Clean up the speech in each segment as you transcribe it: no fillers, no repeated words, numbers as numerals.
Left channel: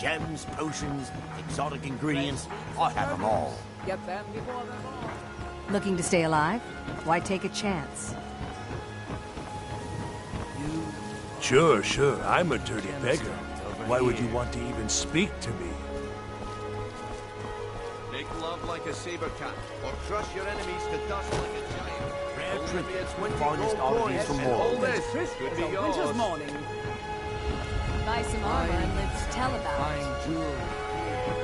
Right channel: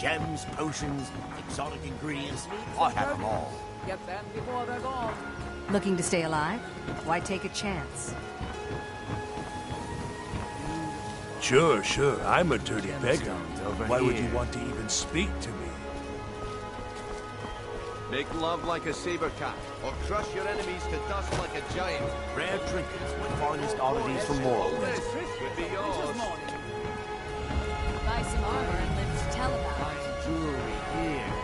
Gems, potions, exotic ingredients, I have them all. Get them before they're gone. Looking to stay alive? Why take a chance? Sure, I'm a dirty beggar. Why would you want to even speak to me? Make love like a saber cat, or crush your enemies to dust like a giant. Rare trinkets with finest oddities from Morrowind. This could be yours. Winter's morning. Buy some armor and live to tell about it. Fine jewelry here.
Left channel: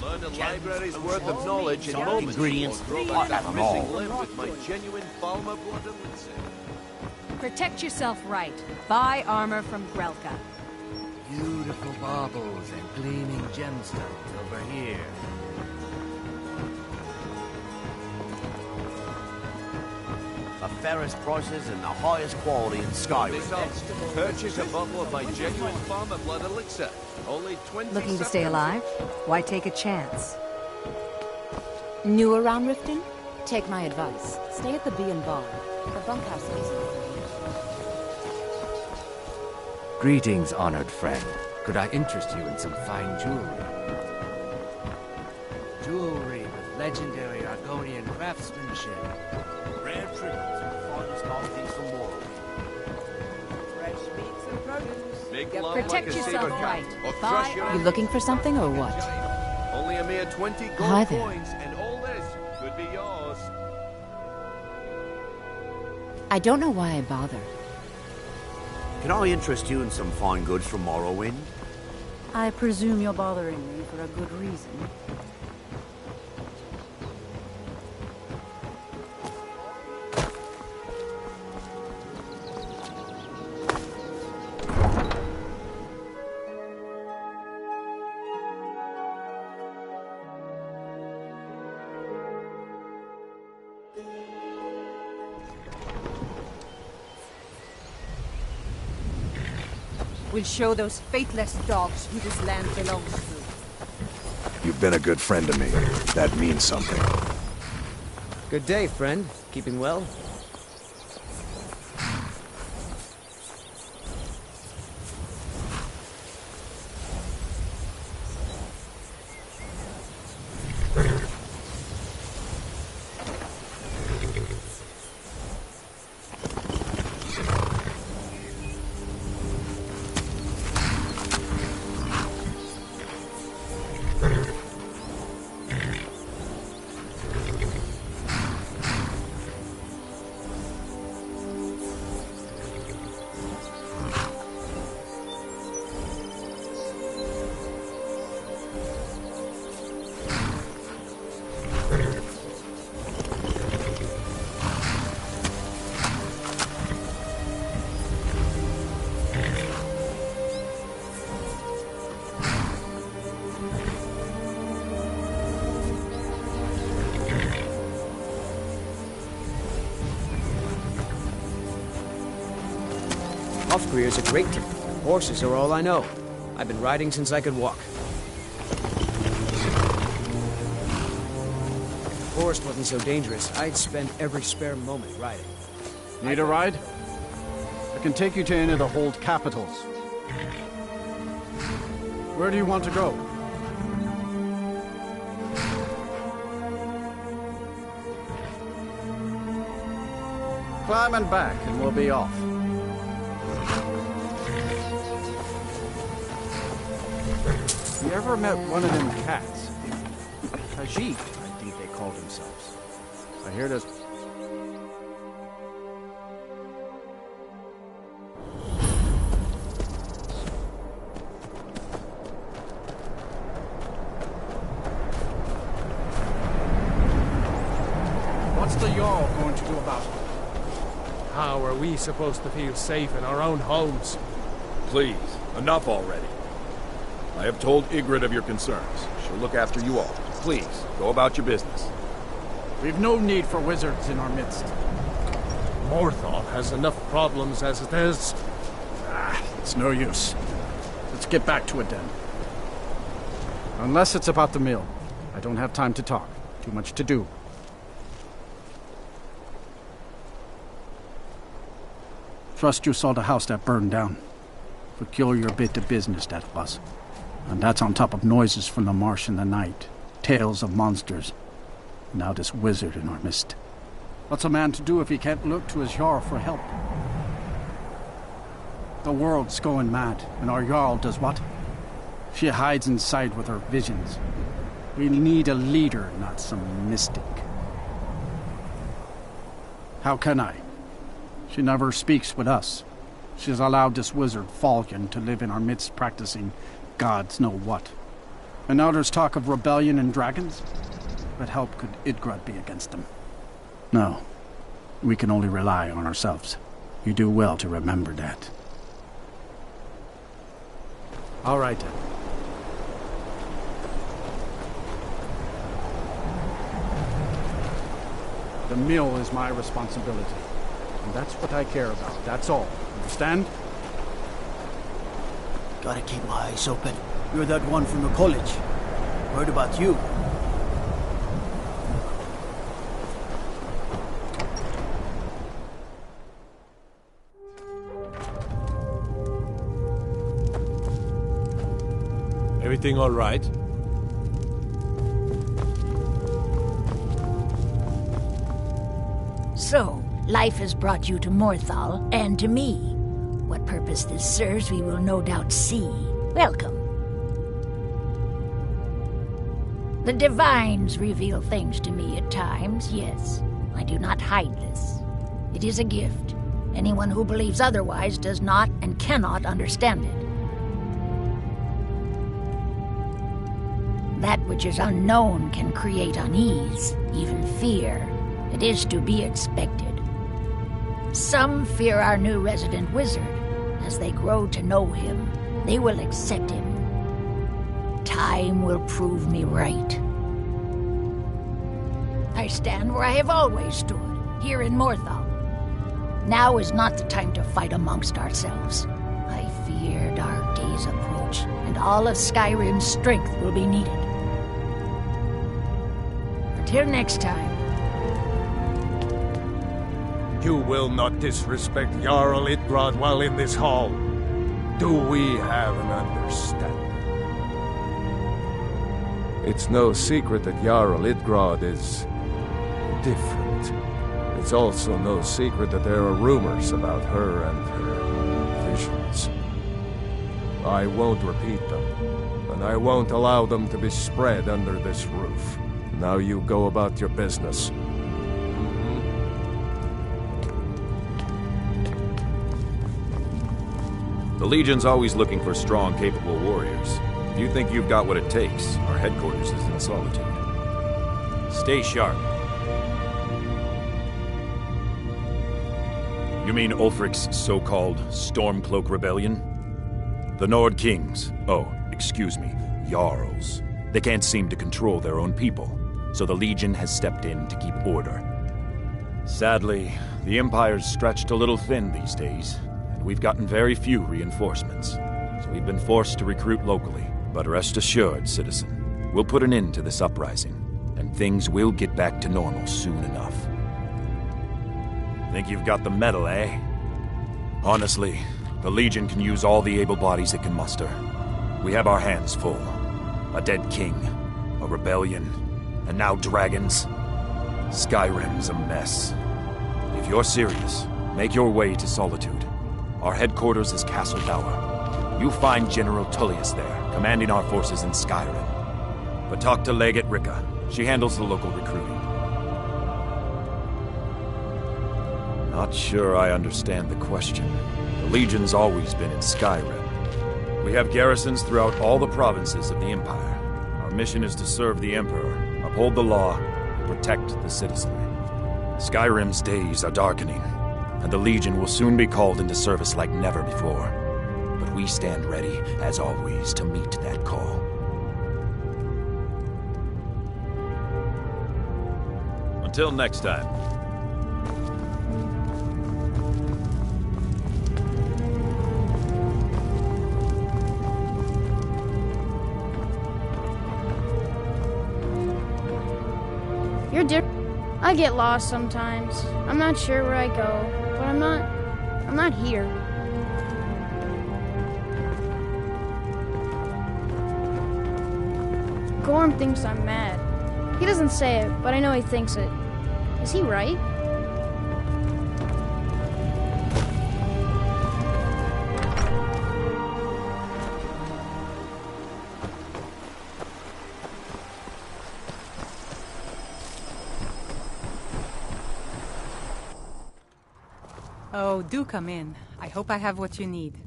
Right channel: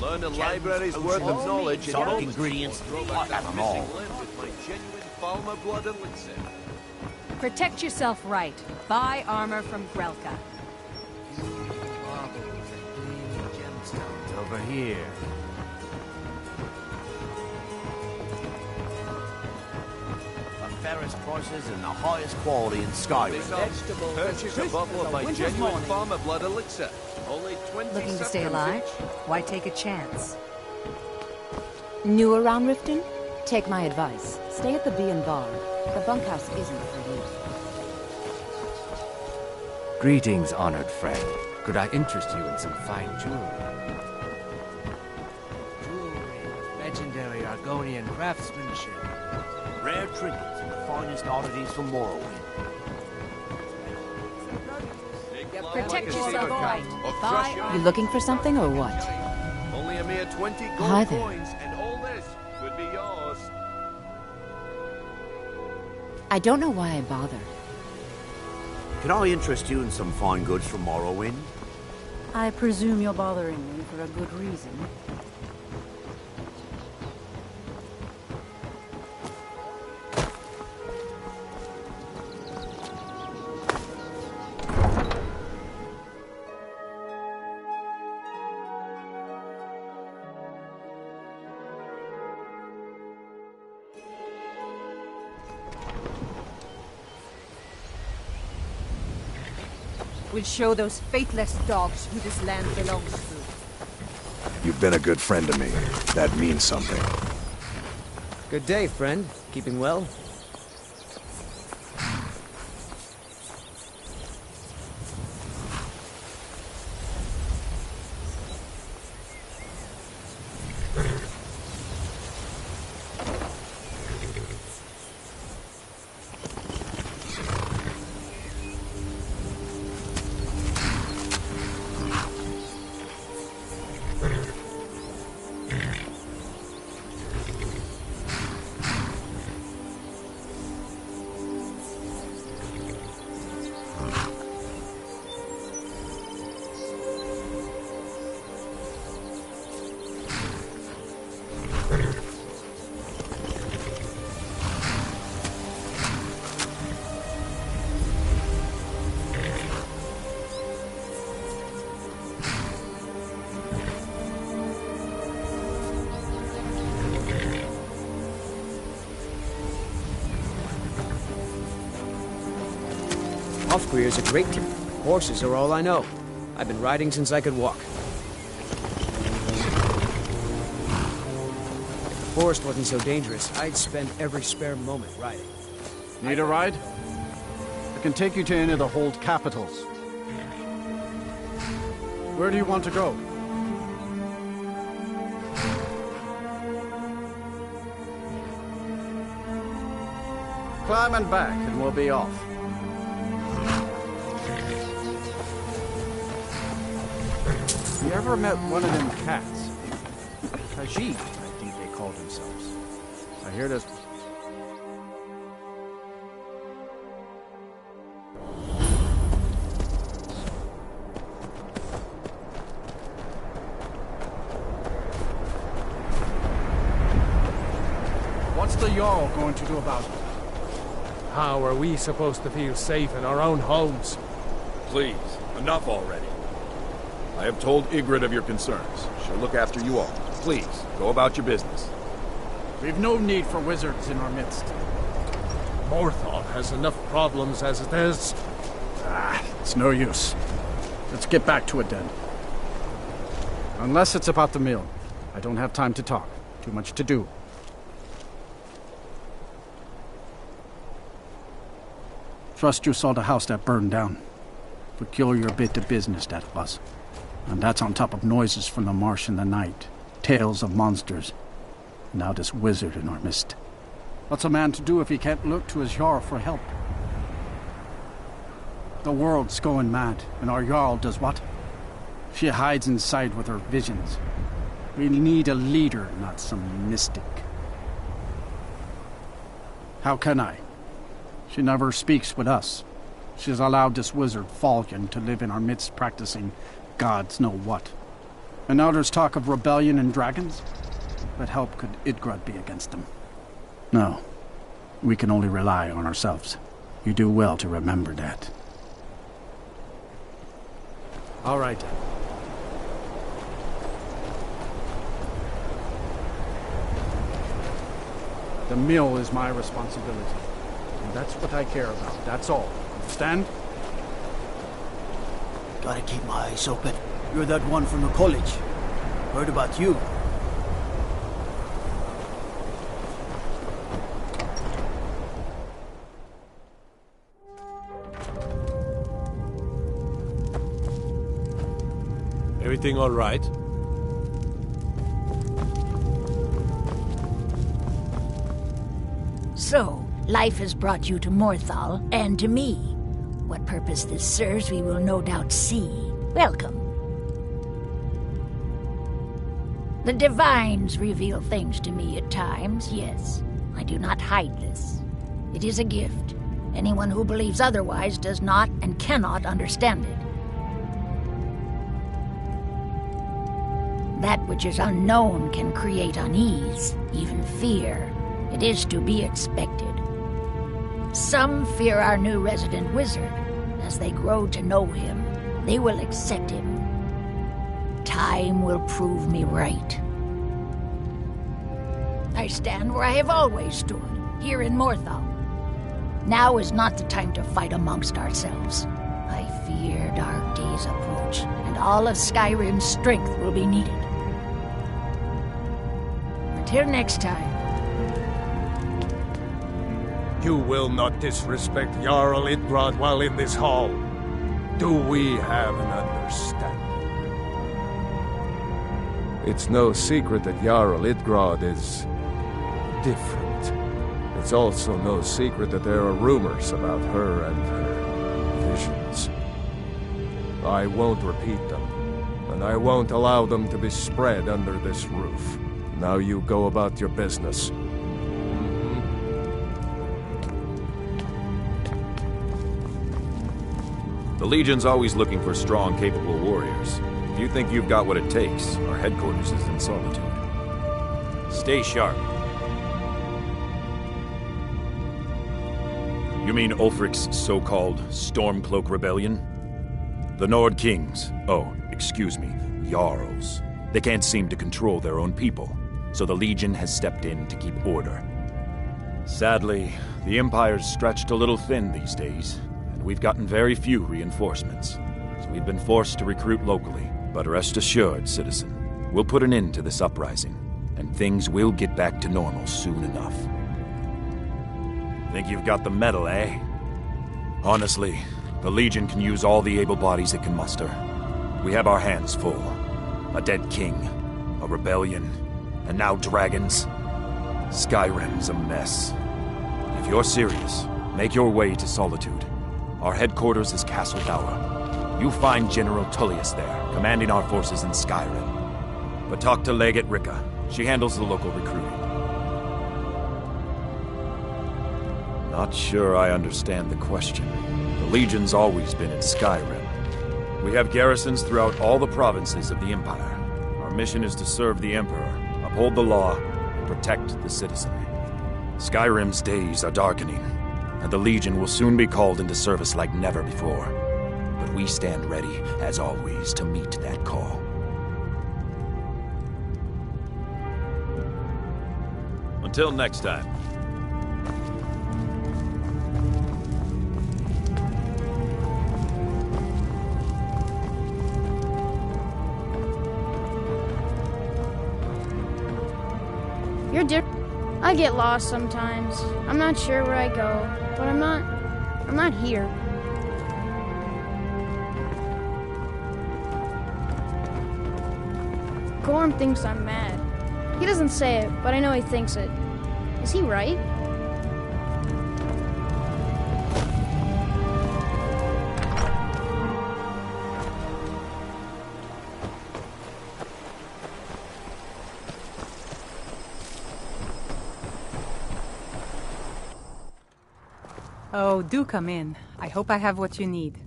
Learn a library's worth of knowledge and exotic ingredients, I have them all. With my genuine Falmer blood elixir. Protect yourself right. Buy armor from Grelka. Beautiful baubles and gleaming gemstones over here. The fairest prices and the highest quality in Skyrim. Purchase a bottle of my genuine Falmer blood elixir. Only 20 Looking to stay seconds alive? each. Why take a chance? New around Riften? Take my advice. Stay at the Bee and Bar. The bunkhouse isn't for you. Greetings, honored friend. Could I interest you in some fine jewelry? Jewelry with legendary Argonian craftsmanship. Rare trinkets and finest oddities from Morrowind. Fresh meats and produce. Make Get love them Protect like a yourself saber cat, right. or Buy crush your armor. You looking for something or what? giant. Only a mere 20 gold Hi there. coins, and all this could be yours. I don't know why I bother. Can I interest you in some fine goods from Morrowind? I presume you're bothering me for a good reason. We'll show those faithless dogs who this land belongs to. You've been a good friend to me. That means something. Good day, friend. Keeping well? Off-career's a great tip. Horses are all I know. I've been riding since I could walk. If the forest wasn't so dangerous, I'd spend every spare moment riding. Need a ride? I can take you to any of the hold capitals. Where do you want to go? Climb and back, and we'll be off. You ever met one of them cats? Khajiit, I think they called themselves. I hear this. What's the Jarl going to do about it? How are we supposed to feel safe in our own homes? Please, enough already. I have told Ygritte of your concerns. She'll look after you all. Please, go about your business. We've no need for wizards in our midst. Morthal has enough problems as it is. It's no use. Let's get back to it then. Unless it's about the mill. I don't have time to talk. Too much to do. Trust you saw the house that burned down. Peculiar bit of business that was. And that's on top of noises from the marsh in the night. Tales of monsters. Now this wizard in our midst. What's a man to do if he can't look to his Jarl for help? The world's going mad, and our Jarl does what? She hides inside with her visions. We need a leader, not some mystic. How can I? She never speaks with us. She's allowed this wizard, Falcon, to live in our midst practicing gods know what. And now there's talk of rebellion and dragons? What help could Idgrod be against them? No. We can only rely on ourselves. You do well to remember that. All right, then. The mill is my responsibility. And that's what I care about. That's all. Understand? Gotta keep my eyes open. You're that one from the college. Heard about you. Everything all right? So, life has brought you to Morthal, and to me. What purpose this serves, we will no doubt see. Welcome. The Divines reveal things to me at times, yes. I do not hide this. It is a gift. Anyone who believes otherwise does not and cannot understand it. That which is unknown can create unease, even fear. It is to be expected. Some fear our new resident wizard. As they grow to know him, they will accept him. Time will prove me right. I stand where I have always stood, here in Morthal. Now is not the time to fight amongst ourselves. I fear dark days approach, and all of Skyrim's strength will be needed. Until next time. You will not disrespect Jarl Idgrod while in this hall. Do we have an understanding? It's no secret that Jarl Idgrod is different. It's also no secret that there are rumors about her and her visions. I won't repeat them, and I won't allow them to be spread under this roof. Now you go about your business. The Legion's always looking for strong, capable warriors. If you think you've got what it takes, our headquarters is in Solitude. Stay sharp. You mean Ulfric's so-called Stormcloak Rebellion? The Nord Kings, excuse me, Jarls. They can't seem to control their own people, so the Legion has stepped in to keep order. Sadly, the Empire's stretched a little thin these days, and we've gotten very few reinforcements, so we've been forced to recruit locally. But rest assured, citizen, we'll put an end to this uprising, and things will get back to normal soon enough. Think you've got the mettle, eh? Honestly, the Legion can use all the able bodies it can muster. We have our hands full. A dead king, a rebellion, and now dragons. Skyrim's a mess. If you're serious, make your way to Solitude. Our headquarters is Castle Dower. You'll find General Tullius there, commanding our forces in Skyrim. But talk to Legate Ricka. She handles the local recruiting. Not sure I understand the question. The Legion's always been in Skyrim. We have garrisons throughout all the provinces of the Empire. Our mission is to serve the Emperor, uphold the law, and protect the citizenry. Skyrim's days are darkening, and the Legion will soon be called into service like never before. But we stand ready, as always, to meet that call. Until next time. You're different. I get lost sometimes. I'm not sure where I go, but I'm I'm not here. Gorm thinks I'm mad. He doesn't say it, but I know he thinks it. Is he right? Oh, do come in. I hope I have what you need.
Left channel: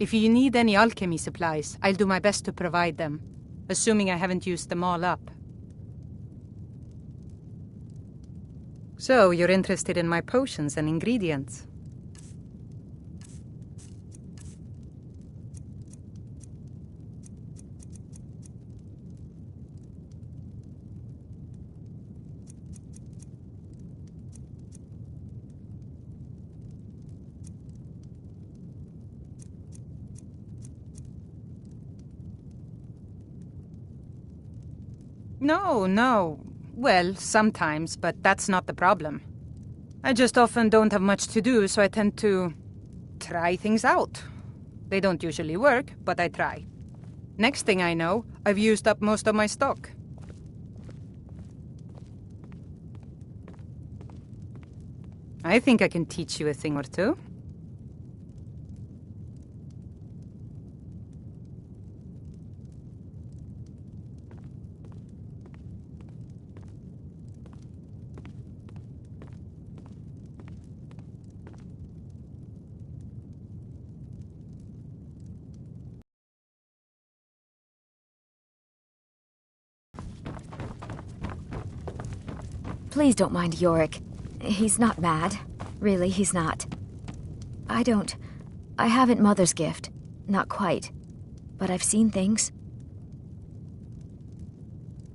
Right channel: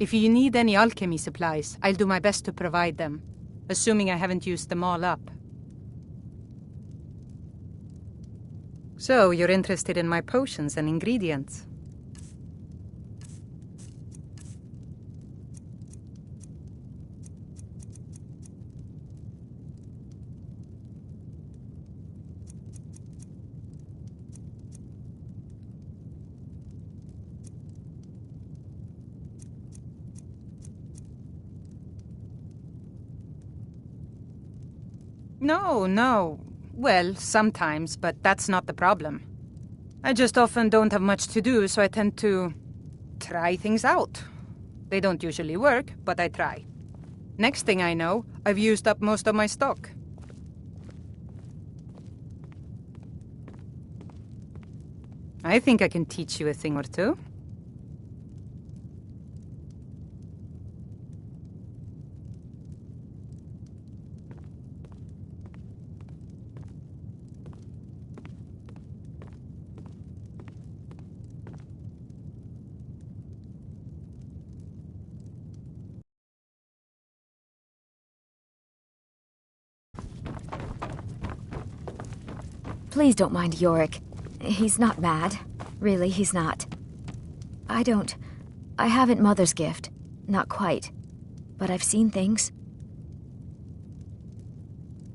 If you need any alchemy supplies, I'll do my best to provide them, assuming I haven't used them all up. So, you're interested in my potions and ingredients? No. Well, sometimes, but that's not the problem. I just often don't have much to do, so I tend to try things out. They don't usually work, but I try. Next thing I know, I've used up most of my stock. I think I can teach you a thing or two. Please don't mind Yorick. He's not mad. Really, he's not. I haven't Mother's gift. Not quite. But I've seen things.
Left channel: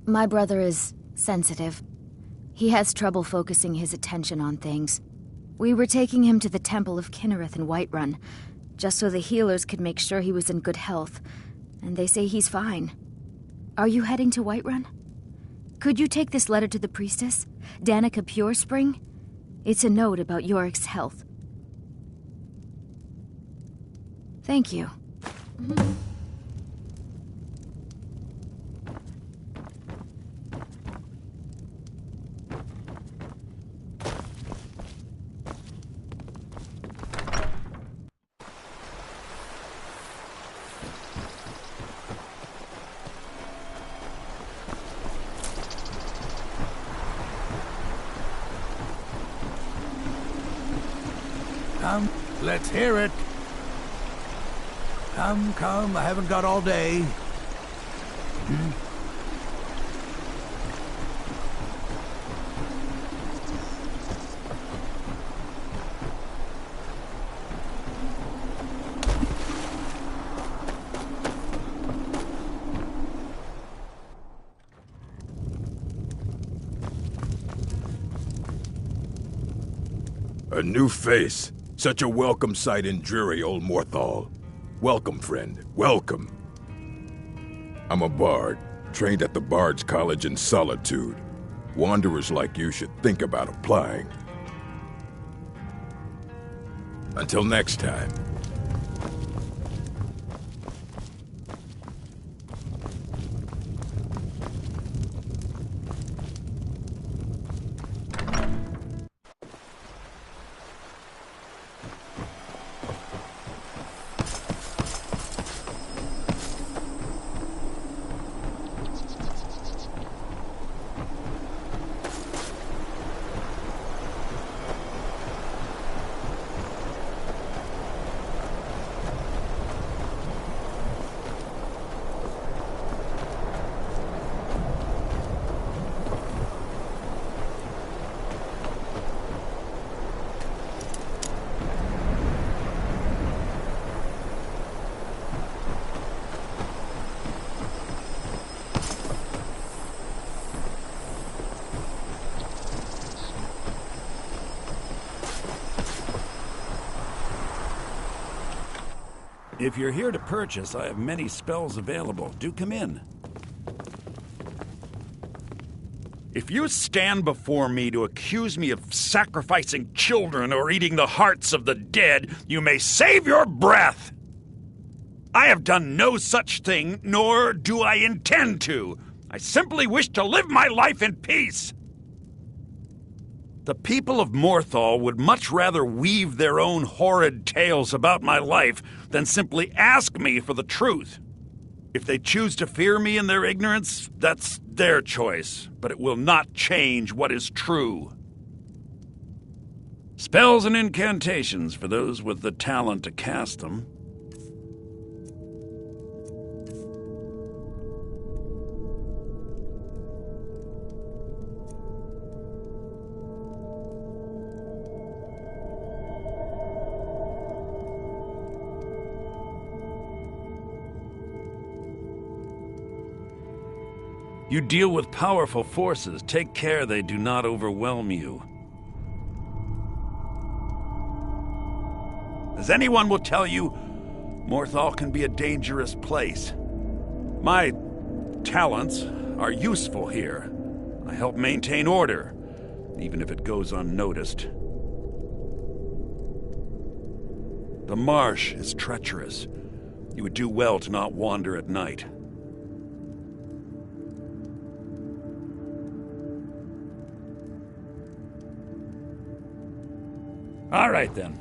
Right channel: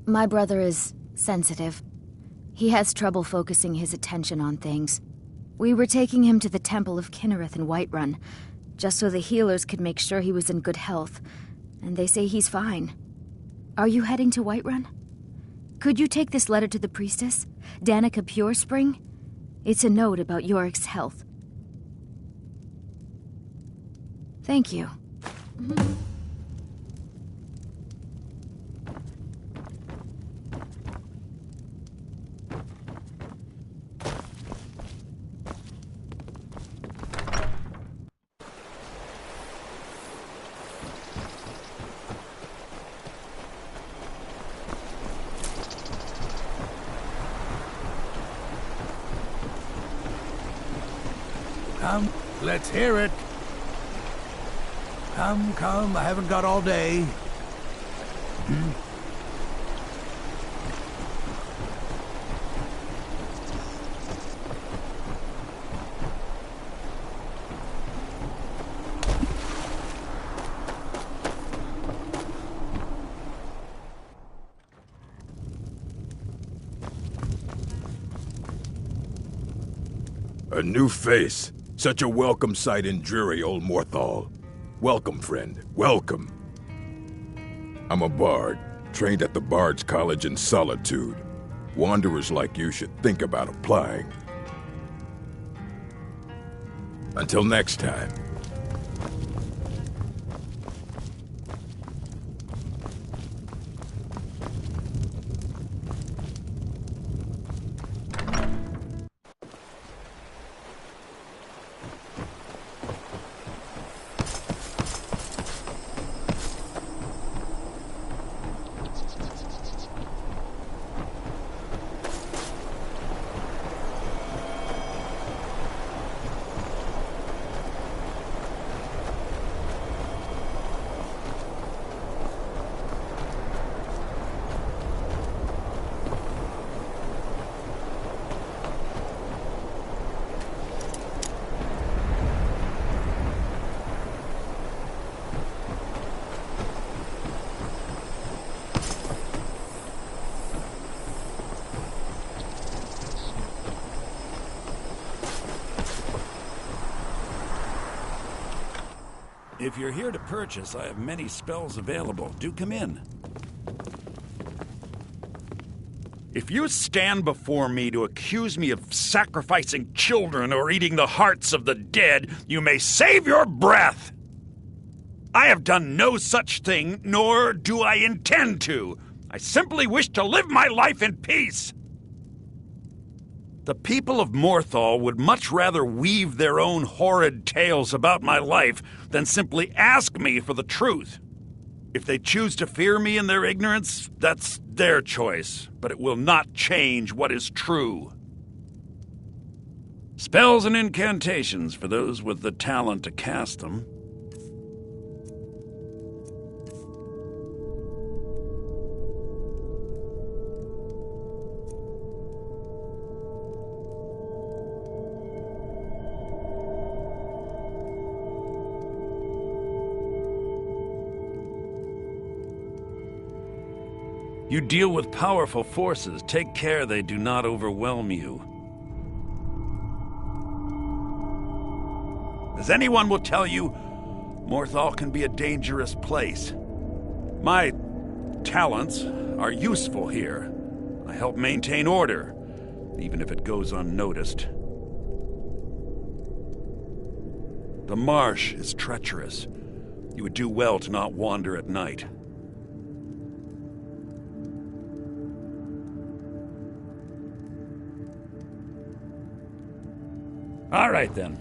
My brother is sensitive. He has trouble focusing his attention on things. We were taking him to the Temple of Kinnereth in Whiterun, just so the healers could make sure he was in good health. And they say he's fine. Are you heading to Whiterun? Could you take this letter to the priestess, Danica Purespring? It's a note about Yorick's health. Thank you. Come, let's hear it. Come, I haven't got all day. A new face. Such a welcome sight in dreary old Morthal. Welcome, friend. Welcome. I'm a bard, trained at the Bard's College in Solitude. Wanderers like you should think about applying. Until next time. If you're here to purchase, I have many spells available. Do come in. If you stand before me to accuse me of sacrificing children or eating the hearts of the dead, you may save your breath! I have done no such thing, nor do I intend to. I simply wish to live my life in peace. The people of Morthal would much rather weave their own horrid tales about my life than simply ask me for the truth. If they choose to fear me in their ignorance, that's their choice, but it will not change what is true. Spells and incantations for those with the talent to cast them. You deal with powerful forces. Take care they do not overwhelm you. As anyone will tell you, Morthal can be a dangerous place. My talents are useful here. I help maintain order, even if it goes unnoticed. The marsh is treacherous. You would do well to not wander at night. All right, then.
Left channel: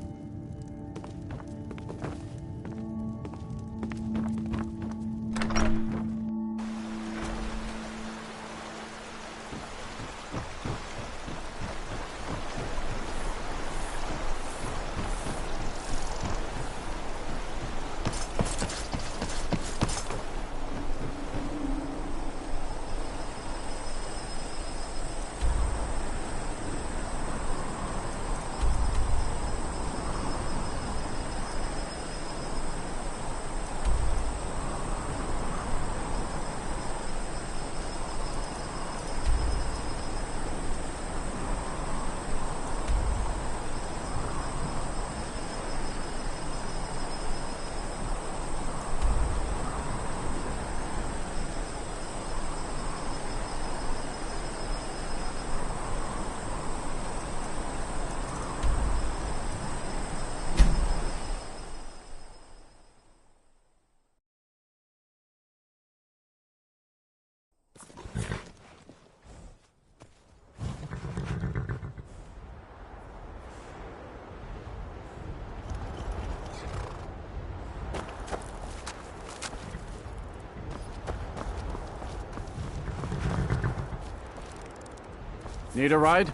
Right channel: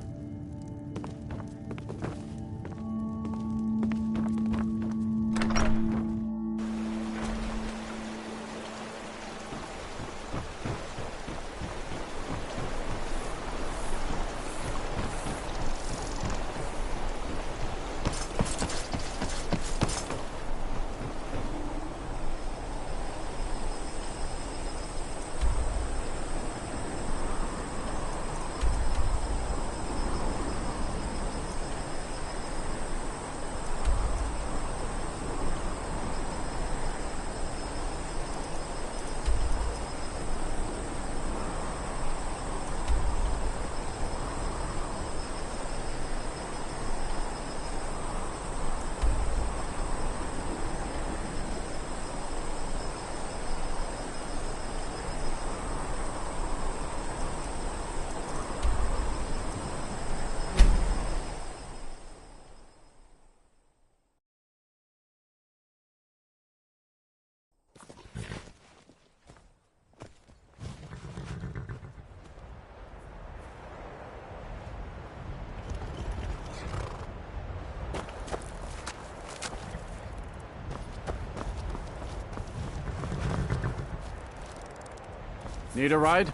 Need a ride?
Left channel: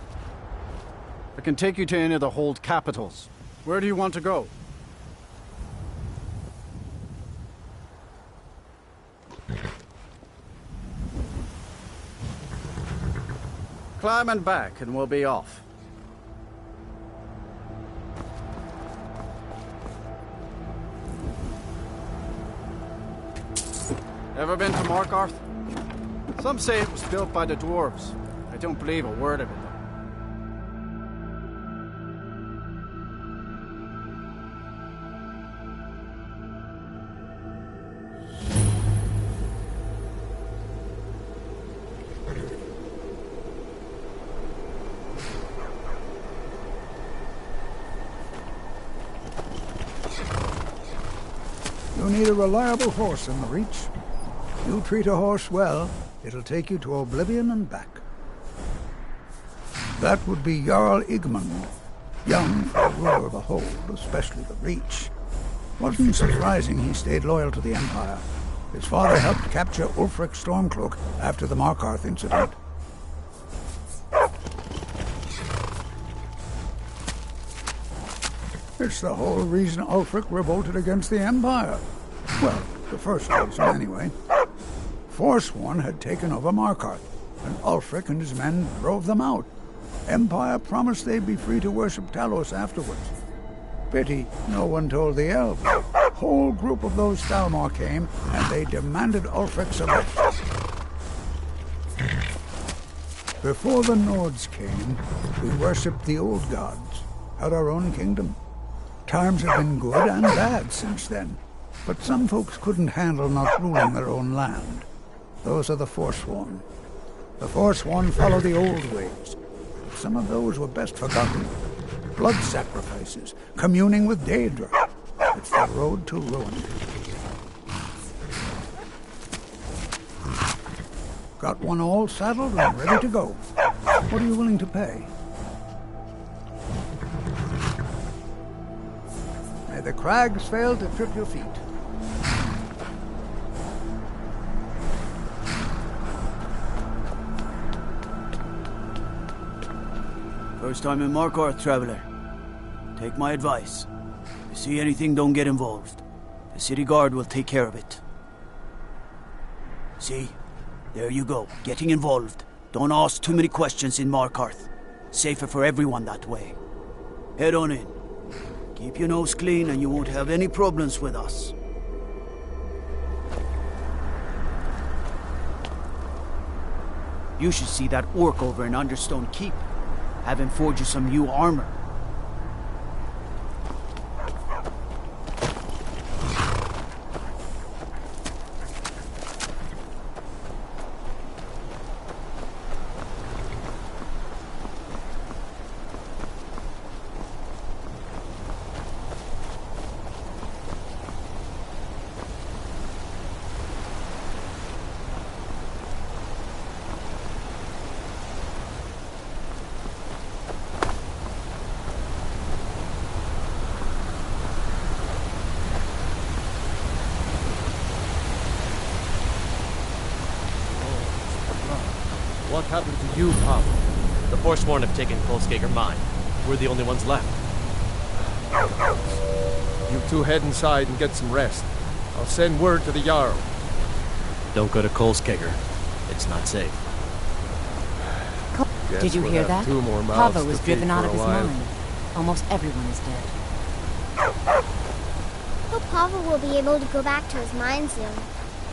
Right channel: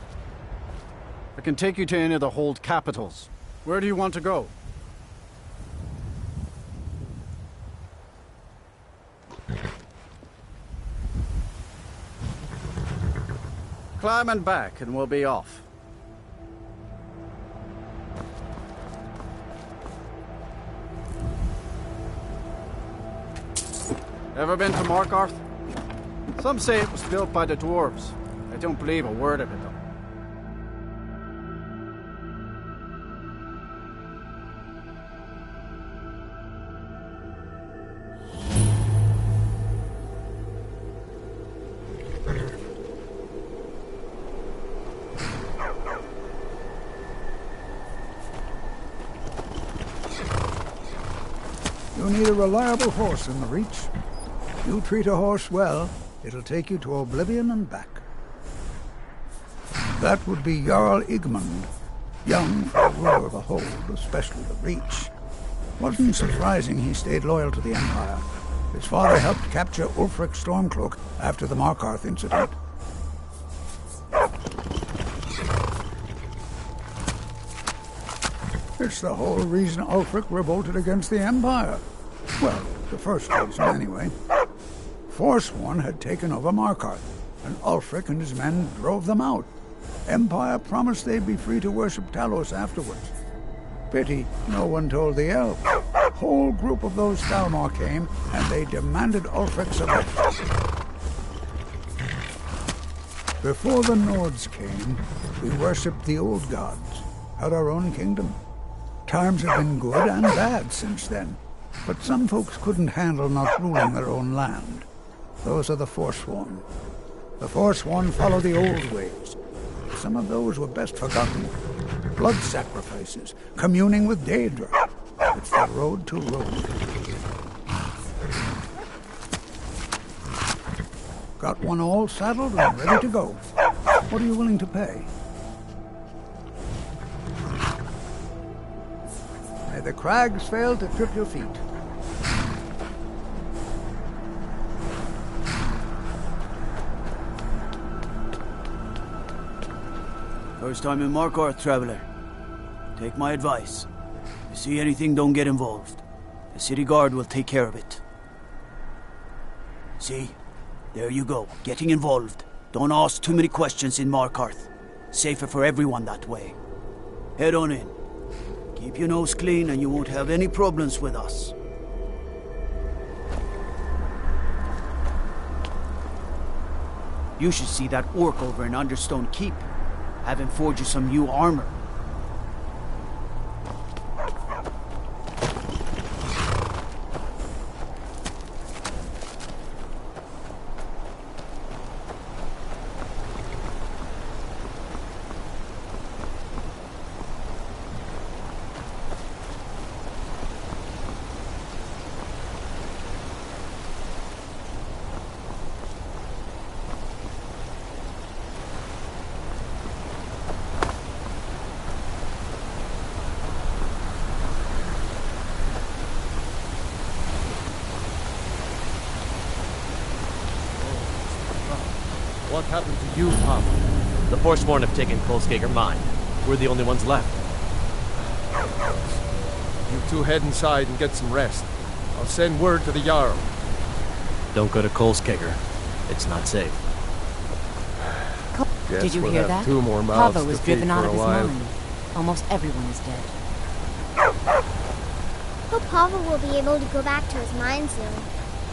I can take you to any of the hold capitals. Where do you want to go? Climb and back and we'll be off. Ever been to Markarth? Some say it was built by the dwarves. I don't believe a word of it, though. You need a reliable horse in the Reach. You treat a horse well, it'll take you to Oblivion and back. That would be Jarl Igmund, young for a ruler of a hold, especially the Reach. Wasn't surprising he stayed loyal to the Empire. His father helped capture Ulfric Stormcloak after the Markarth incident. It's the whole reason Ulfric revolted against the Empire. Well, the first reason anyway. Forsworn had taken over Markarth, and Ulfric and his men drove them out. Empire promised they'd be free to worship Talos afterwards. Pity no one told the elves. Whole group of those Thalmor came, and they demanded Ulfric's arrest. Before the Nords came, we worshipped the old gods, had our own kingdom. Times have been good and bad since then, but some folks couldn't handle not ruling their own land. Those are the Forsworn. The Forsworn follow the old ways. Some of those were best forgotten. Blood sacrifices, communing with Daedra. It's the road to ruin. Got one all saddled and ready to go. What are you willing to pay? May the crags fail to trip your feet. First time in Markarth, traveler. Take my advice. If you see anything, don't get involved. The city guard will take care of it. See? There you go. Getting involved. Don't ask too many questions in Markarth. Safer for everyone that way. Head on in. Keep your nose clean and you won't have any problems with us. You should see that orc over in Understone Keep. Have him forge you some new armor. What happened to you, Papa? The Forsworn have taken Kolskager mine. We're the only ones left. You two head inside and get some rest. I'll send word to the Jarl. Don't go to Kolskager. It's not safe. Did you we'll hear have that? 2 more mouths Pava was to feed driven out for of a his while. mind. Almost everyone is dead. Hope Pava will be able to go back to his mine soon.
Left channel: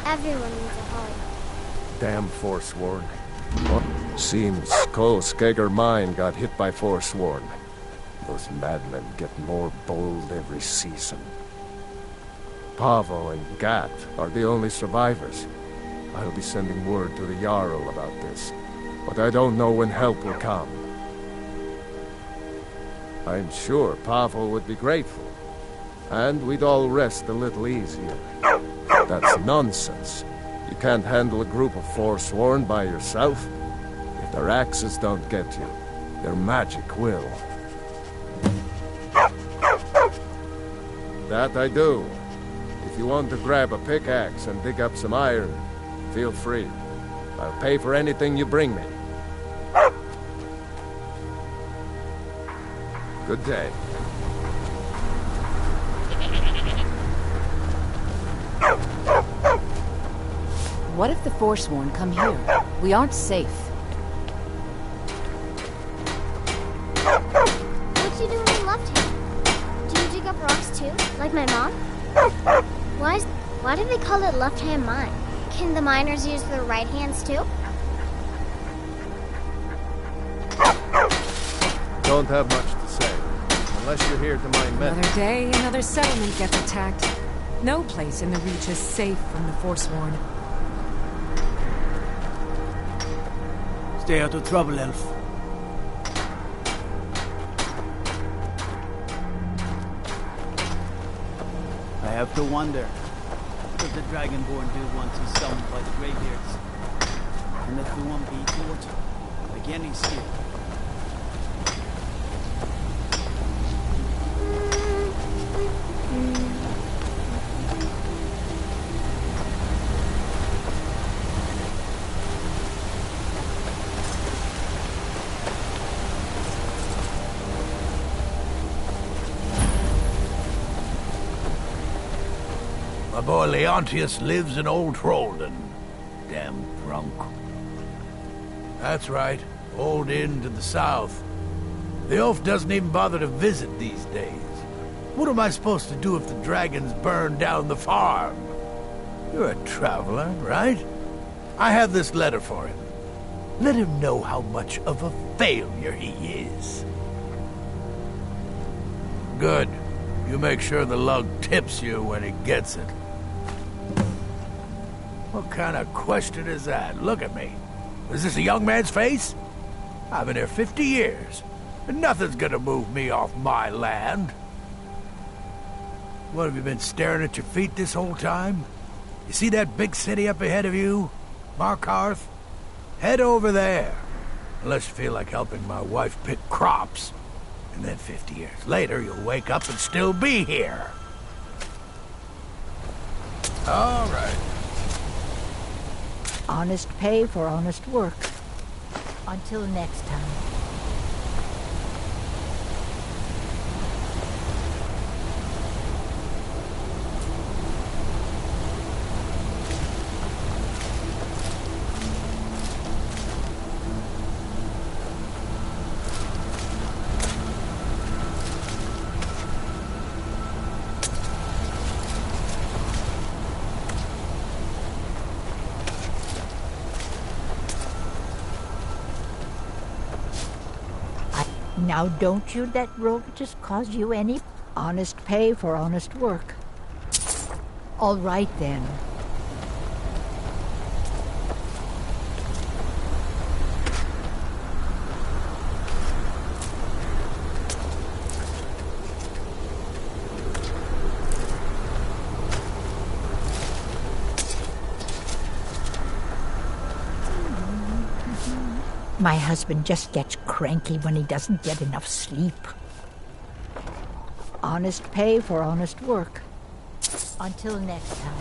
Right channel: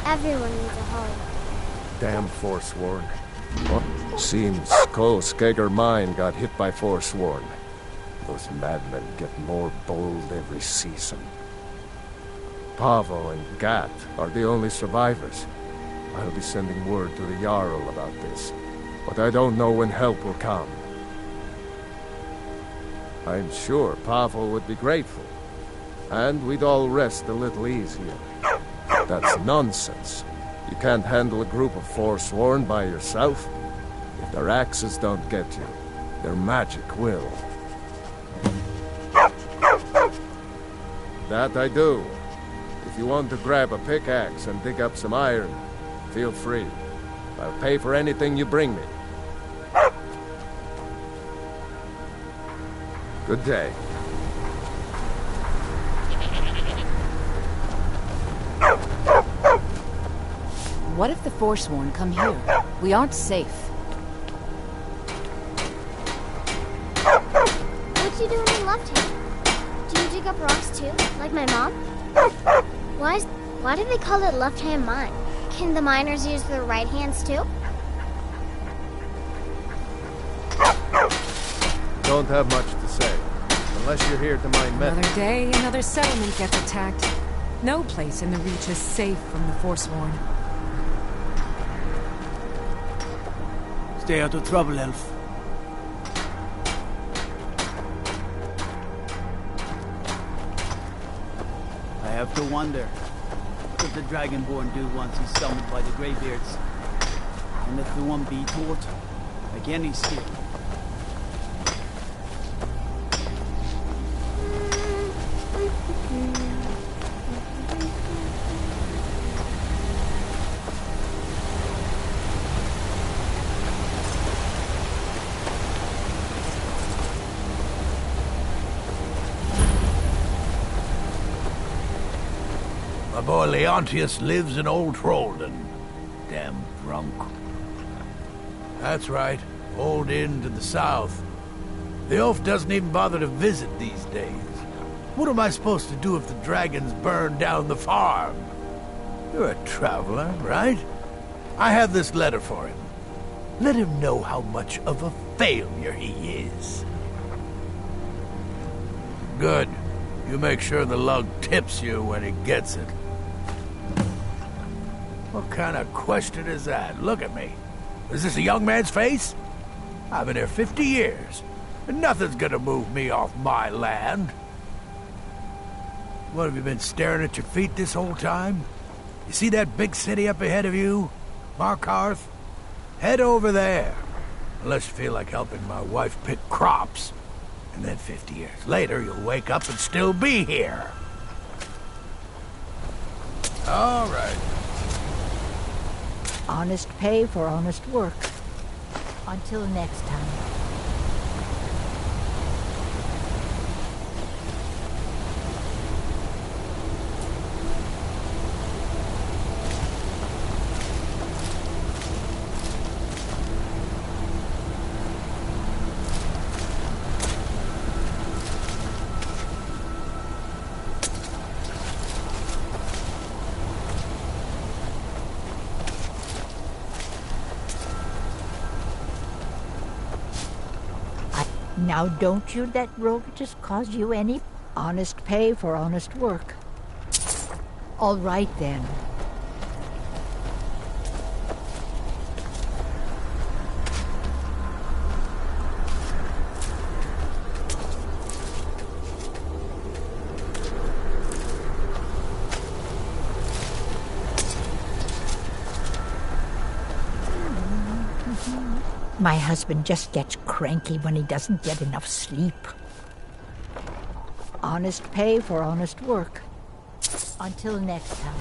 Everyone needs a home. Damn Forsworn. Seems Kolskager mine got hit by Forsworn. Those madmen get more bold every season. Pavo and Gat are the only survivors. I'll be sending word to the Jarl about this, but I don't know when help will come. I'm sure Pavo would be grateful, and we'd all rest a little easier. That's nonsense. You can't handle a group of Forsworn by yourself. If their axes don't get you, their magic will. That I do. If you want to grab a pickaxe and dig up some iron, feel free. I'll pay for anything you bring me. Good day. What if the Forsworn come here? We aren't safe. What you doing in Left Hand? Do you dig up rocks too, like my mom? Why do they call it Left Hand Mine? Can the miners use their right hands too? Don't have much to say. Unless you're here to mine metal. Another day, another settlement gets attacked. No place in the Reach is safe from the Forsworn. Stay out of trouble, Elf. I have to wonder what the Dragonborn do once he's summoned by the Greybeards. And let the one be taught like any skill. My boy Leontius lives in Old Trollden. Damn drunk. That's right. Old Inn to the south. The oaf doesn't even bother to visit these days. What am I supposed to do if the dragons burn down the farm? You're a traveler, right? I have this letter for him. Let him know how much of a failure he is. Good. You make sure the lug tips you when he gets it. What kind of question is that? Look at me. Is this a young man's face? I've been here 50 years, and nothing's gonna move me off my land. What, have you been staring at your feet this whole time? You see that big city up ahead of you? Markarth? Head over there. Unless you feel like helping my wife pick crops. And then 50 years later, you'll wake up and still be here. All right. Honest pay for honest work. Until next time. Now don't you let Rovitus cause you any honest pay for honest work. All right then. My husband just gets cranky when he doesn't get enough sleep. Honest pay for honest work. Until next time.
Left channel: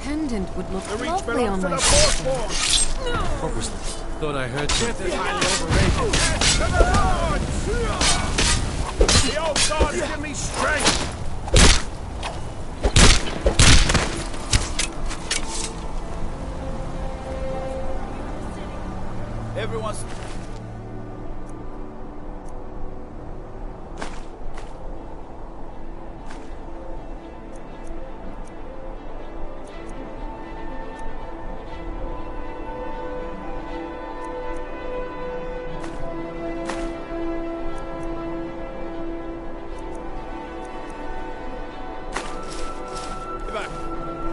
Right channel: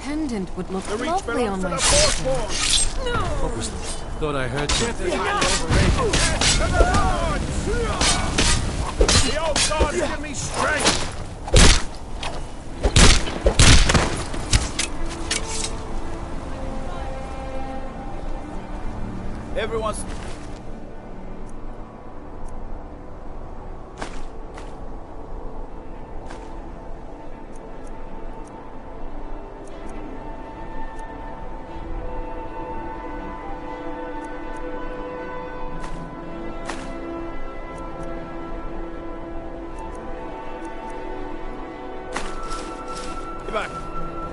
Pendant would look lovely on my face. No! What was this? Thought I heard something. The old gods give me strength! Everyone's...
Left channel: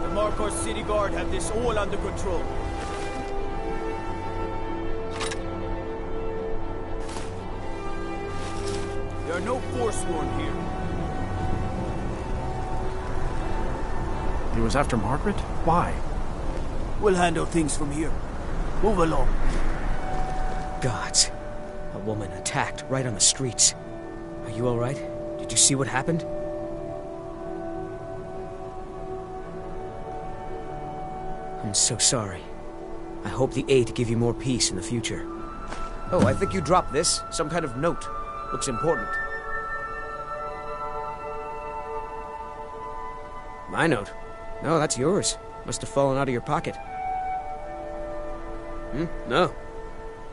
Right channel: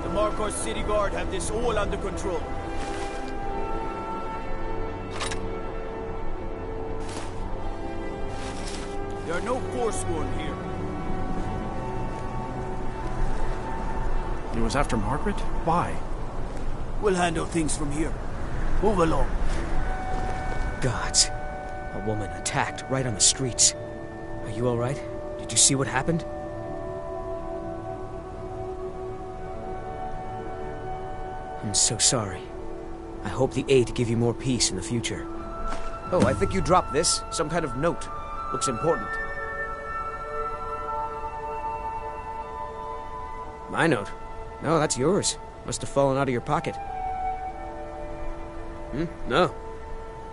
The Markarth City Guard have this all under control. There are no Forsworn here. He was after Margaret? Why? We'll handle things from here. Move along. Gods. A woman attacked right on the streets. Are you all right? Did you see what happened? I'm so sorry. I hope the Eight give you more peace in the future. Oh, I think you dropped this. Some kind of note. Looks important. My note? No, that's yours. Must have fallen out of your pocket. No.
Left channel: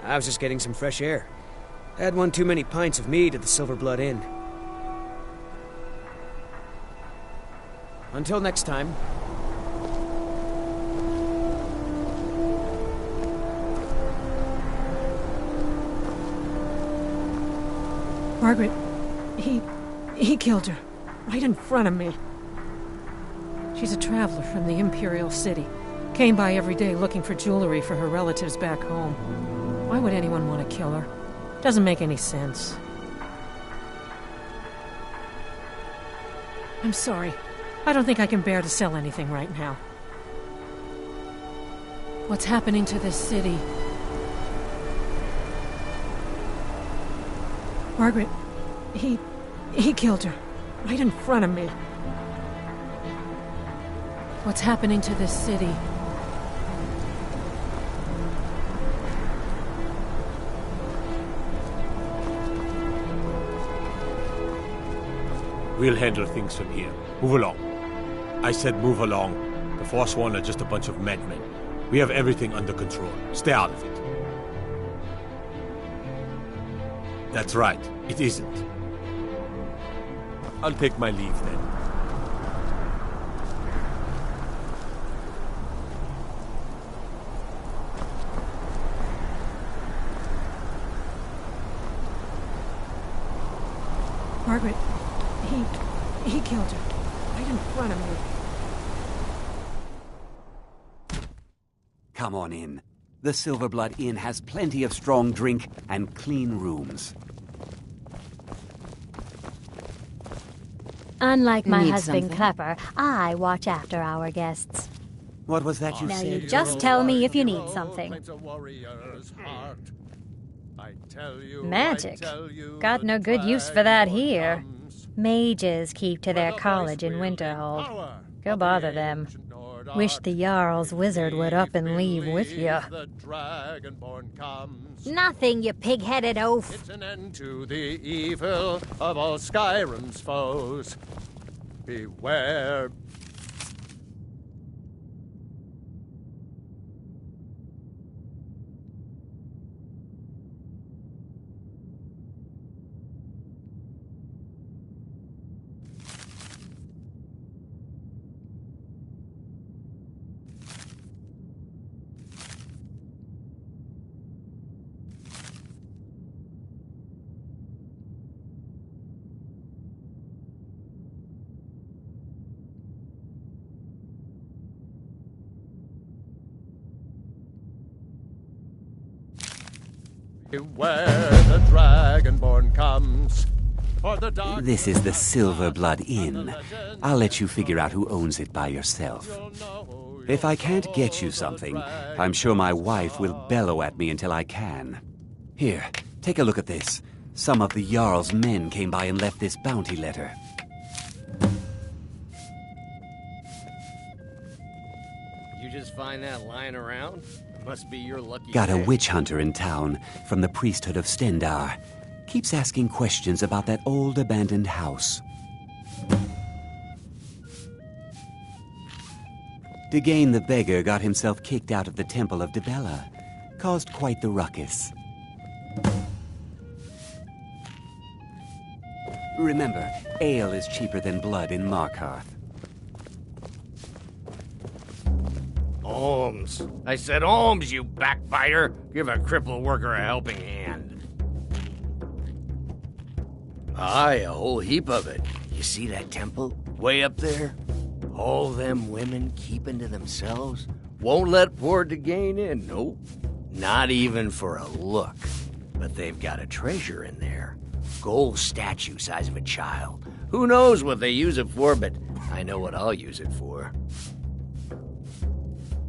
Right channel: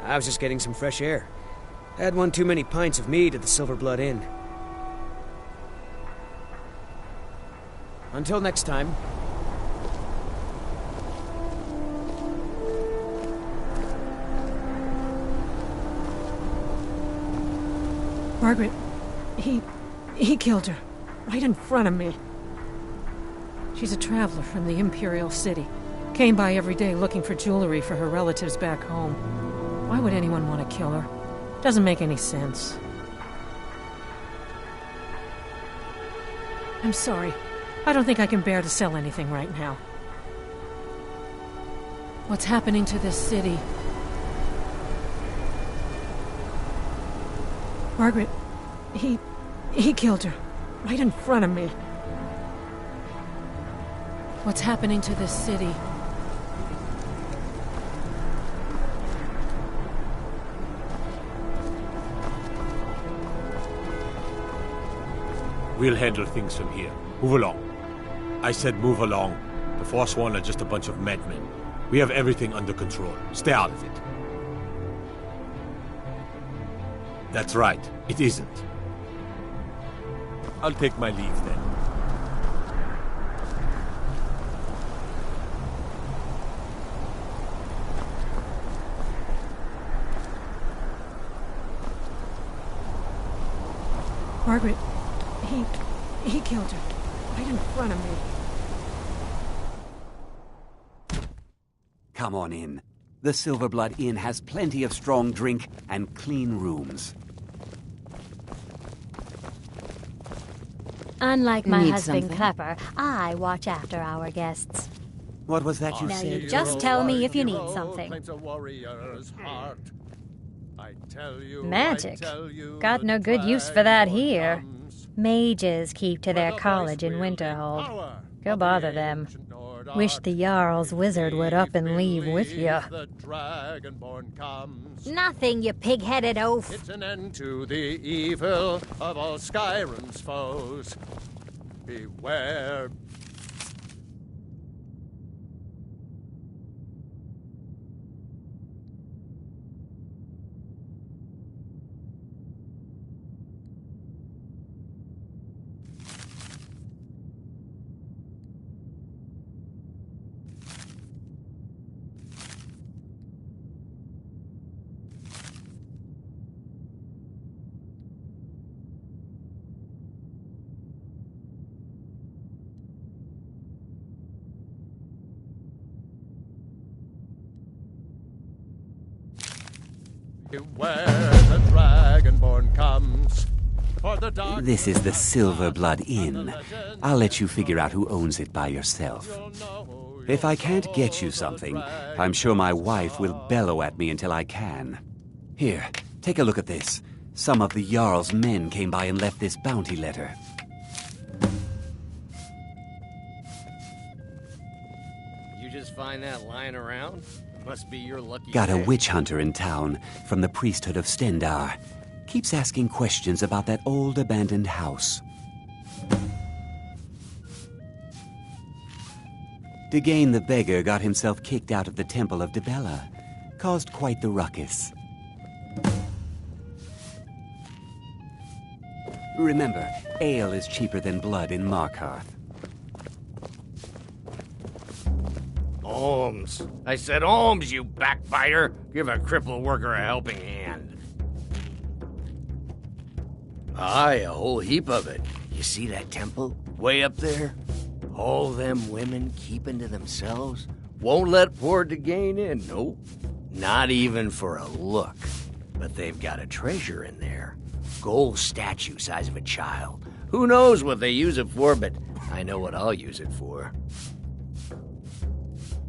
I was just getting some fresh air. I had one too many pints of mead at the Silver Blood Inn. Until next time. Margaret, he killed her. Right in front of me. She's a traveler from the Imperial City. Came by every day looking for jewelry for her relatives back home. Why would anyone want to kill her? Doesn't make any sense. I'm sorry. I don't think I can bear to sell anything right now. What's happening to this city? Margaret, he killed her. right in front of me. What's happening to this city? We'll handle things from here. Move along. I said move along. The Forsworn are just a bunch of madmen. We have everything under control. Stay out of it. That's right. It isn't. I'll take my leave then. Margaret, he killed her, right in front of me. Come on in. The Silverblood Inn has plenty of strong drink and clean rooms. Unlike my Need husband, something? Clapper, I watch after our guests. What was that you Now said? you just tell me if you need something. Magic? Got no good use for that here. Mages keep to their college in Winterhold. Go bother them. Wish the Jarl's wizard would up and leave with you. Nothing, you pig-headed oaf. It's an end to the evil of all Skyrim's foes. Beware. Beware the Dragonborn comes. For the dark This is the Silverblood Inn. I'll let you figure out who owns it by yourself. If I can't get you something, I'm sure my wife will bellow at me until I can. Here, take a look at this. Some of the Jarl's men came by and left this bounty letter. You just find that lying around? It must be your lucky Got a day. witch hunter in town from the priesthood of Stendar. Keeps asking questions about that old abandoned house. Degane the beggar got himself kicked out of the Temple of Dibella. Caused quite the ruckus. Remember, ale is cheaper than blood in Markarth. Alms. I said alms, you backbiter. Give a crippled worker a helping hand. Aye, a whole heap of it. You see that temple? Way up there? All them women keeping to themselves? Won't let poor Degane in, nope. Not even for a look. But they've got a treasure in there. Gold statue size of a child. Who knows what they use it for, but I know what I'll use it for.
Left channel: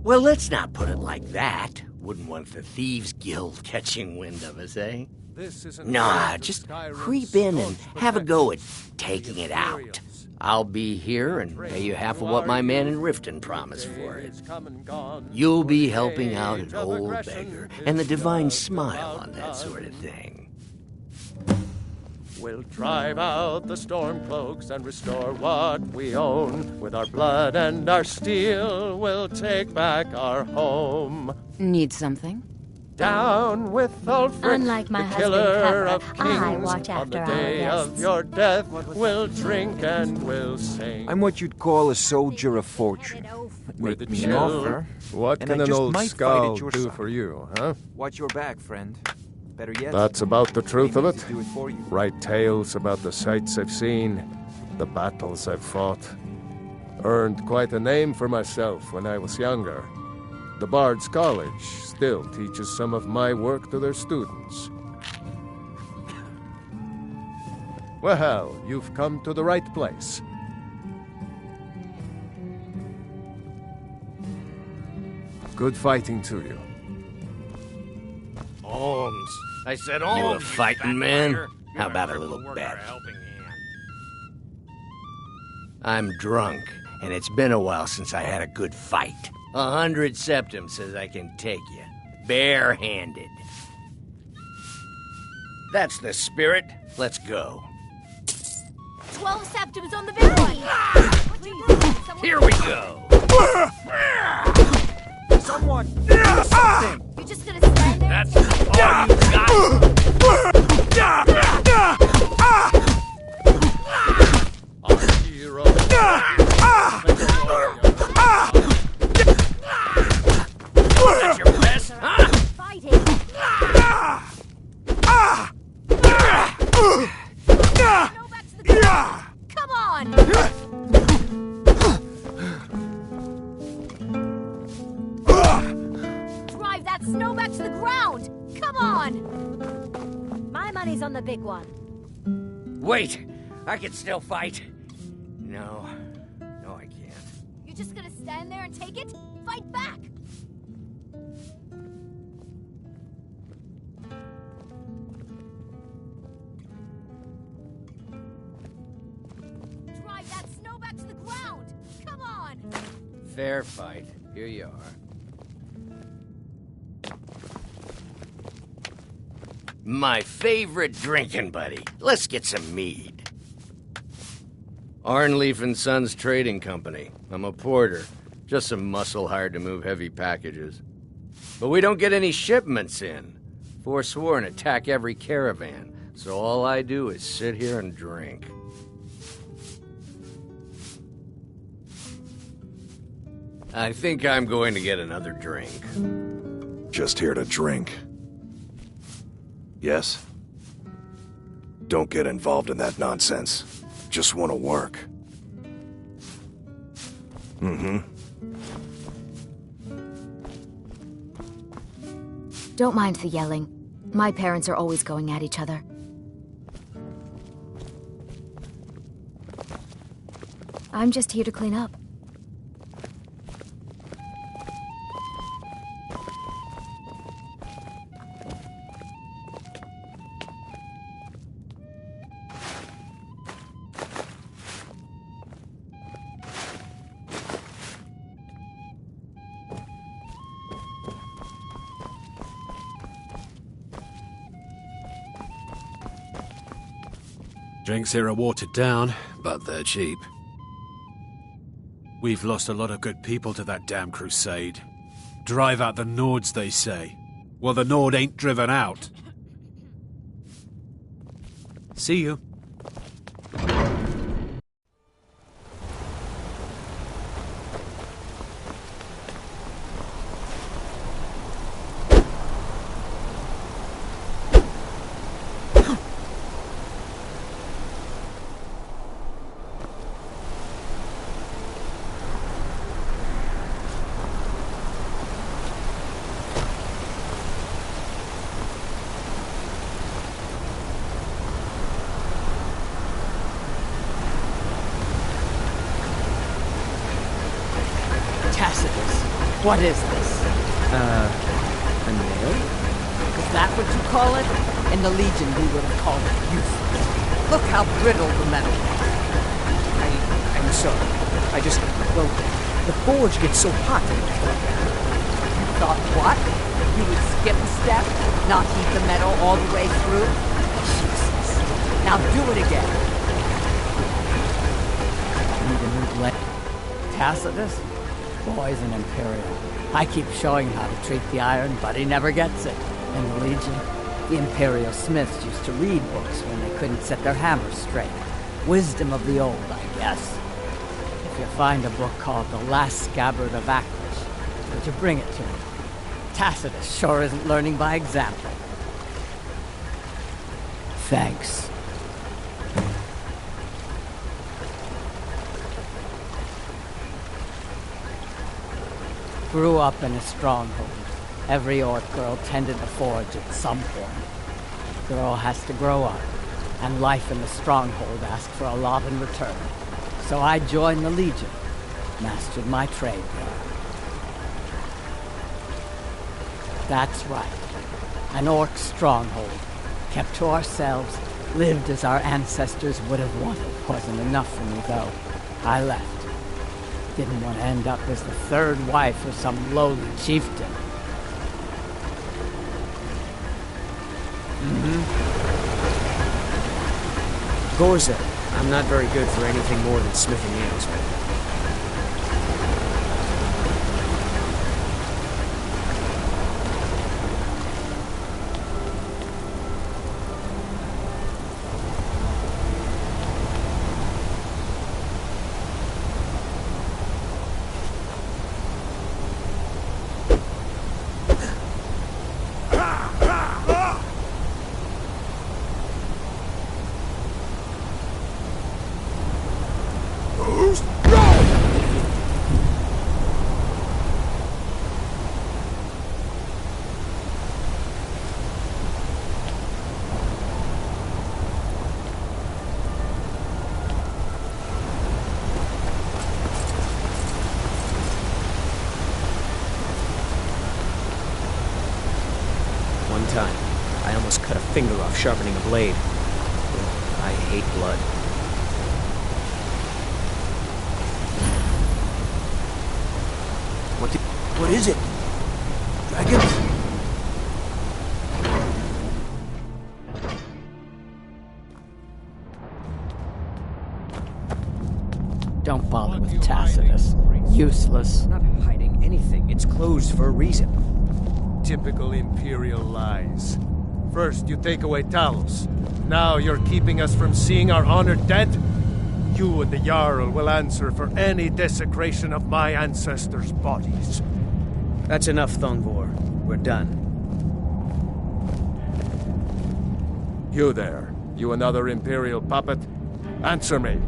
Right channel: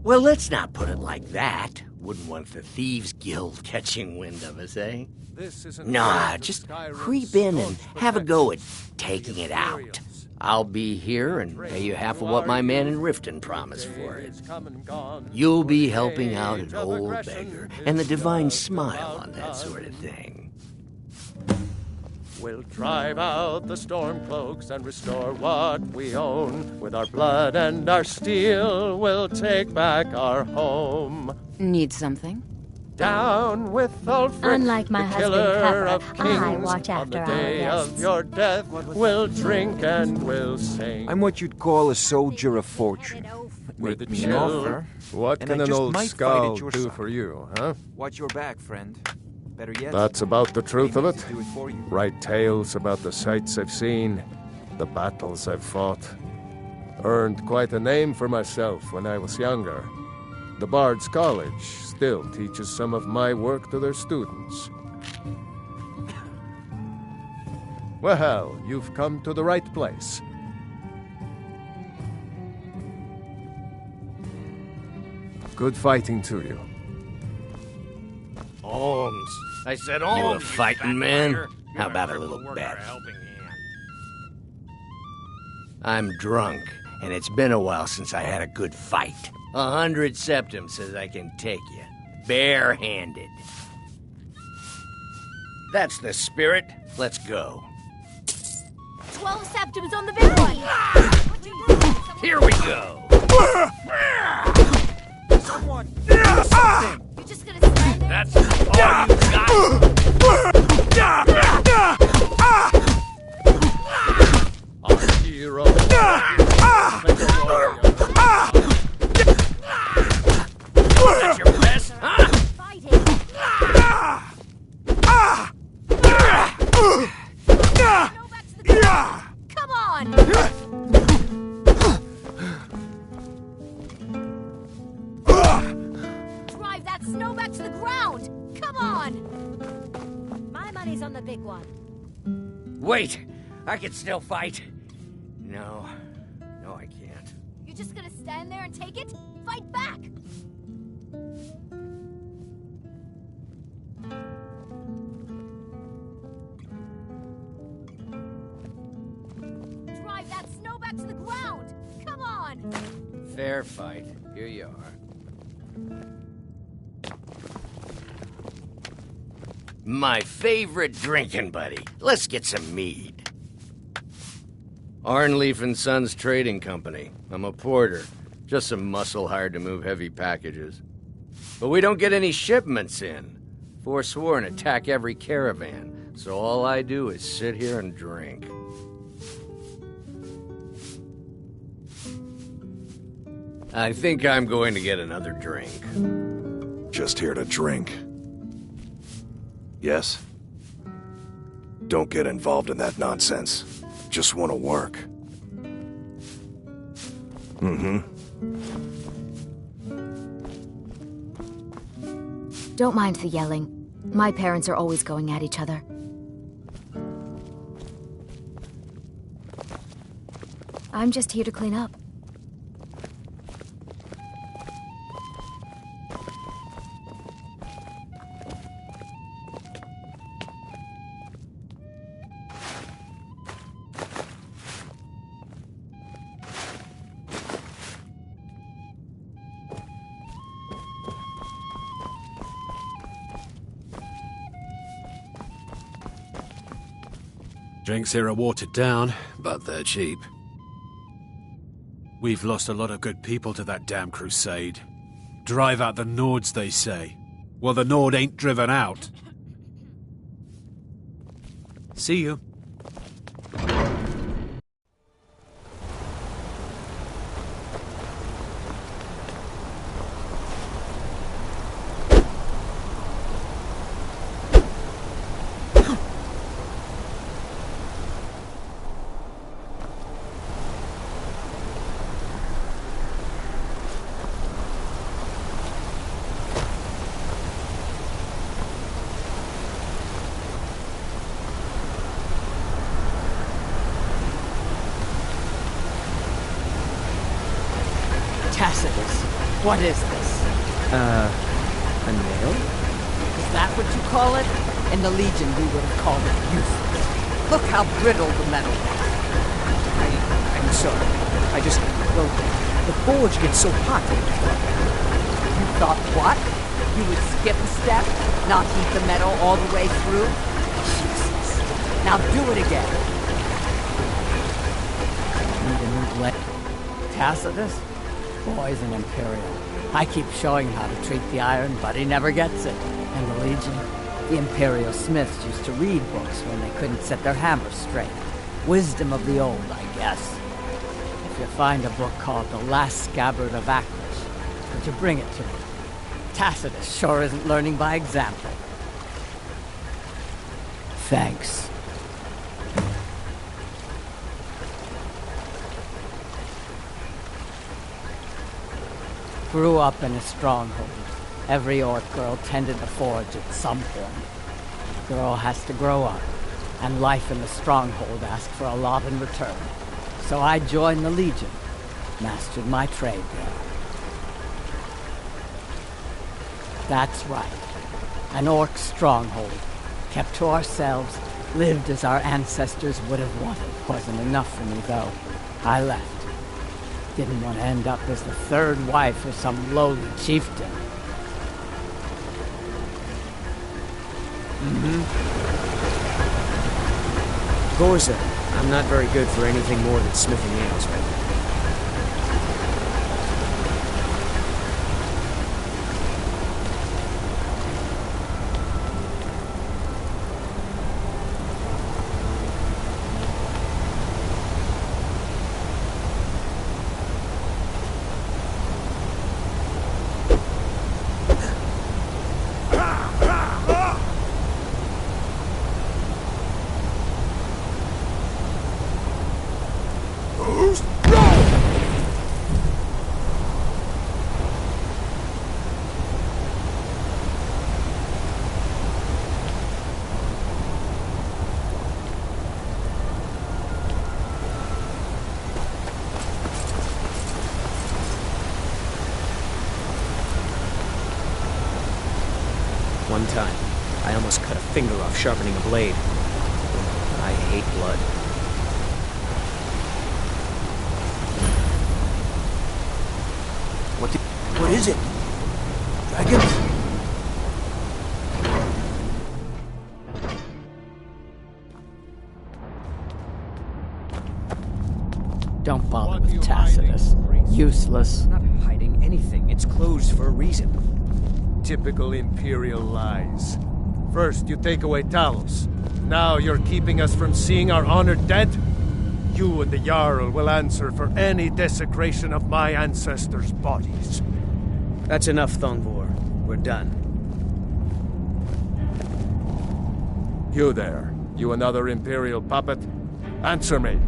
Well, let's not put it like that. Wouldn't want the Thieves Guild catching wind of us, eh? Nah, just creep in and have a go at taking it out. I'll be here and pay you half of what my man in Riften promised for it. You'll be helping out an old beggar, and the divine smile on that sort of thing. We'll drive out the Stormcloaks and restore what we own. With our blood and our steel, we'll take back our home. Need something? Down with Ulfric, Unlike my the husband, killer of Pepper, I kings. watch On after the our day of guests. your death, we'll drink and we'll sing. I'm what you'd call a soldier of fortune. With Make me the an offer, What and can I an just old might fight skull at your do side. for you, huh? Watch your back, friend. Better yet, That's about the truth of I it. need to do it for you. Write tales about the sights I've seen, the battles I've fought. Earned quite a name for myself when I was younger. The Bard's College still teaches some of my work to their students. Well, you've come to the right place. Good fighting to you. Alms. I said alms. You a fighting man? How about a little bet? I'm drunk, and it's been a while since I had a good fight. 100 septum says I can take you, barehanded. That's the spirit. Let's go. 12 septums on the big one! Here we go! Someone! Something! You're just gonna stand there? That's all you got! Our hero! That's your best, huh? Fighting! Come on! Drive that snow back to the ground! Come on! My money's on the big one. Wait! I can still fight. No, I can't. You're just gonna stand there and take it? Fight back! Drive that snow back to the ground! Come on! Fair fight. Here you are. My favorite drinking buddy. Let's get some mead. Arnleaf and Sons Trading Company. I'm a porter. Just some muscle hired to move heavy packages. But we don't get any shipments in. Forsworn attack every caravan, so all I do is sit here and drink. I think I'm going to get another drink. Just here to drink. Yes? Don't get involved in that nonsense. Just want to work. Don't mind the yelling. My parents are always going at each other. I'm just here to clean up. Drinks here are watered down, but they're cheap. We've lost a lot of good people to that damn crusade. Drive out the Nords, they say. Well, the Nord ain't driven out. See you. Tacitus, what is this? A nail? Is that what you call it? In the Legion, we would have called it useless. Look how brittle the metal is. I'm sorry. Well, the forge gets so hot. You thought what? You would skip a step? Not heat the metal all the way through? Jesus. Now do it again. Need a new blade. Tacitus? Boy's an Imperial. I keep showing him how to treat the iron, but he never gets it. In the Legion, the Imperial smiths used to read books when they couldn't set their hammers straight. Wisdom of the old, I guess. If you find a book called The Last Scabbard of Aklish, would you bring it to me? Tacitus sure isn't learning by example. Thanks. Grew up in a stronghold. Every Orc girl tended the forge at some point. A girl has to grow up, and life in the stronghold asked for a lot in return. So I joined the Legion, mastered my trade there. That's right. An Orc stronghold. Kept to ourselves, lived as our ancestors would have wanted. Wasn't enough for me, though. I left. Didn't want to end up as the third wife of some lowly chieftain. Gorza, I'm not very good for anything more than smithing nails right now. One time, I almost cut a finger off sharpening a blade. I hate blood. What is it? Dragons? Don't bother with Tacitus. Useless. I'm not hiding anything. It's closed for a reason. Typical Imperial lies. First, you take away Talos. Now you're keeping us from seeing our honored dead? You and the Jarl will answer for any desecration of my ancestors' bodies. That's enough, Thongvor. We're done. You there. You another Imperial puppet? Answer me.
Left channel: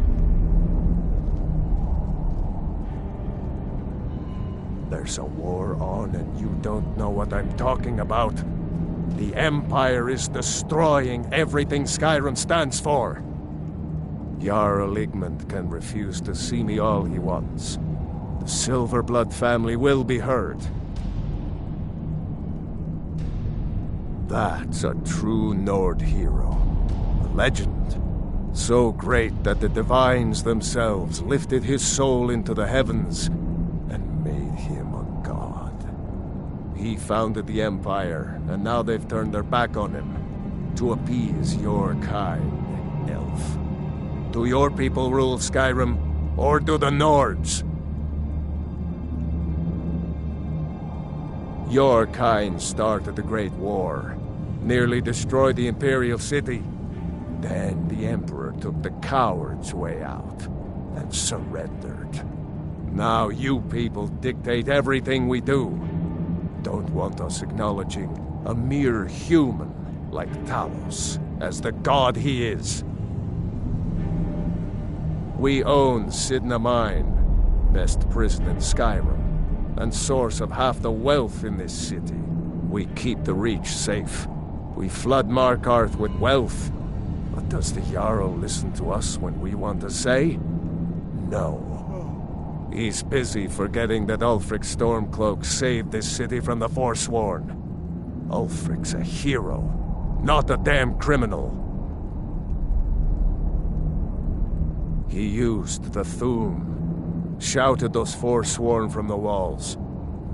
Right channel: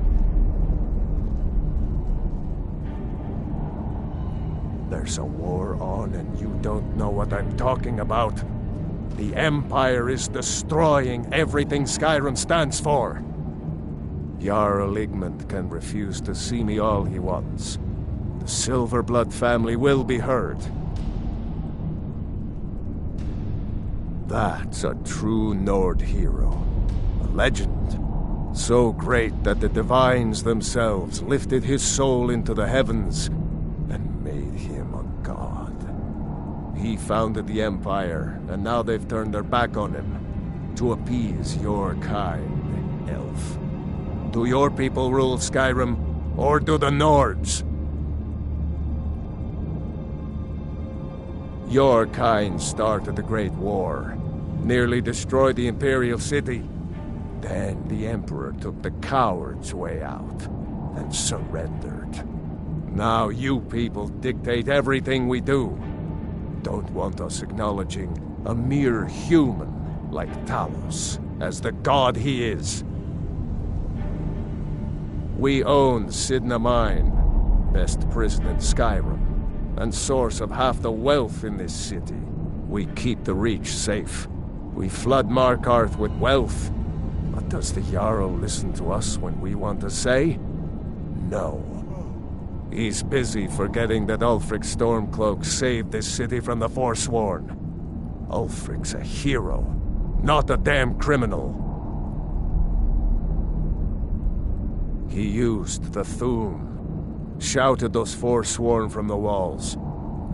There's a war on and you don't know what I'm talking about. The Empire is destroying everything Skyrim stands for. Jarl Igmund can refuse to see me all he wants. The Silverblood family will be heard. That's a true Nord hero. A legend. So great that the divines themselves lifted his soul into the heavens and made him a god. He founded the Empire, and now they've turned their back on him to appease your kind, elf. Do your people rule Skyrim, or do the Nords? Your kind started the Great War, nearly destroyed the Imperial City. Then the Emperor took the coward's way out and surrendered. Now you people dictate everything we do. Don't want us acknowledging a mere human like Talos as the god he is. We own Sidna Mine, best prison in Skyrim, and source of half the wealth in this city. We keep the Reach safe. We flood Markarth with wealth. But does the Jarl listen to us when we want to say? No. He's busy forgetting that Ulfric Stormcloak saved this city from the Forsworn. Ulfric's a hero, not a damn criminal. He used the Thu'um, shouted those Forsworn from the walls.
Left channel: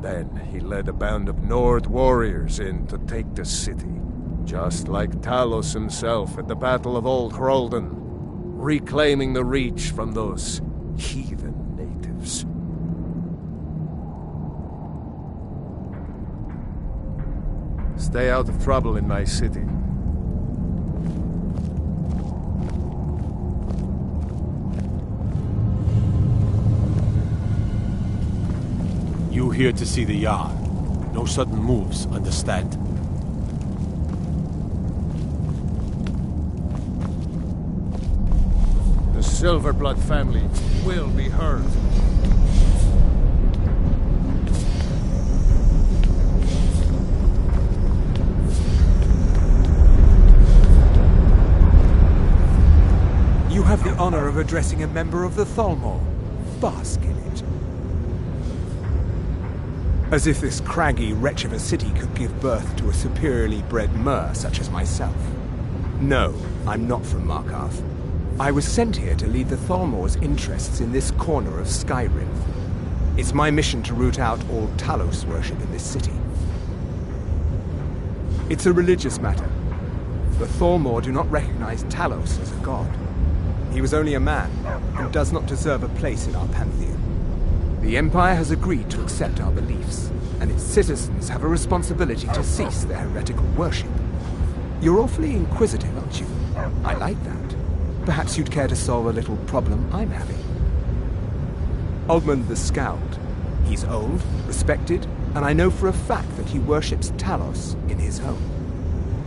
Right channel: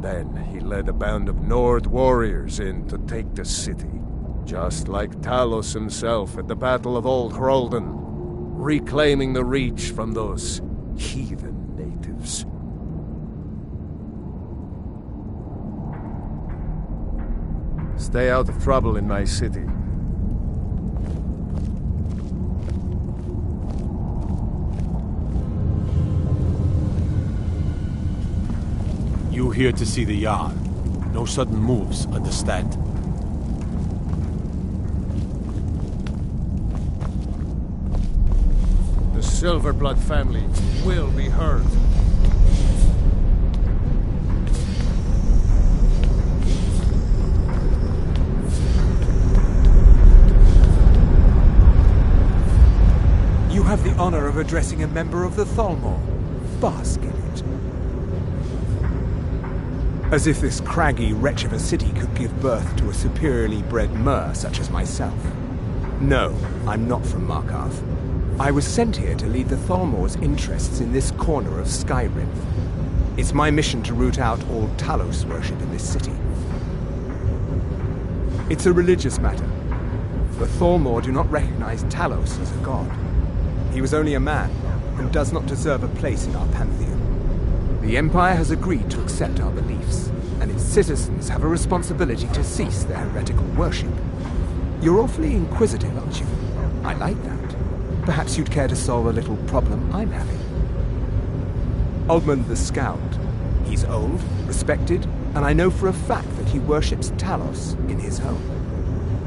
Then he led a band of Nord warriors in to take the city, just like Talos himself at the Battle of Old Hroldan, reclaiming the Reach from those heathen natives. Stay out of trouble in my city. You here to see the Jarl. No sudden moves, understand? The Silverblood family will be heard. You have the honor of addressing a member of the Thalmor. Bask in it. As if this craggy wretch of a city could give birth to a superiorly bred mer such as myself. No, I'm not from Markarth. I was sent here to lead the Thalmor's interests in this corner of Skyrim. It's my mission to root out all Talos worship in this city. It's a religious matter. The Thalmor do not recognize Talos as a god. He was only a man, and does not deserve a place in our pantheon. The Empire has agreed to accept our beliefs, and its citizens have a responsibility to cease their heretical worship. You're awfully inquisitive, aren't you? I like that. Perhaps you'd care to solve a little problem I'm having. Ogmund the Scowled. He's old, respected, and I know for a fact that he worships Talos in his home.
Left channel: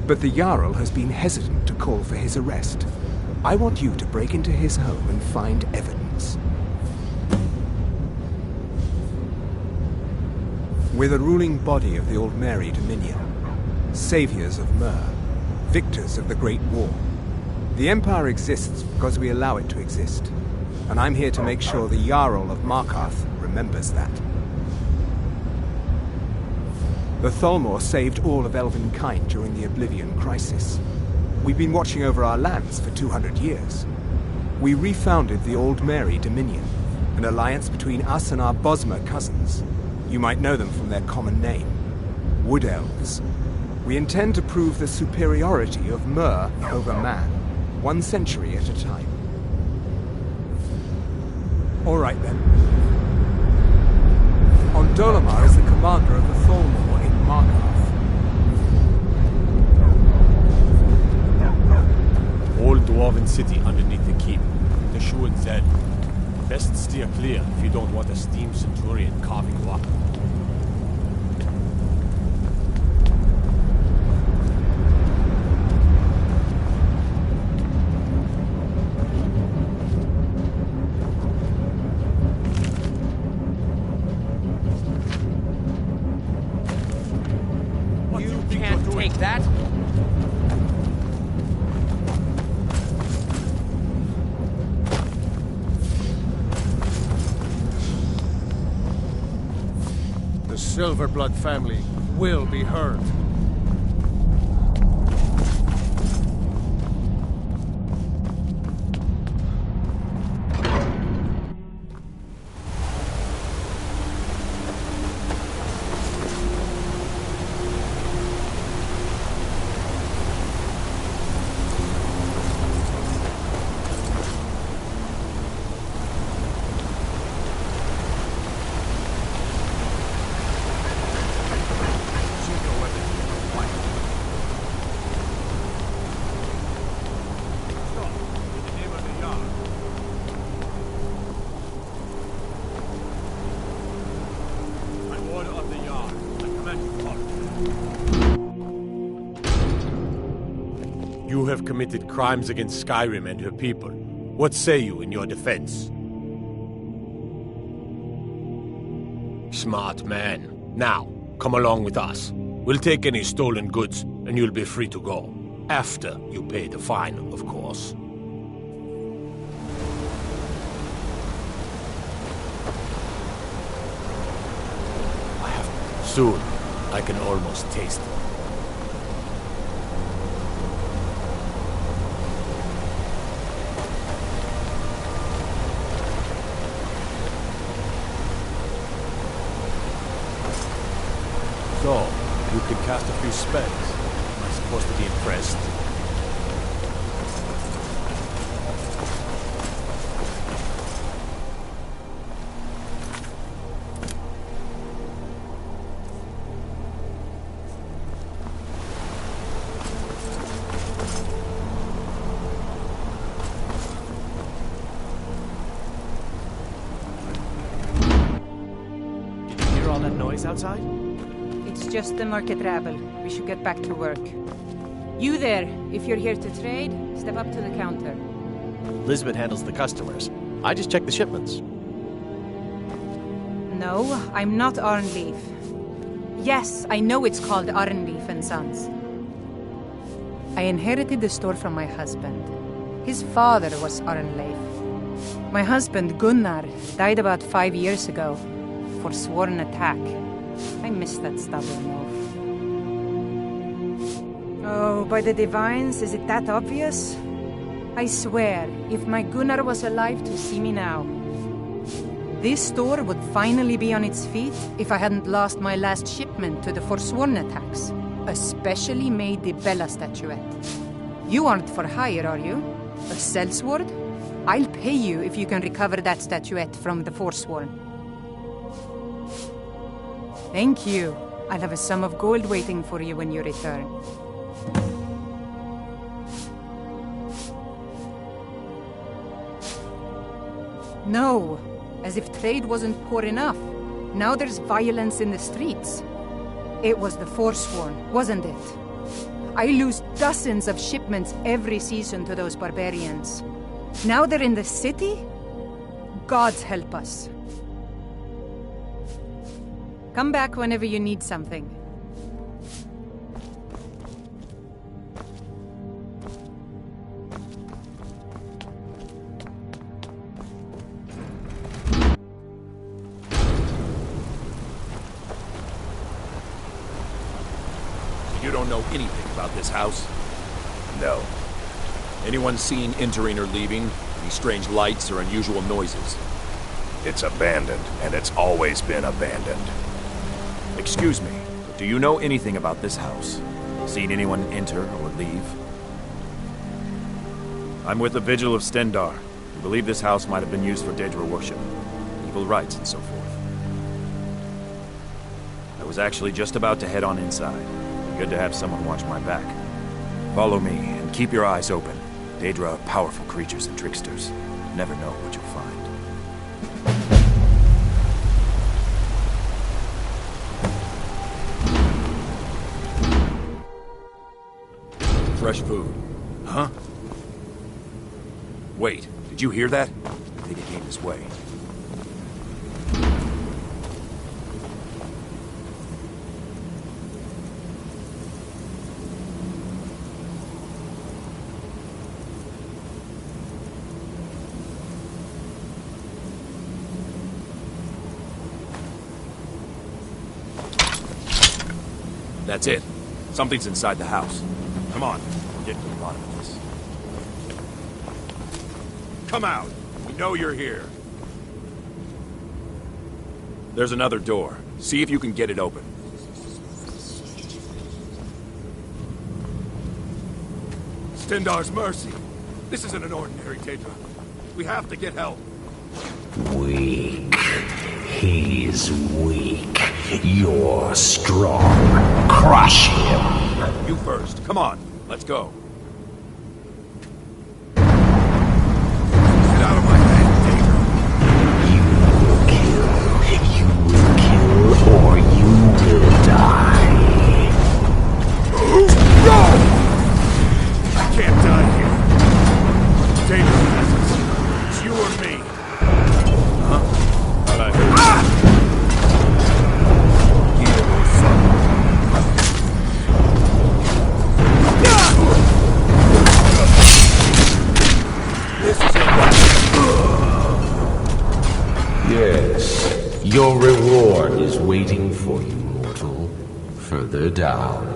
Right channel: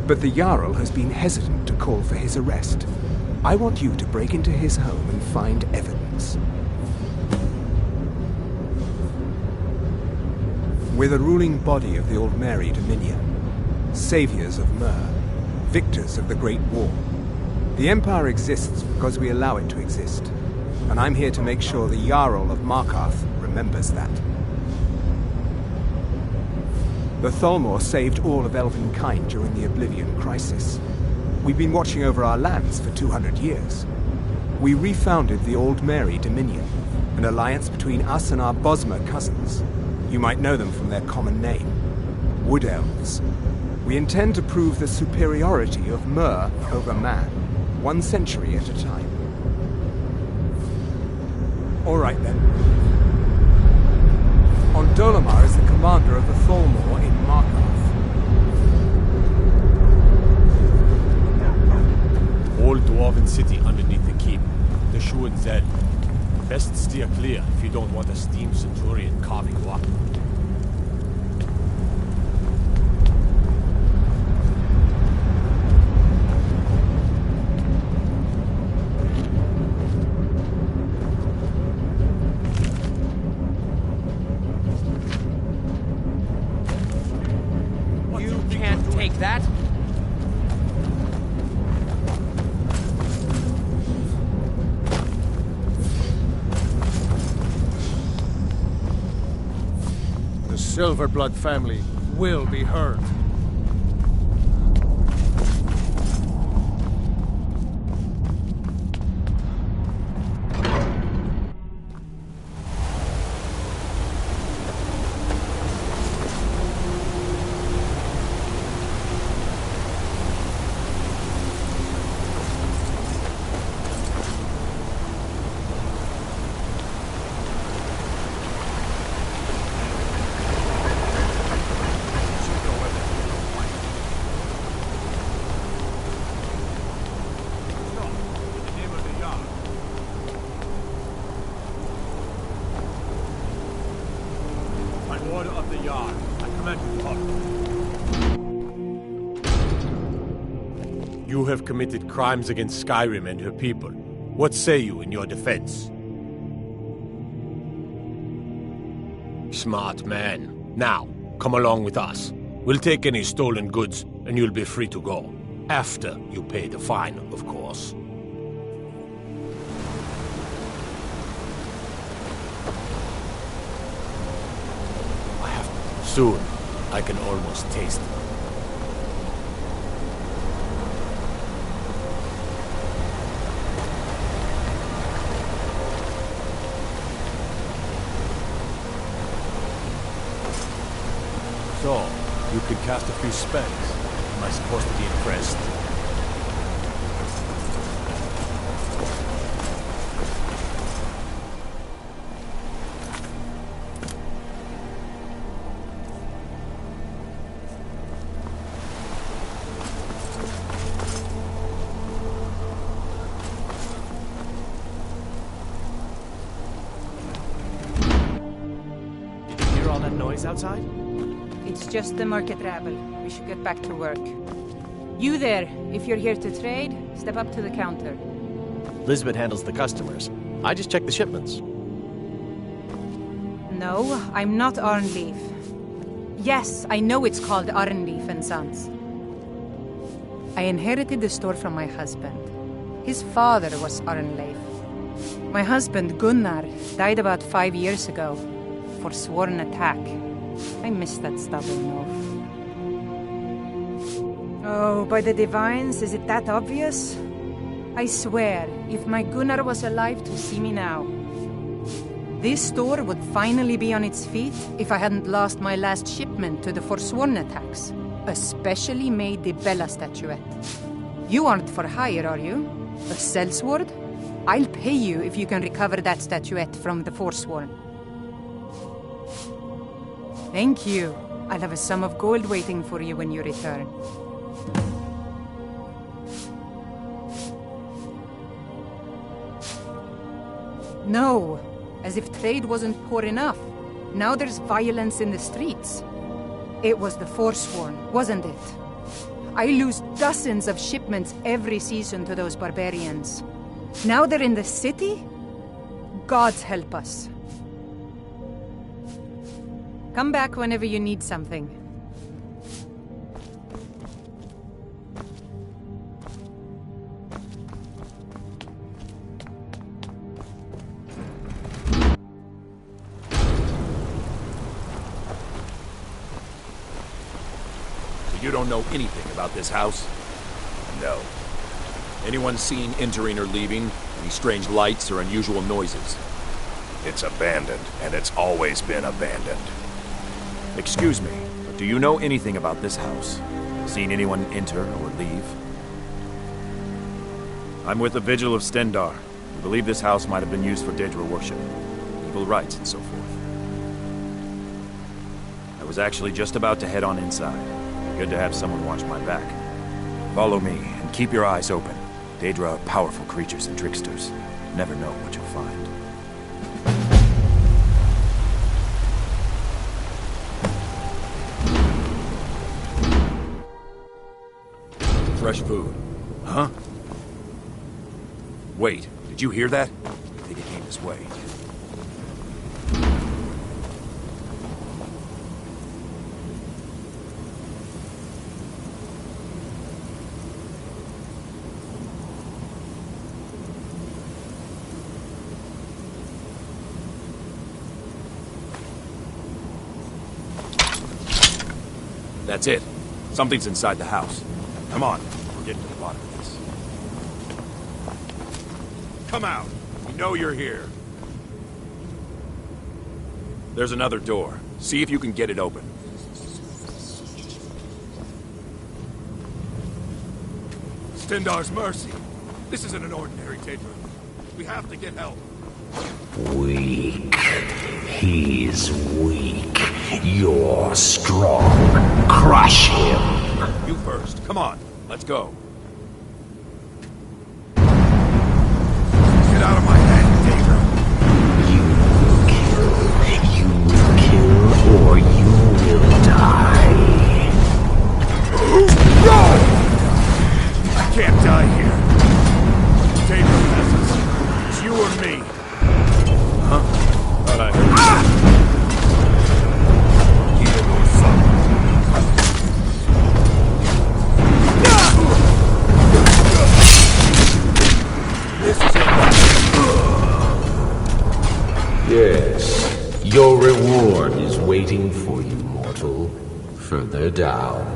But the Jarl has been hesitant to call for his arrest. I want you to break into his home and find evidence. We're the ruling body of the Old Mary Dominion, saviors of Myr, victors of the Great War. The Empire exists because we allow it to exist, and I'm here to make sure the Jarl of Markarth remembers that. The Thalmor saved all of Elvenkind during the Oblivion Crisis. We've been watching over our lands for 200 years. We refounded the Old Mary Dominion, an alliance between us and our Bosmer cousins. You might know them from their common name, Wood Elves. We intend to prove the superiority of Myr over man, 1 century at a time. All right then. Ondolamar is the commander of the Thalmor in Markarth. Old dwarven city underneath the keep. The Shu and Zed. Best steer clear if you don't want a steam centurion carving you up. You can't take that! The Silverblood family will be heard. Order of the Yard. I command you to halt. You have committed crimes against Skyrim and her people. What say you in your defense? Smart man. Now, come along with us. We'll take any stolen goods, and you'll be free to go. After you pay the fine, of course. Soon, I can almost taste it. So, you can cast a few spells. Am I supposed to be impressed? Outside? It's just the market rabble. We should get back to work. You there, if you're here to trade, step up to the counter. Lisbeth handles the customers. I just check the shipments. No, I'm not Arnleif. Yes, I know it's called Arnleif and Sons. I inherited the store from my husband. His father was Arnleif. My husband, Gunnar, died about 5 years ago. Forsworn attack. I miss that stubborn oaf. Oh, by the divines, is it that obvious? I swear, if my Gunnar was alive to see me now, this store would finally be on its feet if I hadn't lost my last shipment to the Forsworn attacks. A specially made Dibella statuette. You aren't for hire, are you? A sellsword? I'll pay you if you can recover that statuette from the Forsworn. Thank you. I'll have a sum of gold waiting for you when you return. No, as if trade wasn't poor enough. Now there's violence in the streets. It was the Forsworn, wasn't it? I lose dozens of shipments every season to those barbarians. Now they're in the city? Gods help us. Come back whenever you need something. You don't know anything about this house? No. Anyone seen entering or leaving? Any strange lights or unusual noises? It's abandoned, and it's always been abandoned. Excuse me, but do you know anything about this house? Seen anyone enter or leave? I'm with the Vigil of Stendar. We believe this house might have been used for Daedra worship, evil rites and so forth. I was actually just about to head on inside. Good to have someone watch my back. Follow me, and keep your eyes open. Daedra are powerful creatures and tricksters. Never know what you'll find. Fresh food. Huh? Wait, did you hear that? I think it came this way. That's it. Something's inside the house. Come on, we're getting to the bottom of this. Come out! We know you're here. There's another door. See if you can get it open. Stendar's mercy. This isn't an ordinary Daedra. We have to get help. Weak. He's weak. You're strong. Crush him. You first. Come on. Let's go. Get out of my hand, Daedra. You will kill or you will die. No! I can't die here. Daedra has us. It's you or me. Huh? Thought I heard you. Yes, your reward is waiting for you, mortal. Further down.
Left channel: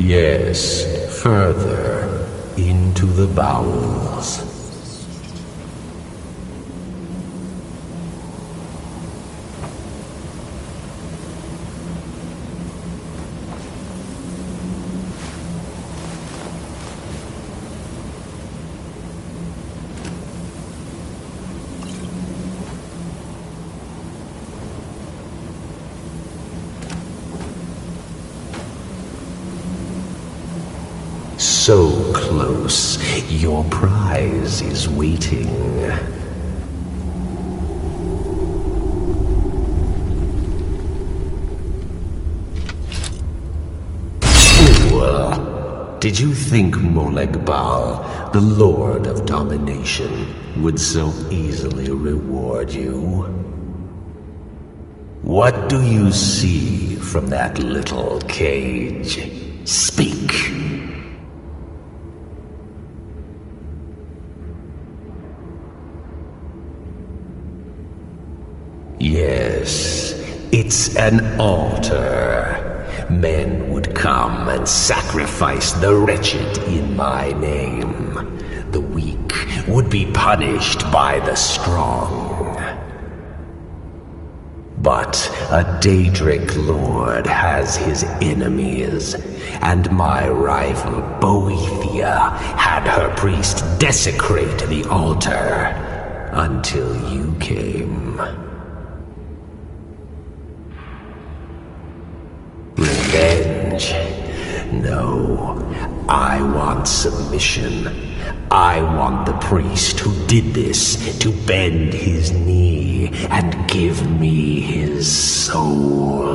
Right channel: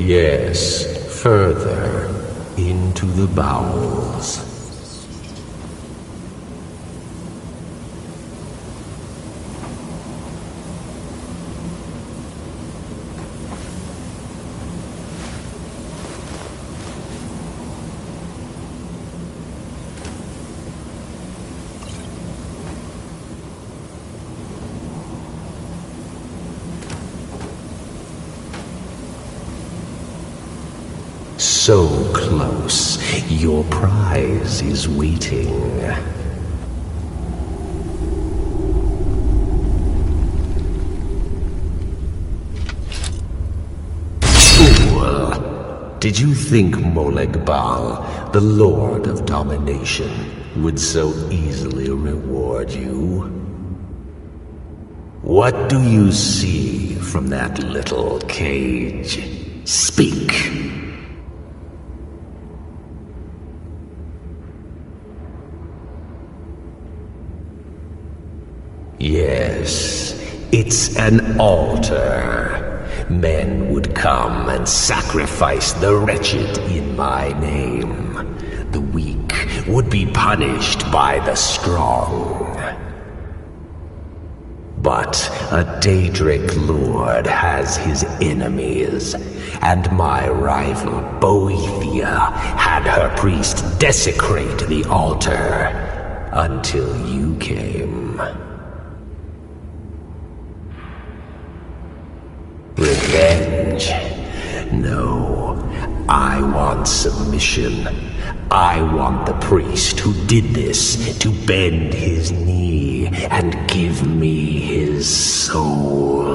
Yes, further into the bowels. so close. Your prize is waiting. Fool! Did you think Molegbal, the Lord of Domination, would so easily reward you? What do you see from that little cage? Speak! Yes, it's an altar. Men would come and sacrifice the wretched in my name. The weak would be punished by the strong. But a Daedric lord has his enemies, and my rival Boethia had her priest desecrate the altar until you came. Revenge? No, I want submission. I want the priest who did this to bend his knee and give me his soul.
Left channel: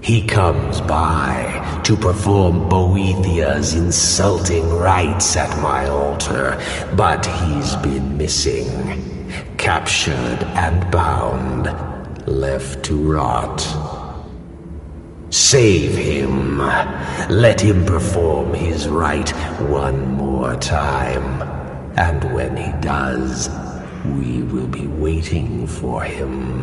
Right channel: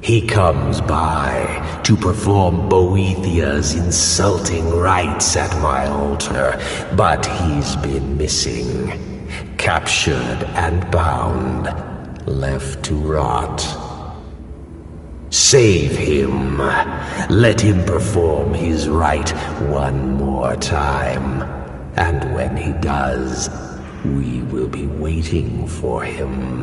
He comes by to perform Boethia's insulting rites at my altar, but he's been missing, captured and bound, left to rot. Save him. Let him perform his rite one more time. And when he does, we will be waiting for him.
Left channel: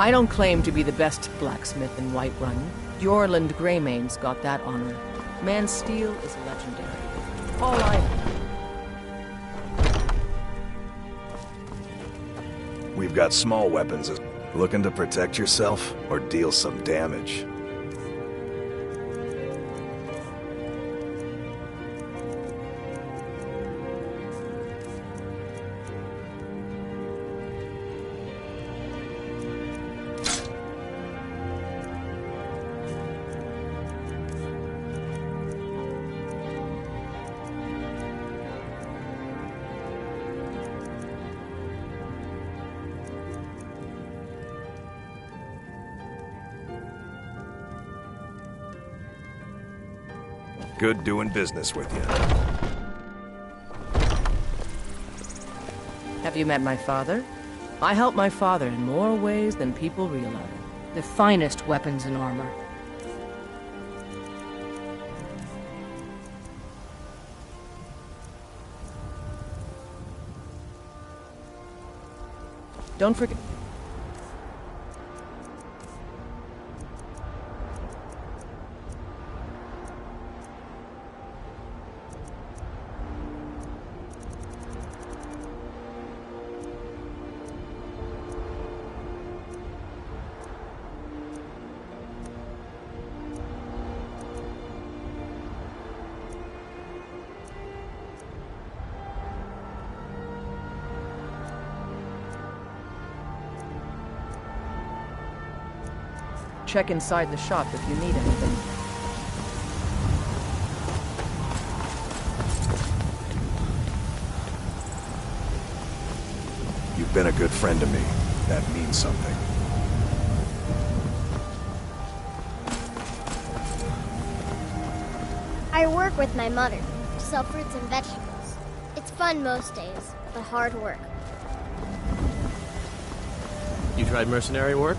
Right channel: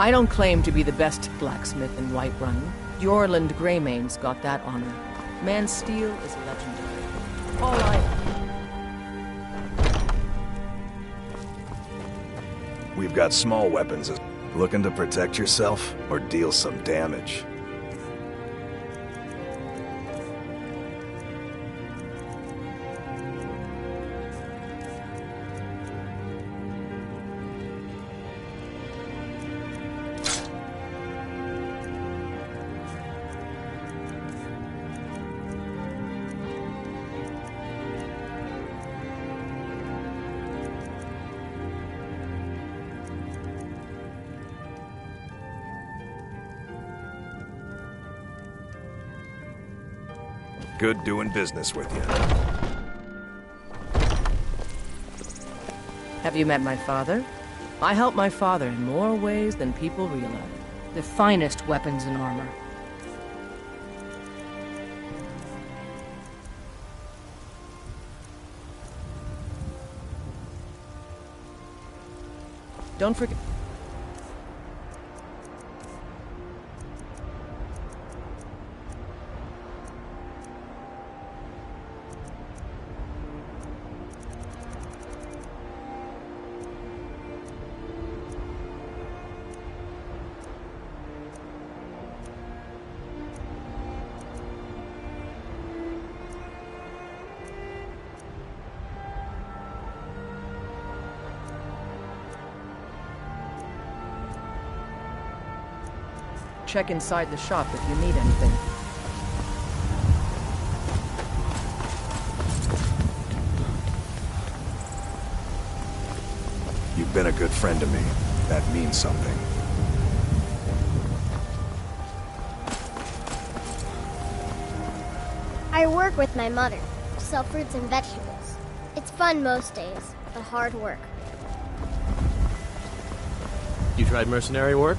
I don't claim to be the best blacksmith in Whiterun. Jorland Greymane's got that honor. Man's steel is legendary. All I... We've got small weapons. Looking to protect yourself or deal some damage? Good doing business with you. Have you met my father? I help my father in more ways than people realize. The finest weapons and armor. Don't forget... Check inside the shop if you need anything. You've been a good friend to me. That means something. I work with my mother. Sell fruits and vegetables. It's fun most days, but hard work. You tried mercenary work?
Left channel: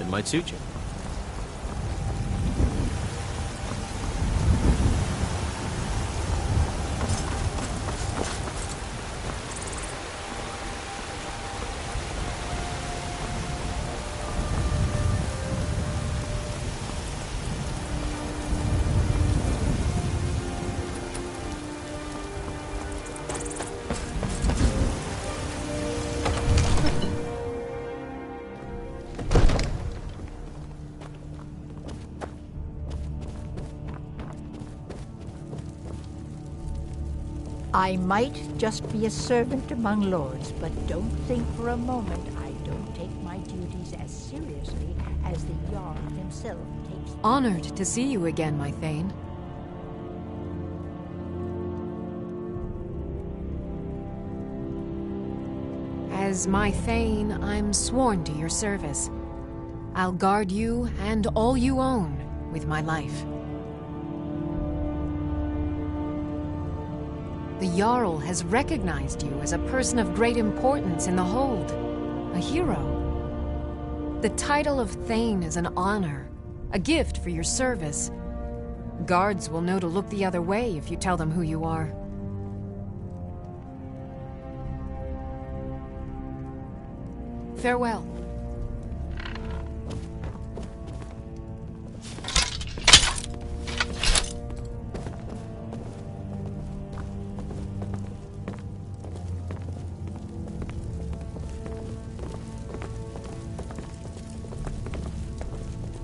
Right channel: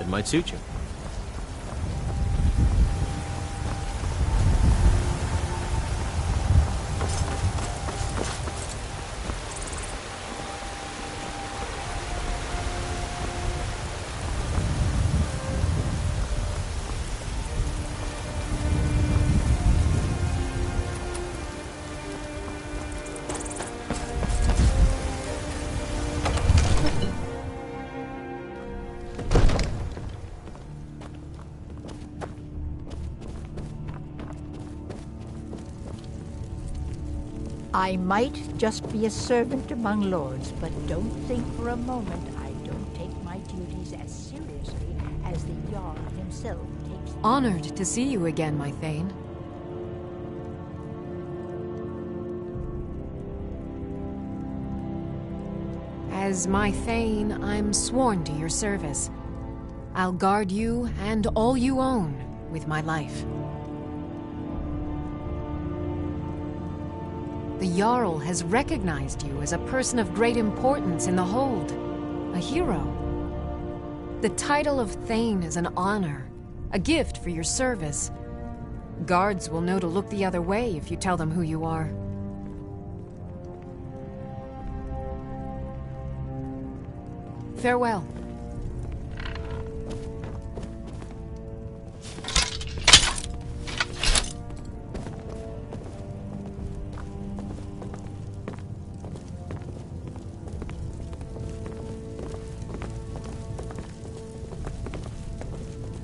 It might suit you. I might just be a servant among lords, but don't think for a moment I don't take my duties as seriously as the Jarl himself takes them. Honored to see you again, my Thane. As my Thane, I'm sworn to your service. I'll guard you and all you own with my life. The Jarl has recognized you as a person of great importance in the Hold, a hero. The title of Thane is an honor, a gift for your service. Guards will know to look the other way if you tell them who you are. Farewell.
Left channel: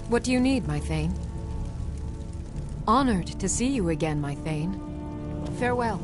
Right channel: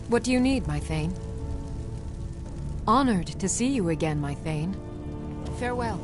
What do you need, my Thane? Honored to see you again, my Thane. Farewell.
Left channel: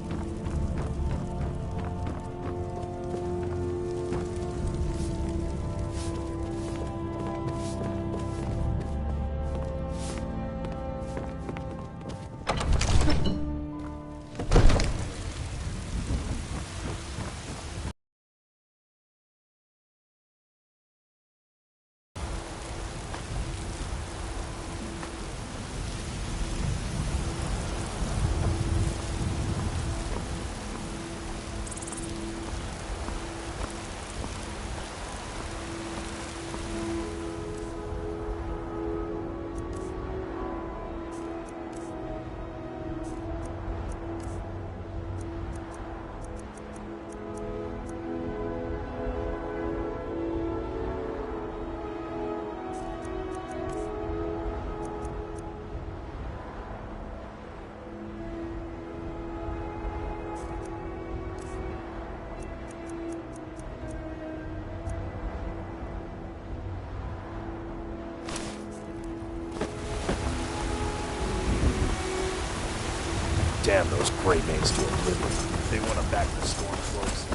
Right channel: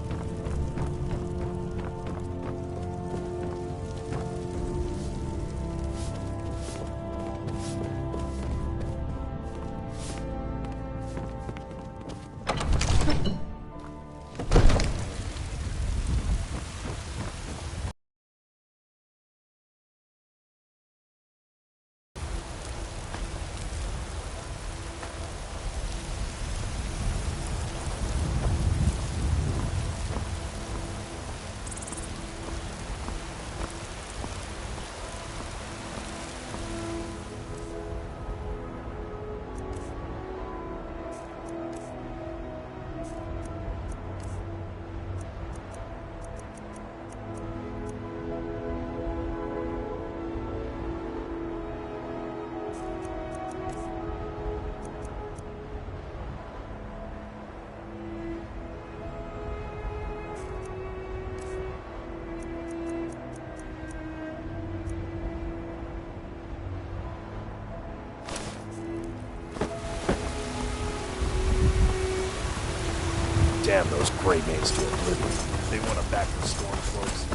Damn those gray maids to oblivion. They want to back the Stormcloaks.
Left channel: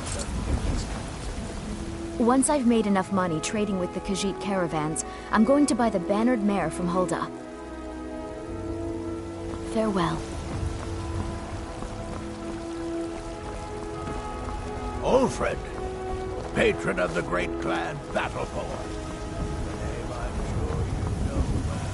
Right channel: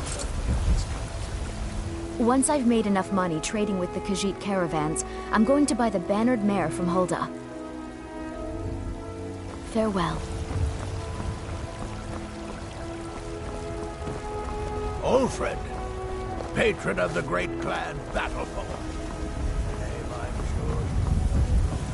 Once I've made enough money trading with the Khajiit caravans, I'm going to buy the bannered mare from Hulda. Farewell. Old friend, patron of the great clan Battleborn. A name I'm sure you know well.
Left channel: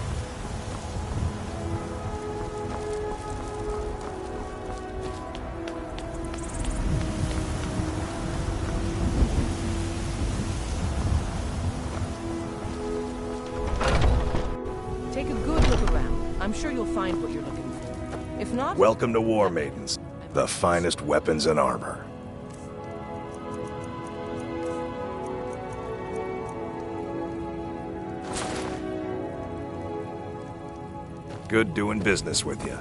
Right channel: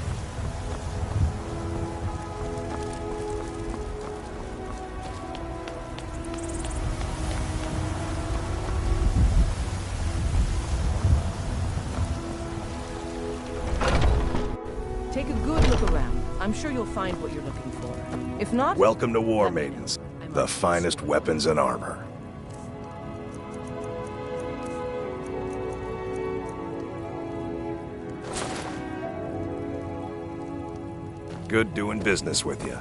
Take a good look around. I'm sure you'll find what you're looking for. If not... Welcome to War Maidens, the finest weapons and armor. Good doing business with you.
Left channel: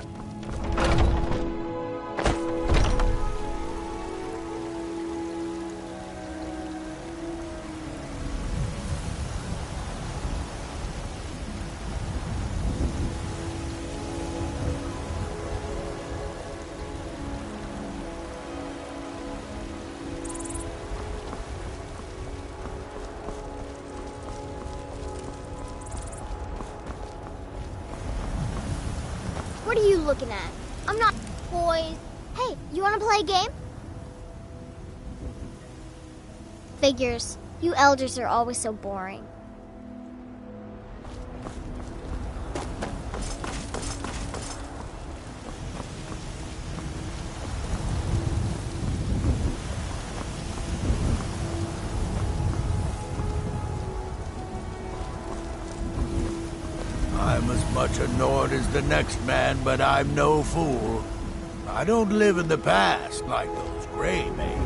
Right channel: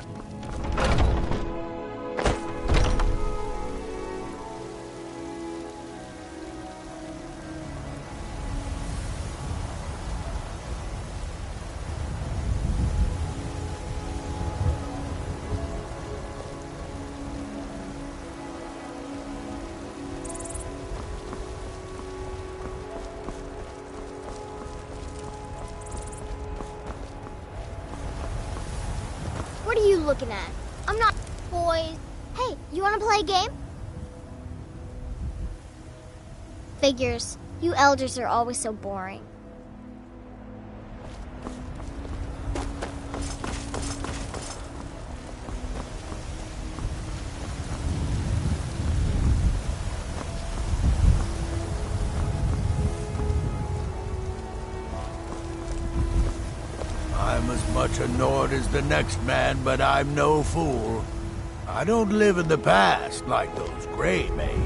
What are you looking at? I'm not boys. Hey, you want to play a game? Figures. You elders are always so boring. I'm as much a Nord as the next man, but I'm no fool. I don't live in the past like those gray maids.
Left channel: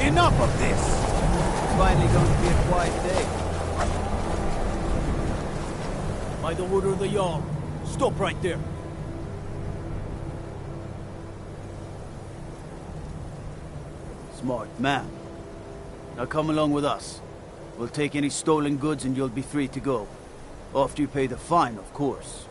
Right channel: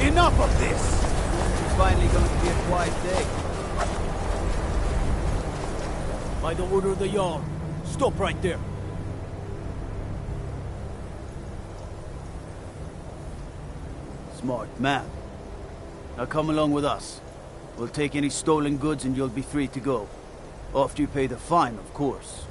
Enough of this! It's finally going to be a quiet day. By the order of the Jarl, stop right there. Smart man. Now come along with us. We'll take any stolen goods and you'll be free to go. After you pay the fine, of course.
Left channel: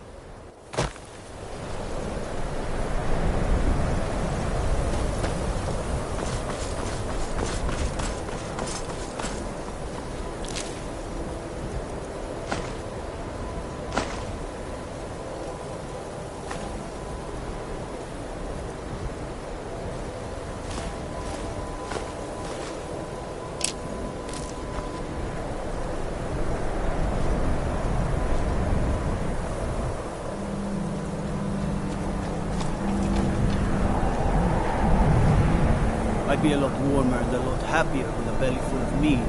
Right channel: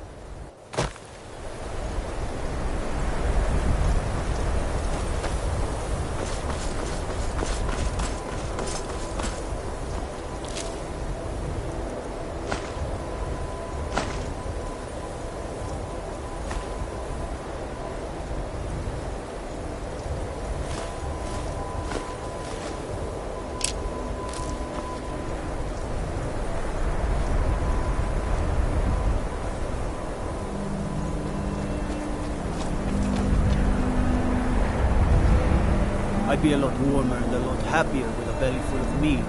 I'd be a lot warmer and a lot happier with a belly full of mead.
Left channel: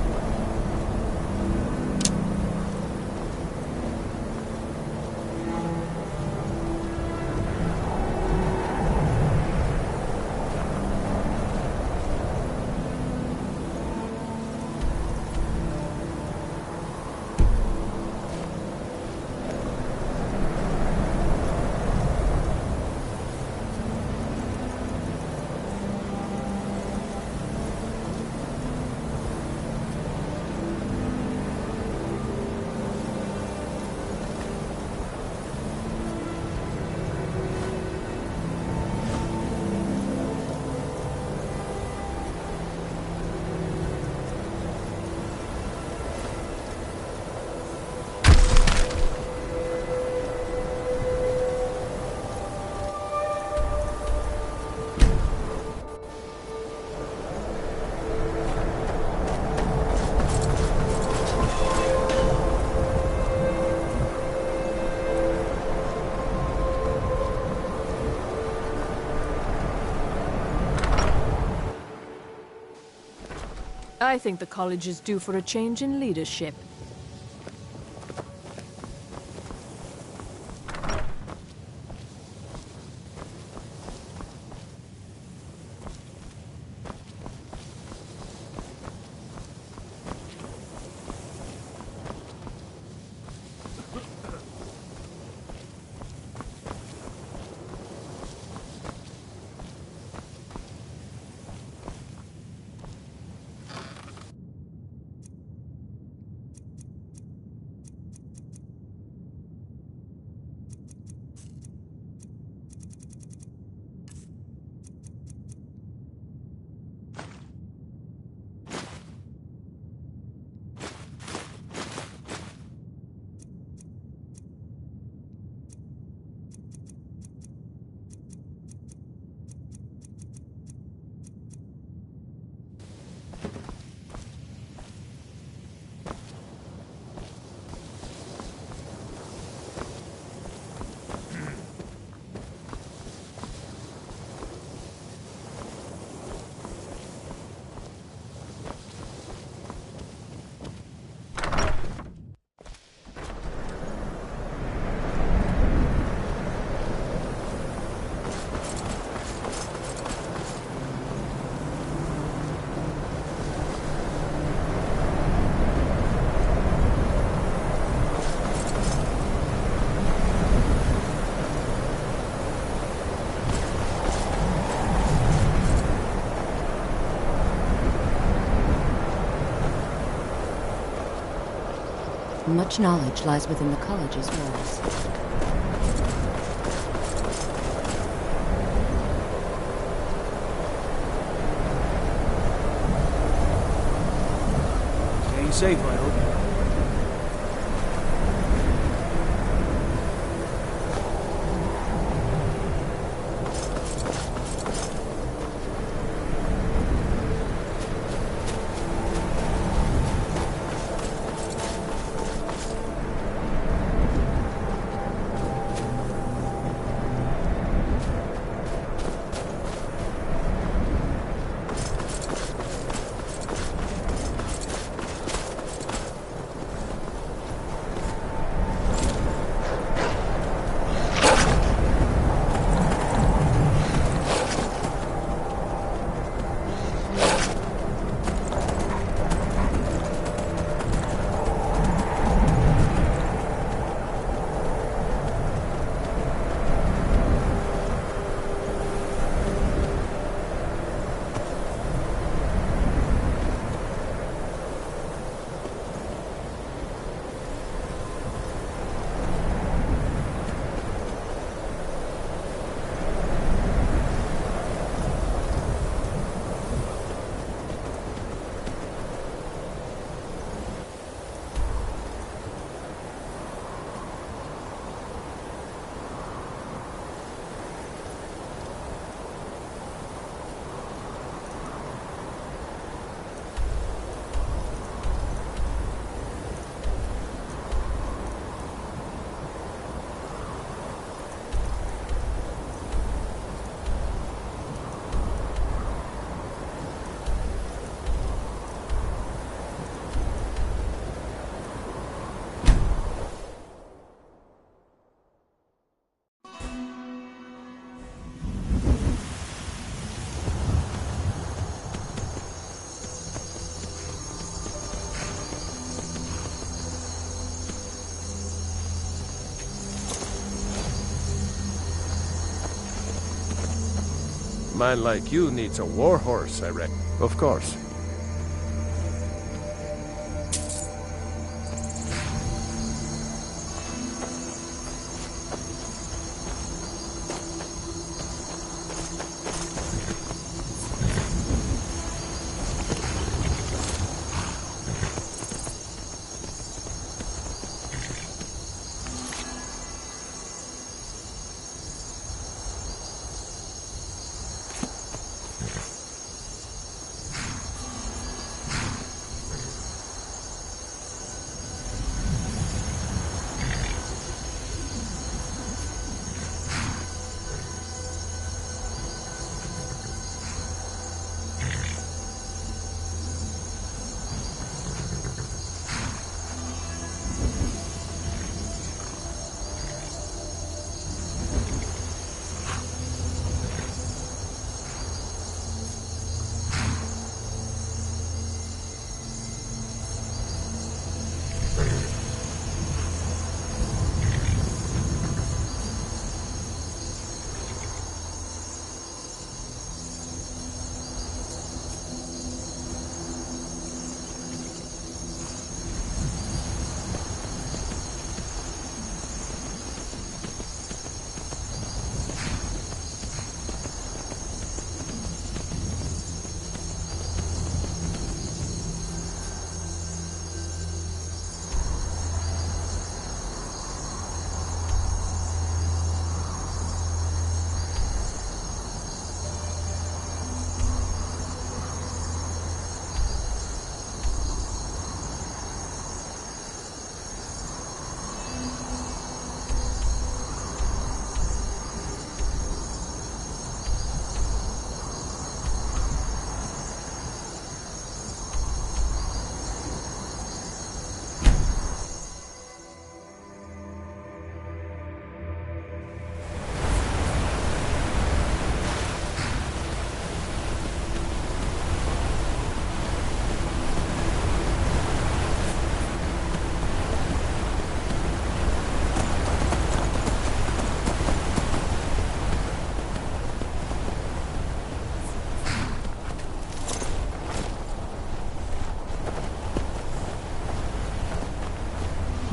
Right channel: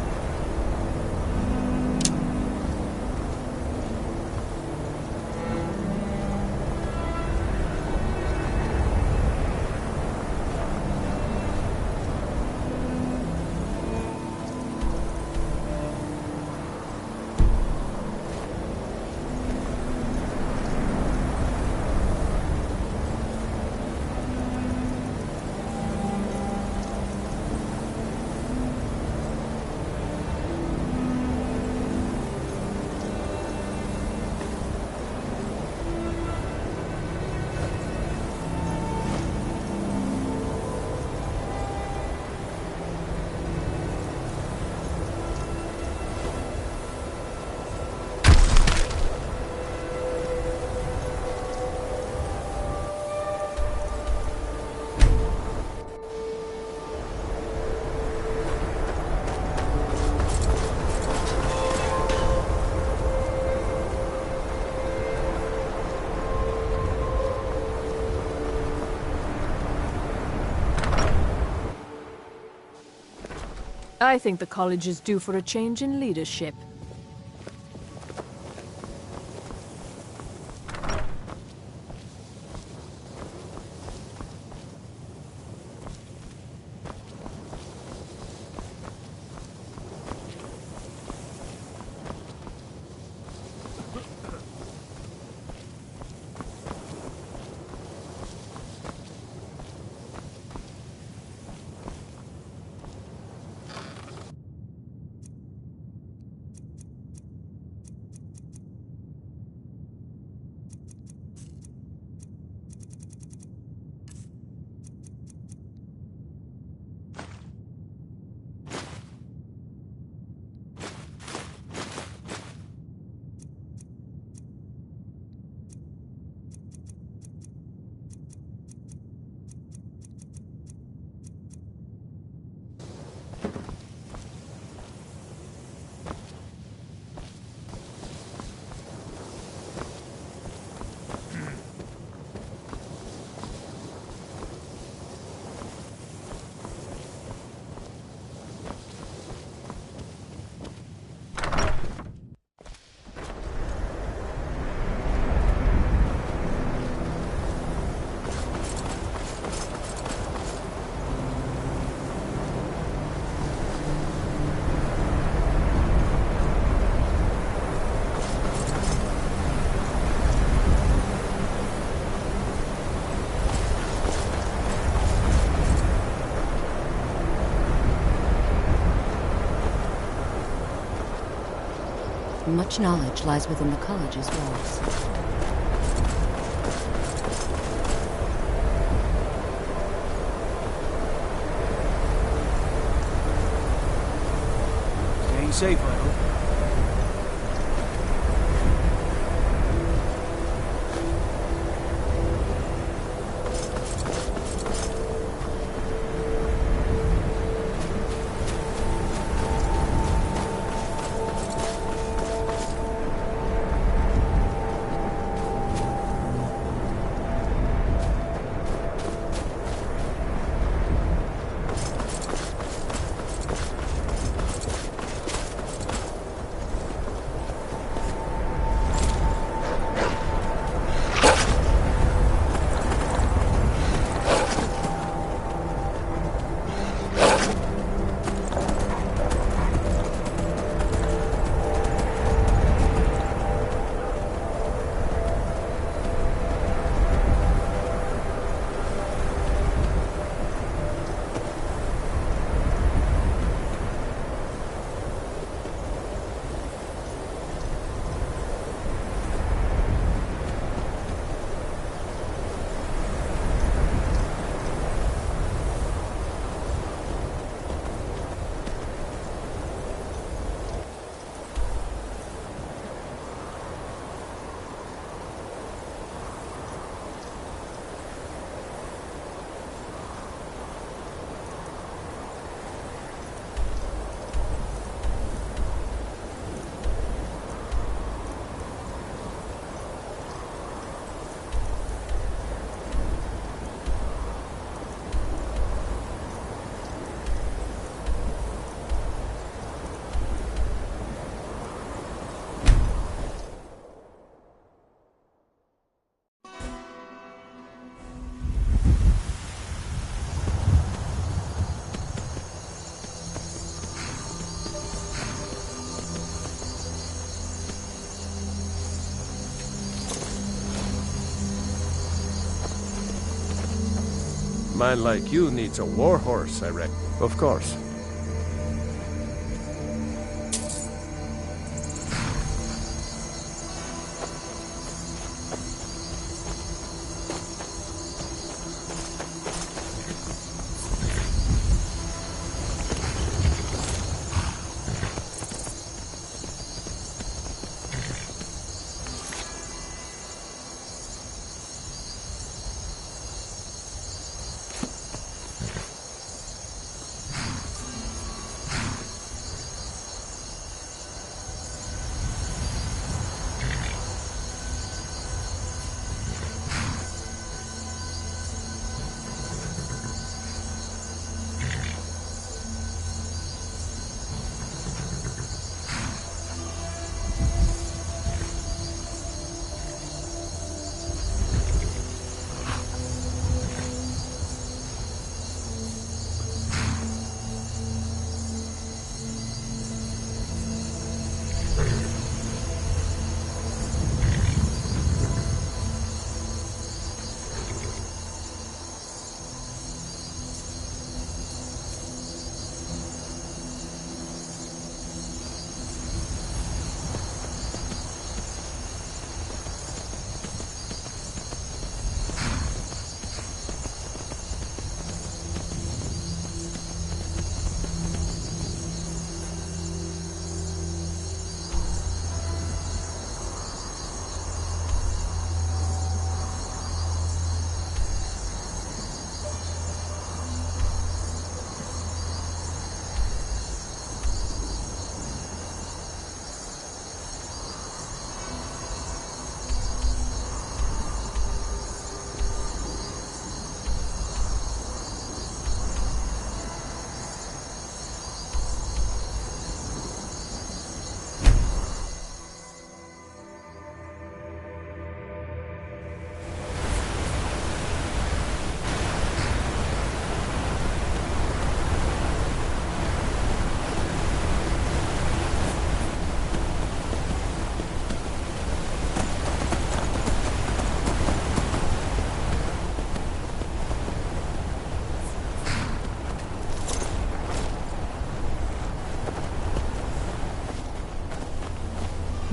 I think the college is due for a change in leadership. Much knowledge lies within the college's walls. Staying safe, I hope. man like you needs a war horse, I reckon. Of course.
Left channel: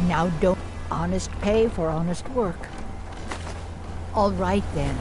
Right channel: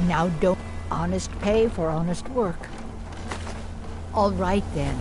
Now don't honest pay for honest work. All right then.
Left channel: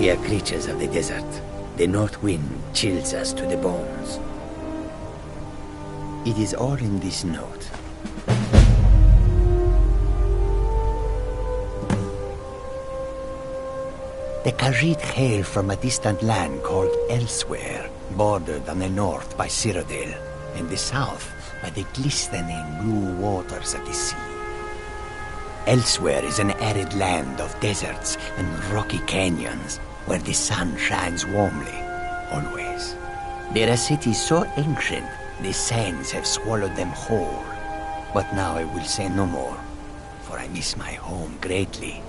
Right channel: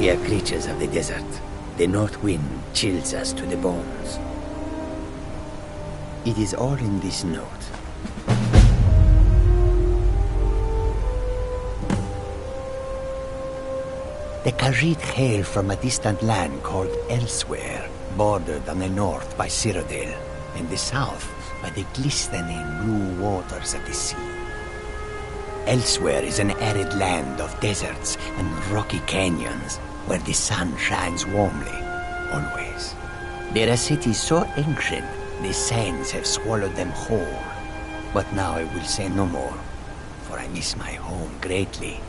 We are creatures of the desert. The north wind chills us to the bones. It is all in this note. The Khajiit hail from a distant land called Elsewhere, bordered on the north by Cyrodiil, and the south by the glistening blue waters of the sea. Elsewhere is an arid land of deserts and rocky canyons, where the sun shines warmly, always. There are cities so ancient, the sands have swallowed them whole. But now I will say no more, for I miss my home greatly.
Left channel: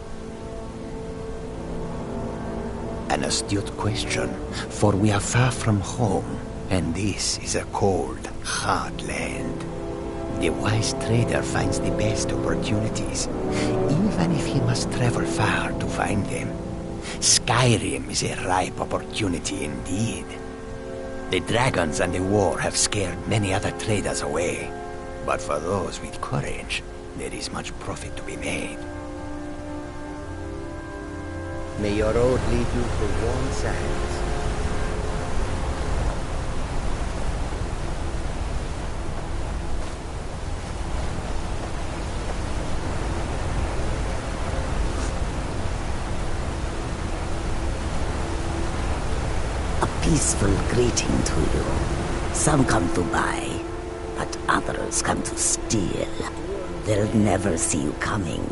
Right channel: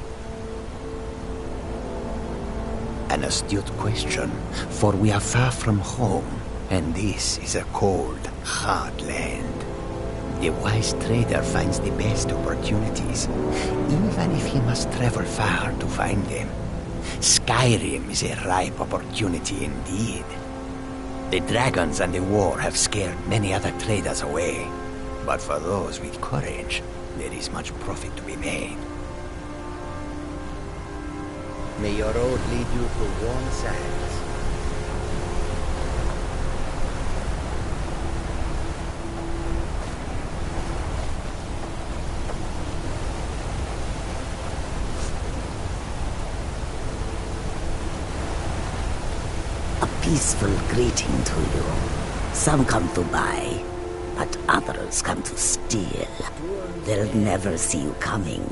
An astute question, for we are far from home, and this is a cold, hard land. The wise trader finds the best opportunities, even if he must travel far to find them. Skyrim is a ripe opportunity indeed. The dragons and the war have scared many other traders away, but for those with courage, there is much profit to be made. May your road lead you to warm sands. Peaceful greeting to you. Some come to buy, but others come to steal. They'll never see you coming.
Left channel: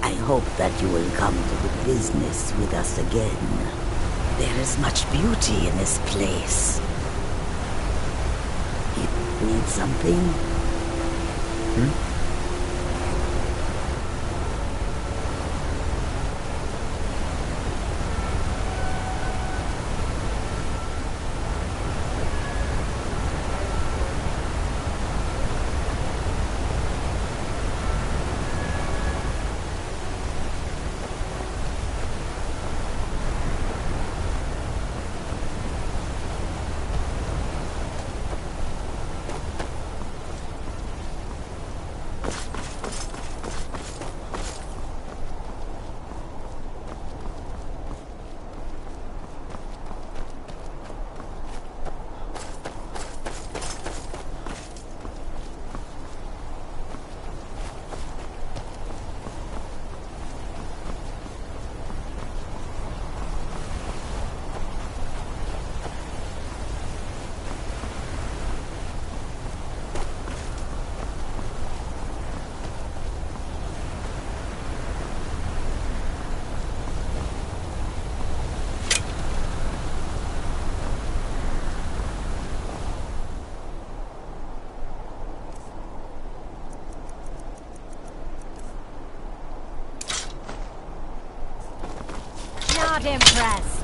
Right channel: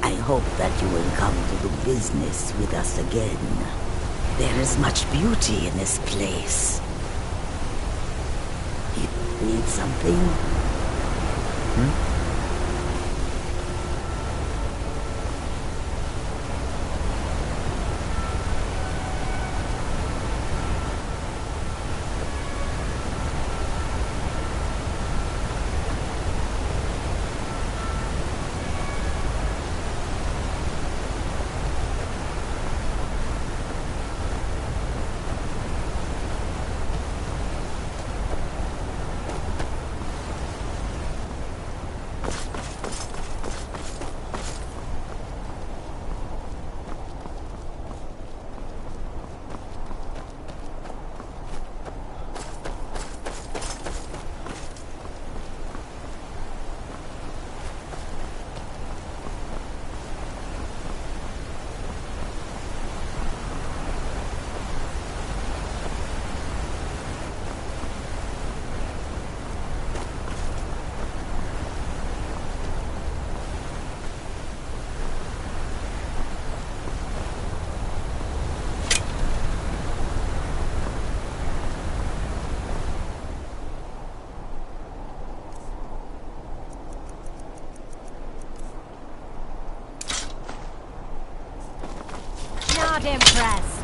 I hope that you will come to do business with us again. There is much beauty in this place. You need something? Not impressed.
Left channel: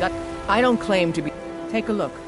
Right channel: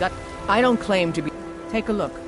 Got... I don't claim to be... Take a look.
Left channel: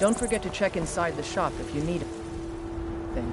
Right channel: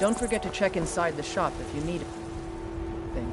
Don't forget to check inside the shop if you need anything.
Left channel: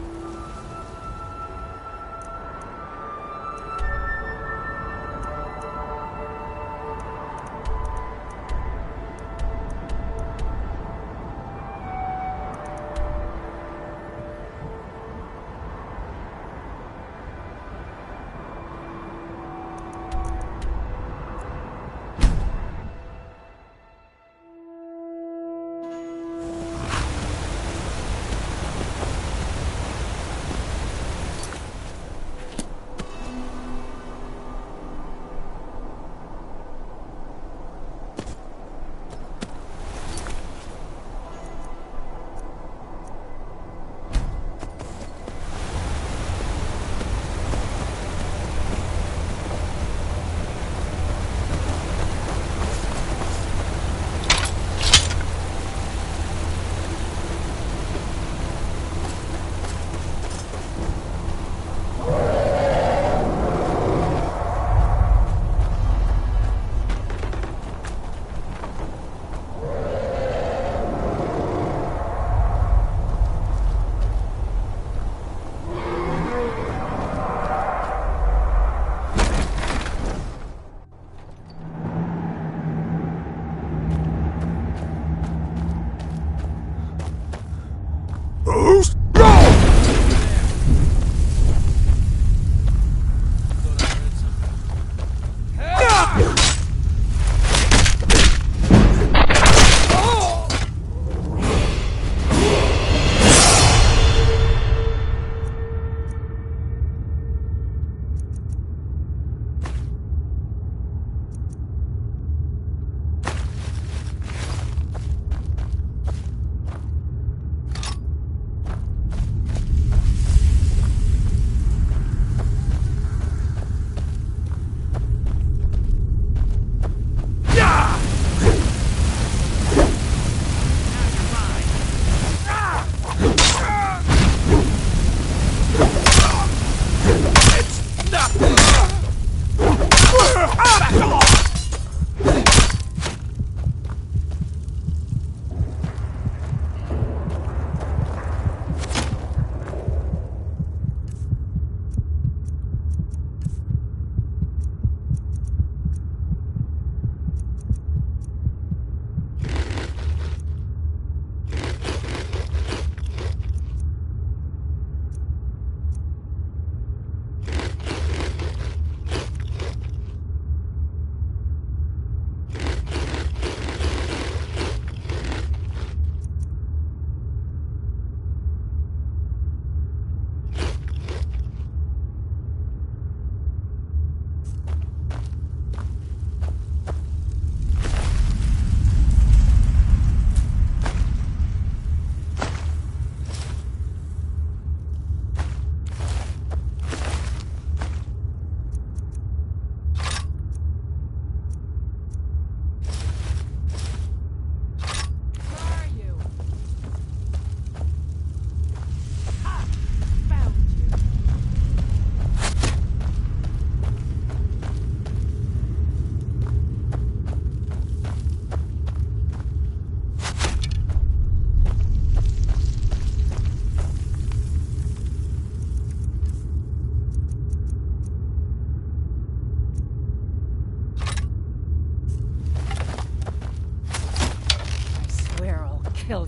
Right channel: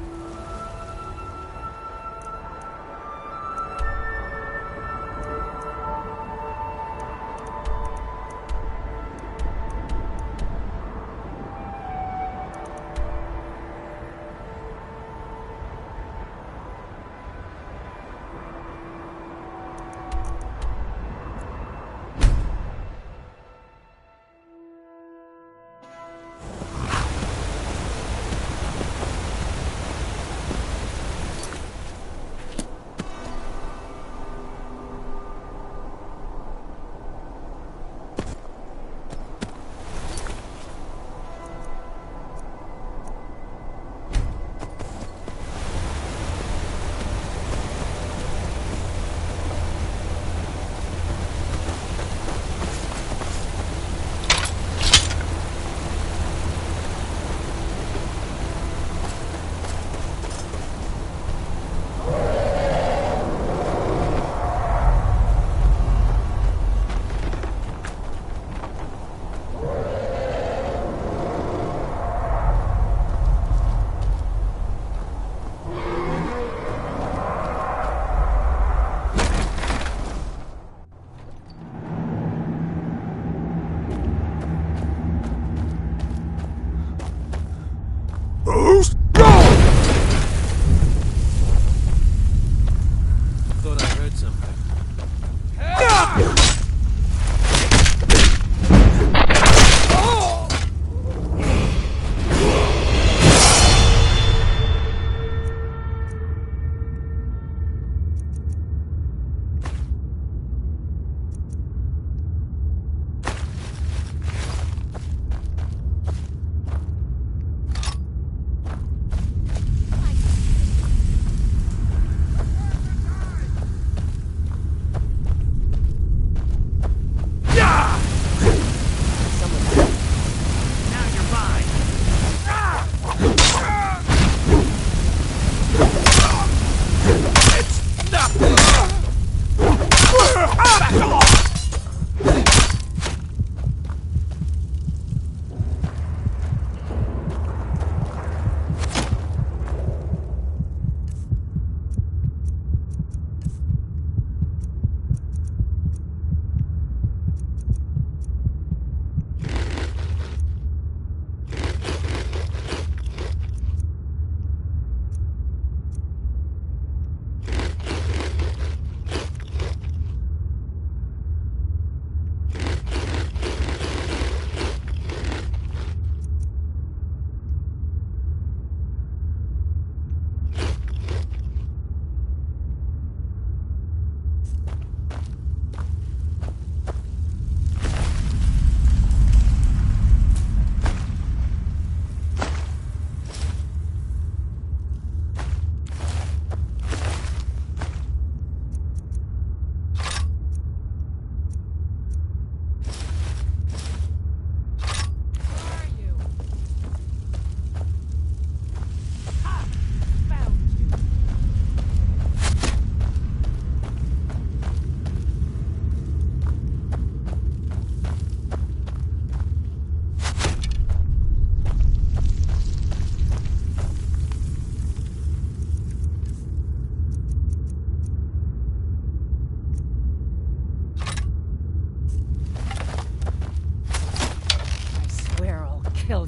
Kill you.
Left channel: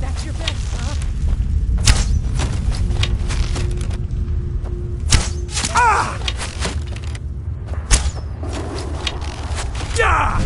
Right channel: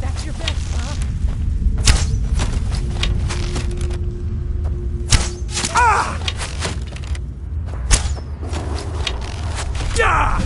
That's your bet, huh? Ah! Yeah!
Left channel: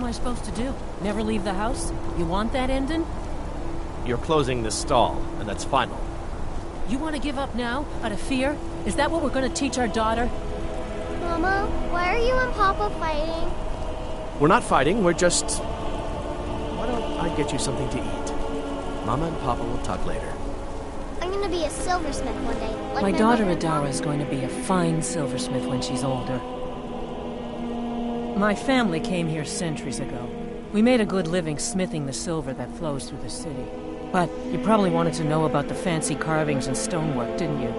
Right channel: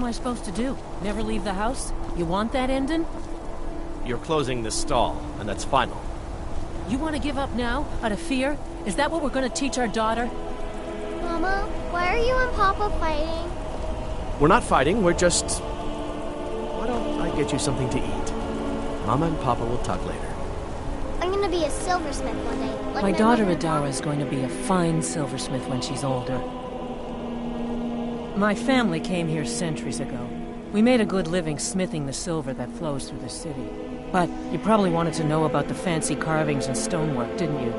am I supposed to do? Never leave the house? You want that ending? You're closing this stall, and that's final. You want to give up now, out of fear? Is that what we're going to teach our daughter? Mama, why are you and Papa fighting? We're not fighting, we're just... Why don't I get you something to eat? Mama and Papa will talk later. I'm gonna be a silversmith one day. Like My daughter mother and Adara is going to be a fine silversmith when she's older. My family came here centuries ago. We made a good living smithing the silver that flows through the city. But you probably wanted to know about the fancy carvings and stonework, didn't you?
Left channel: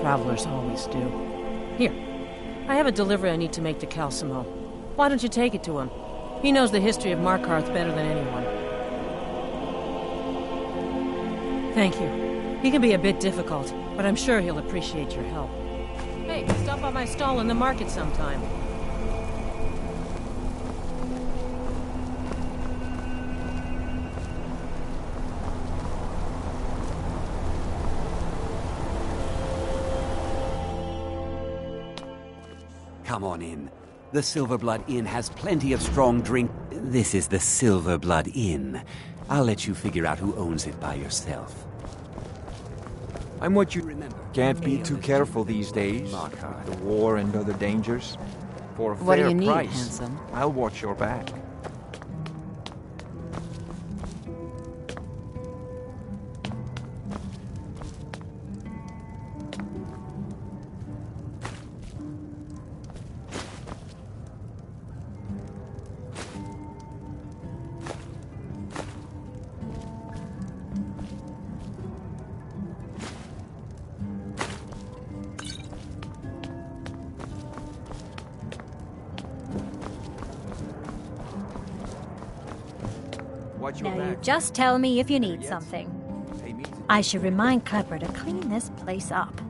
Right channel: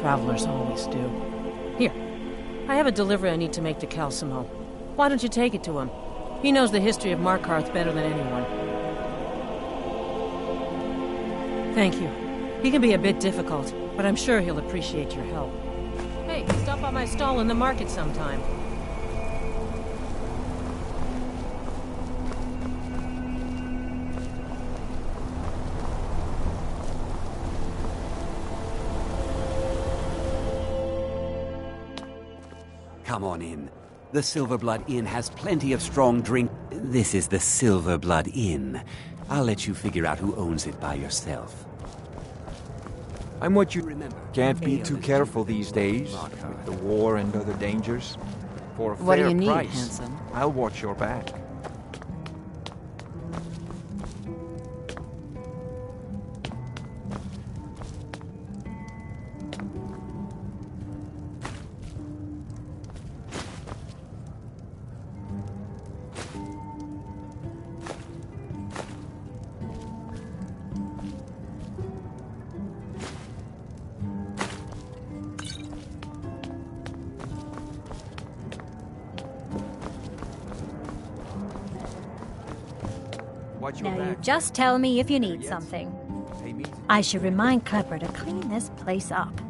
Travelers always do. Here, I have a delivery I need to make to Calcimo. Why don't you take it to him? He knows the history of Markarth better than anyone. Thank you. He can be a bit difficult, but I'm sure he'll appreciate your help. Hey, stop by my stall in the market sometime. Come on in. The Silverblood Inn has plenty of strong drink. This is the Silverblood Inn. I'll let you figure out who owns it by yourself. I'm what you remember. Can't be too careful these days, with the war and other dangers. For a What do fair you need, price, handsome? I'll watch your back. Now you just tell me if you need something. I should remind Klepper to clean this place up.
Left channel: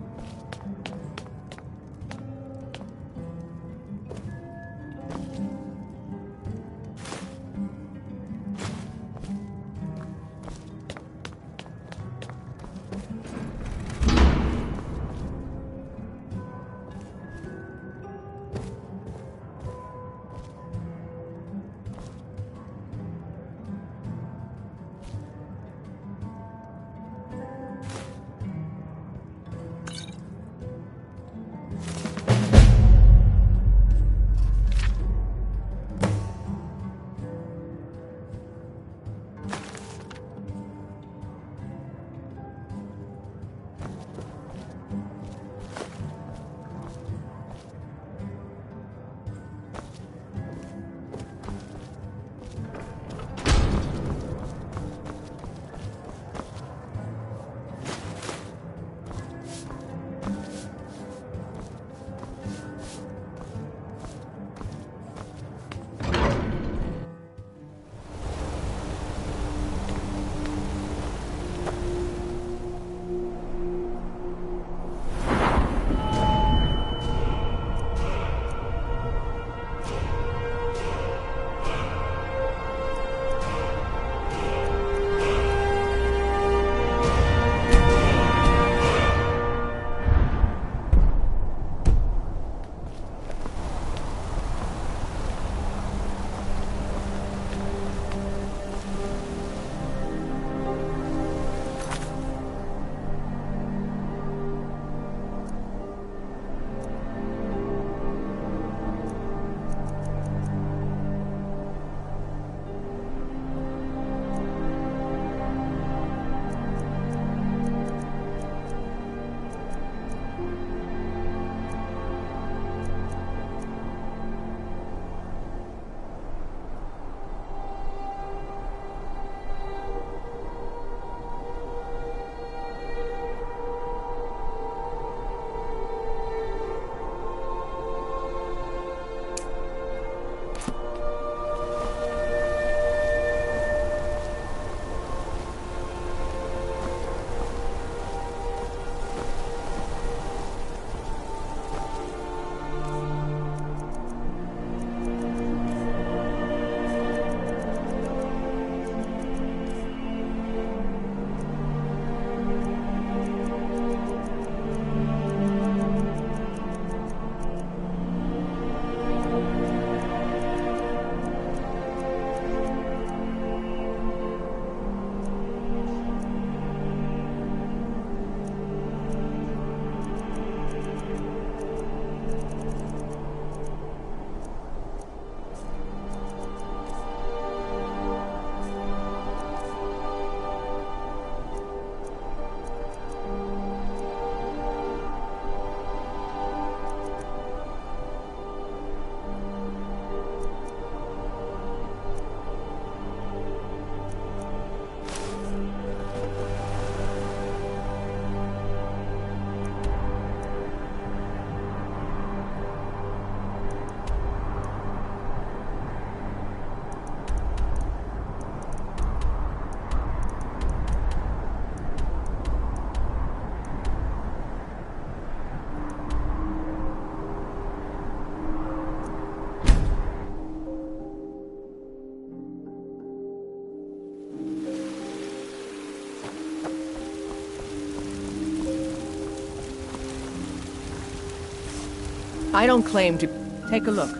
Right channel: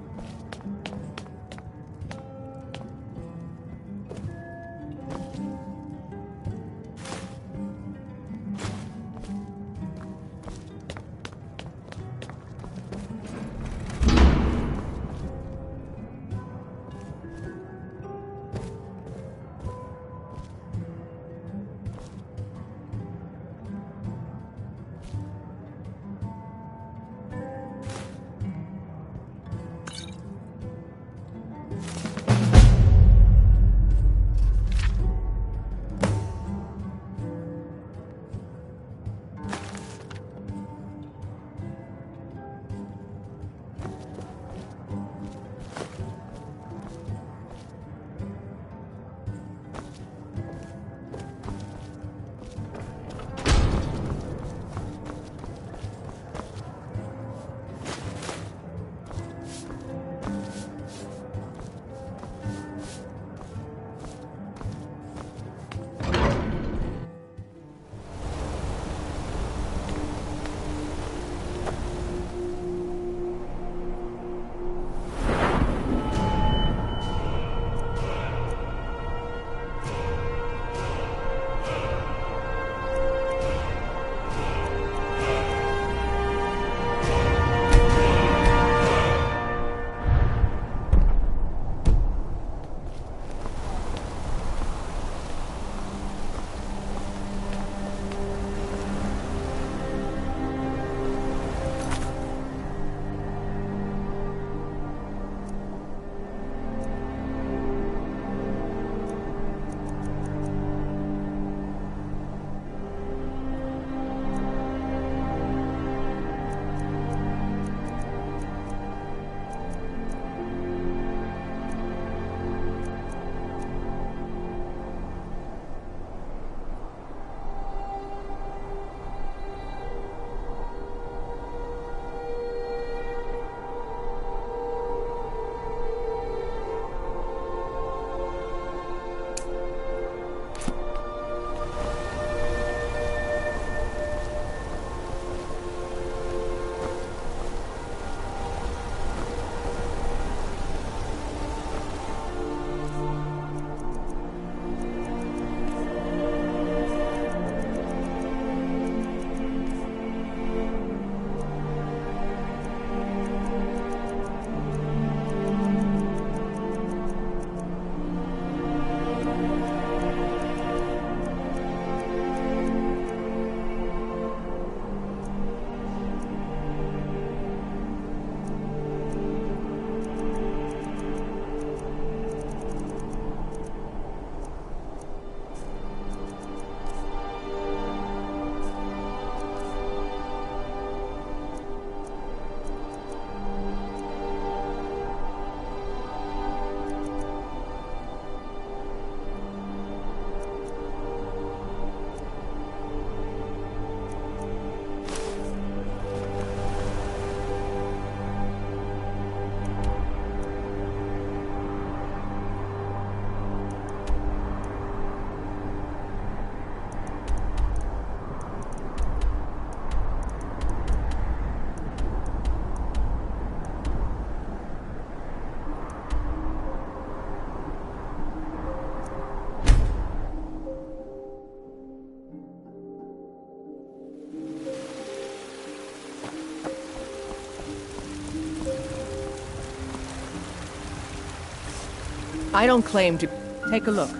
I don't claim to... Take a look.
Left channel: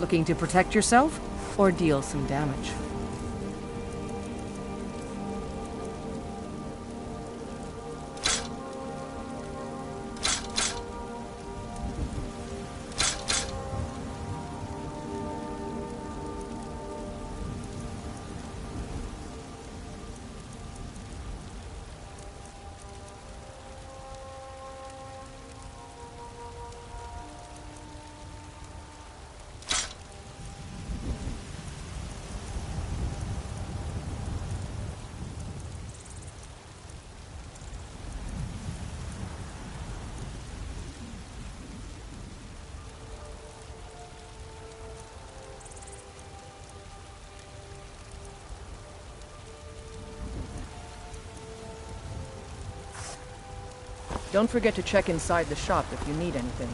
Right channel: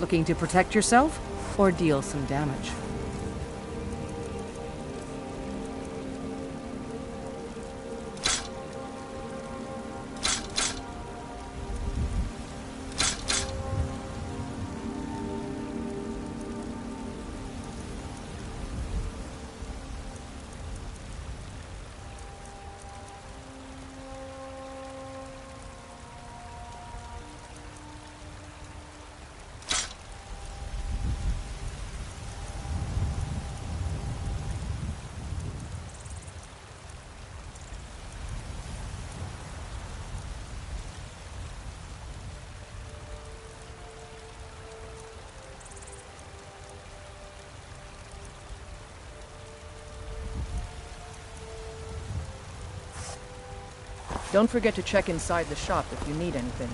Looking to protect yourself or deal some damage? Don't forget to check inside the shop if you need anything.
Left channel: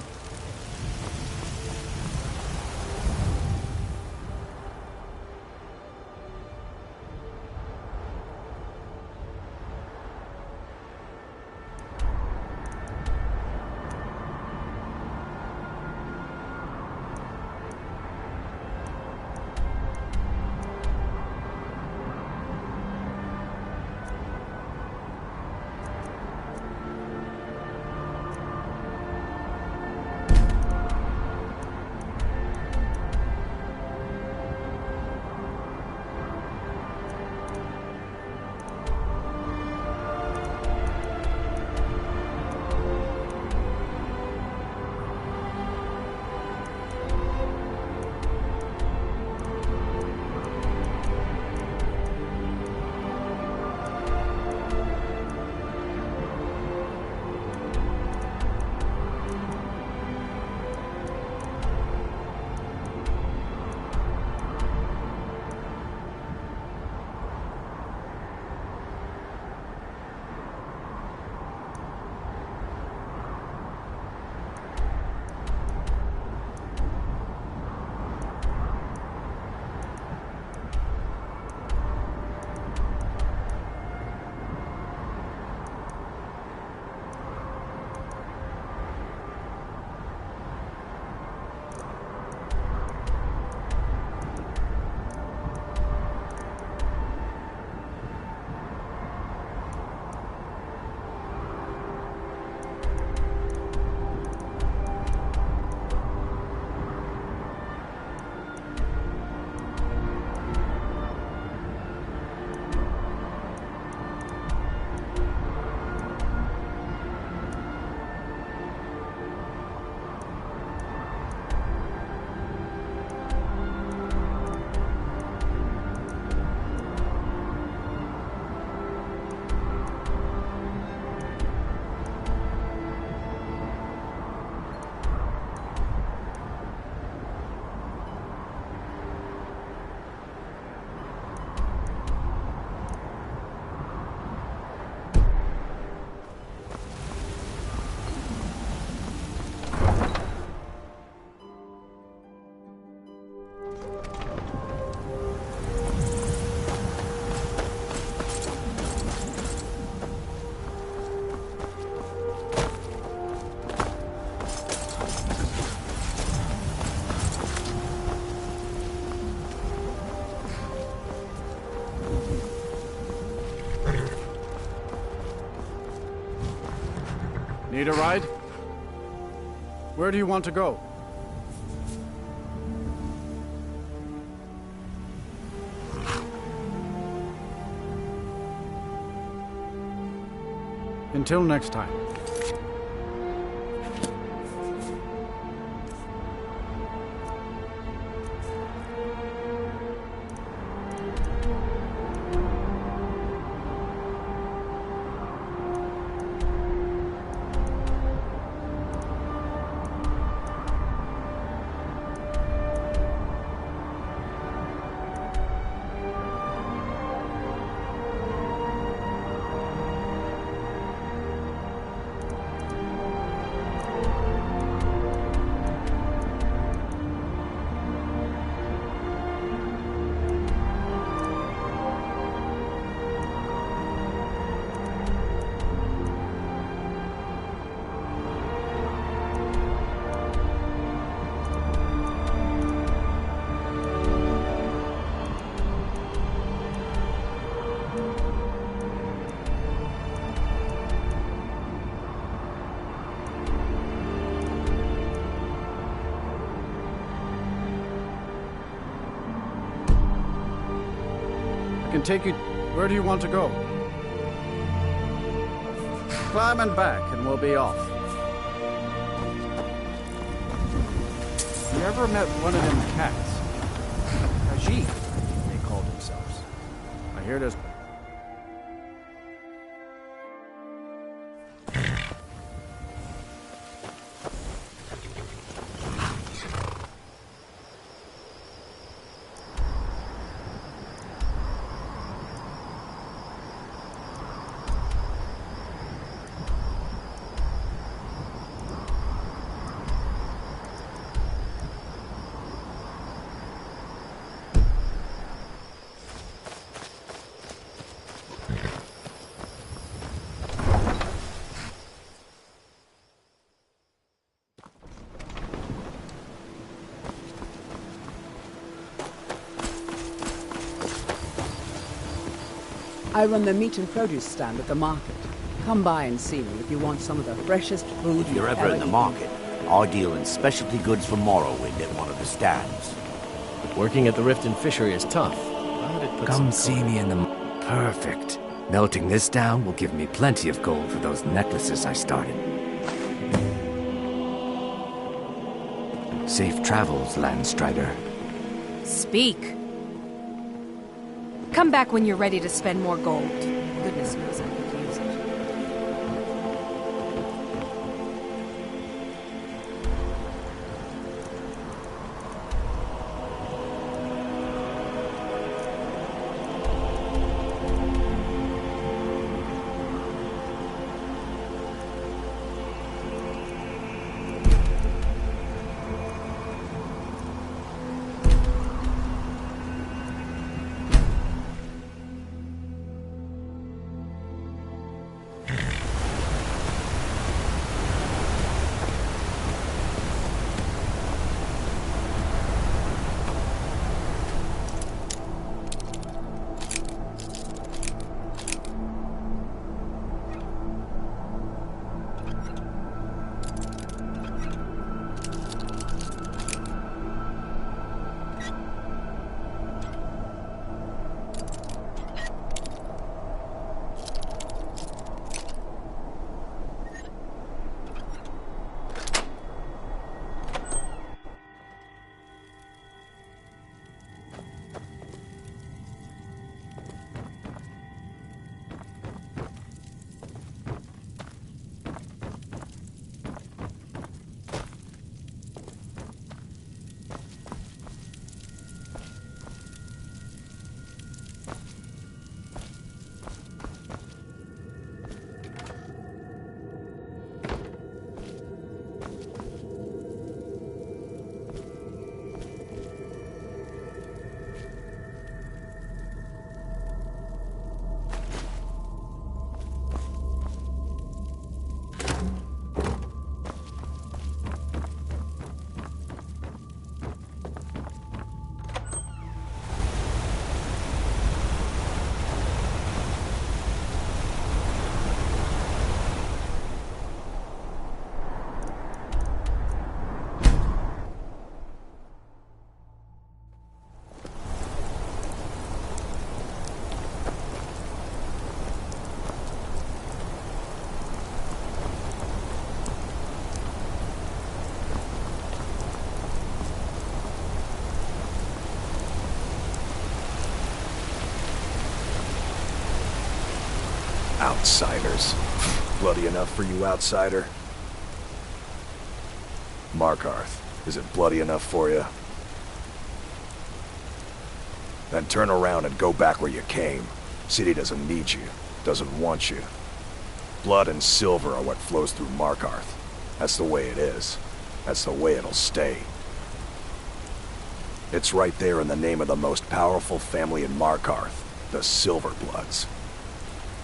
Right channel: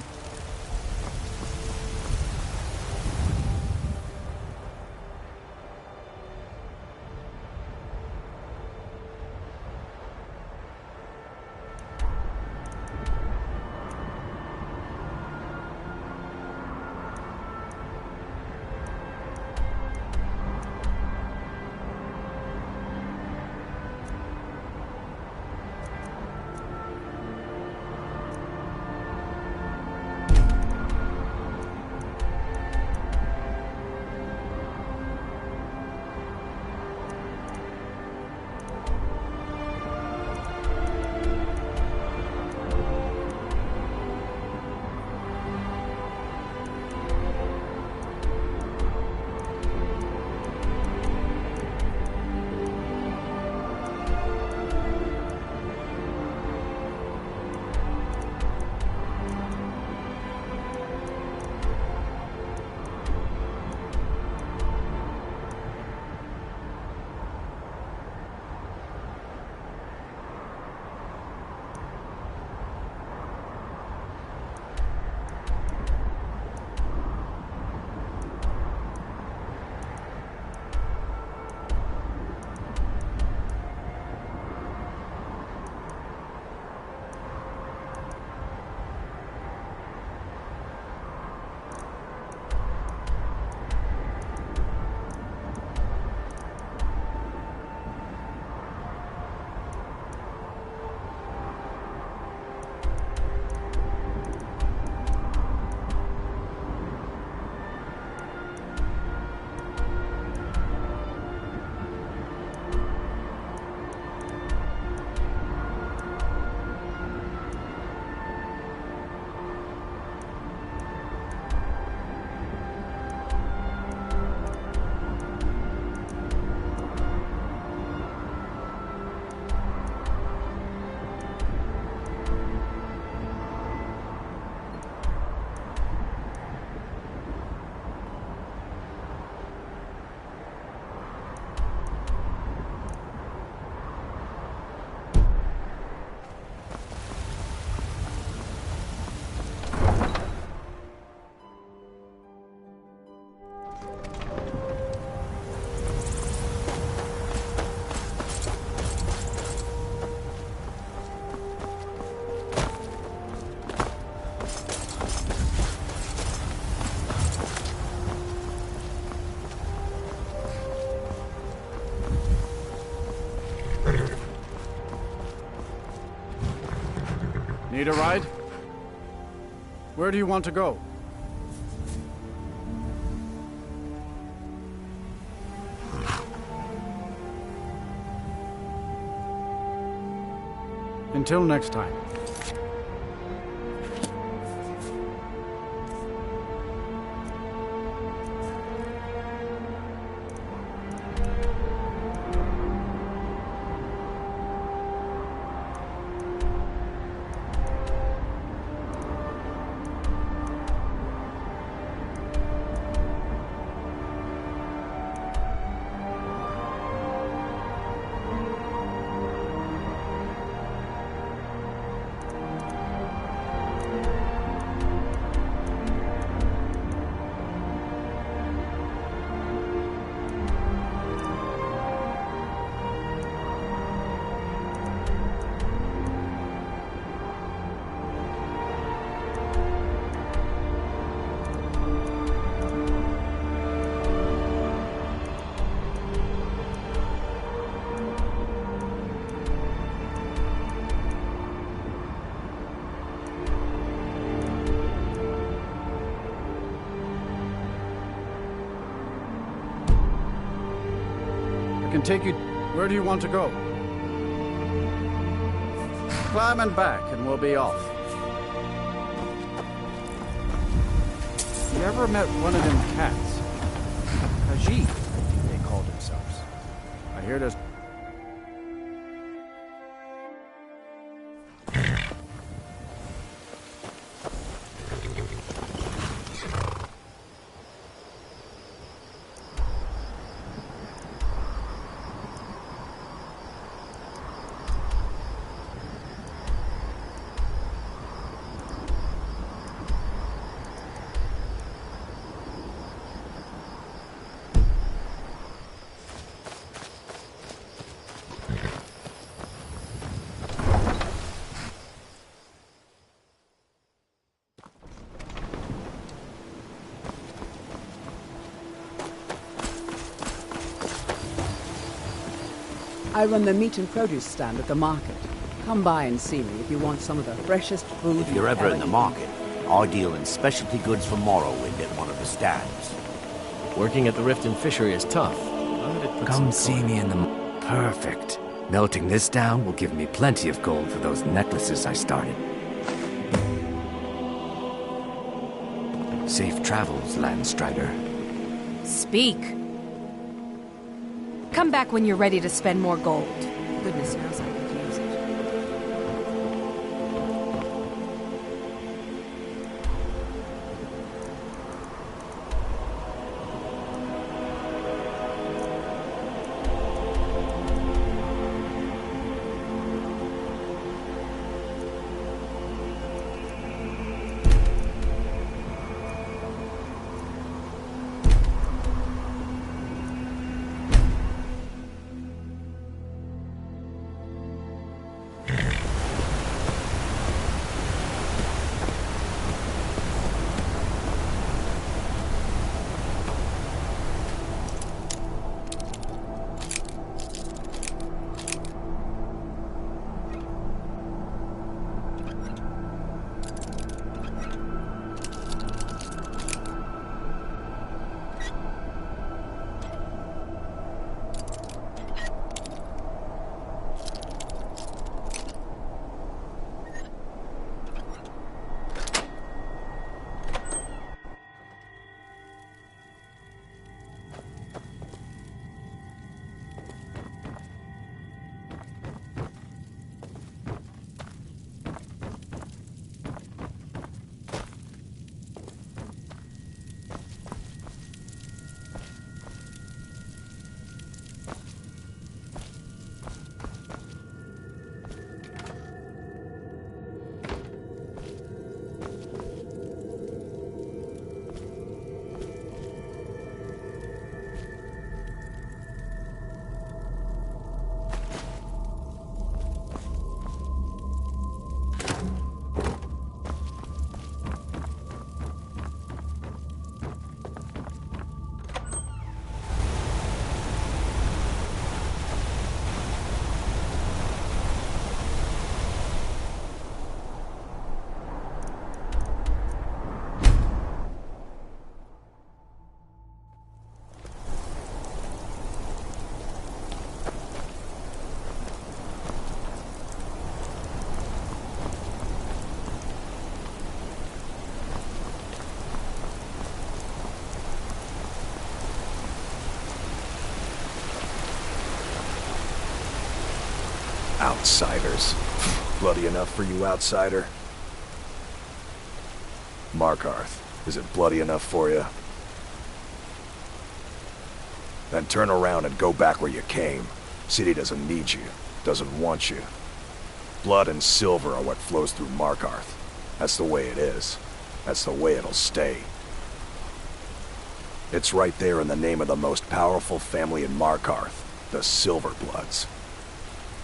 Need a ride? Where do you want to go? Until next time. I can take you... Where do you want to go? Climb and back, and we'll be off. You ever met one of them cats? Khajiit, they called themselves. I hear there's... I run the meat and produce stand at the market. Come by and see me if you want some of the freshest food If you're ever in the market, I deal in specialty goods for Morrowind at one of the stands. Working at the Riften Fishery is tough, but it puts Come see me in the... Perfect. Melting this down will give me plenty of gold for those necklaces I started. Safe travels, Landstrider. Speak. Come back when you're ready to spend more gold. Goodness knows I could use it. Outsiders. Bloody enough for you, outsider? Markarth, is it bloody enough for you? Then turn around and go back where you came. City doesn't need you, doesn't want you. Blood and silver are what flows through Markarth. That's the way it is. That's the way it'll stay. It's right there in the name of the most powerful family in Markarth, the Silverbloods.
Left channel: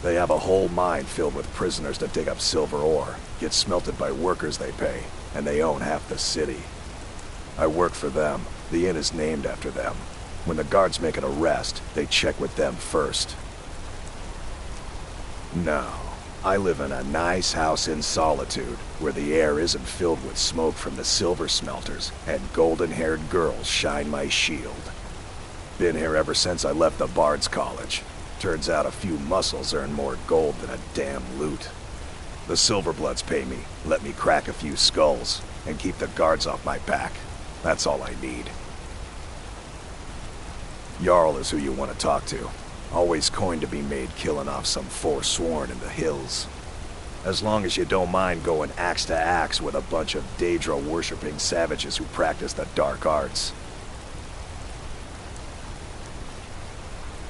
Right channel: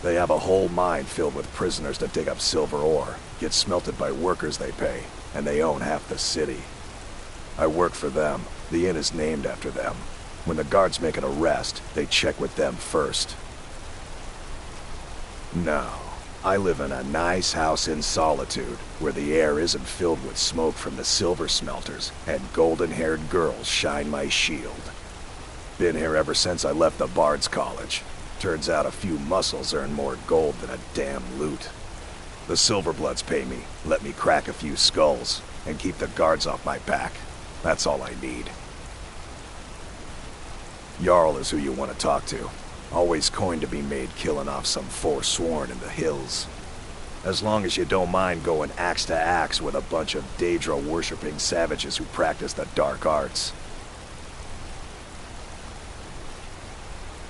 They have a whole mine filled with prisoners that dig up silver ore, get smelted by workers they pay, and they own half the city. I work for them. The inn is named after them. When the guards make an arrest, they check with them first. No, I live in a nice house in solitude, where the air isn't filled with smoke from the silver smelters, and golden-haired girls shine my shield. Been here ever since I left the Bard's College. Turns out a few muscles earn more gold than a damn loot. The Silverbloods pay me, let me crack a few skulls, and keep the guards off my back. That's all I need. Jarl is who you want to talk to. Always coin to be made killing off some forsworn in the hills. As long as you don't mind going axe to axe with a bunch of Daedra-worshipping savages who practice the dark arts.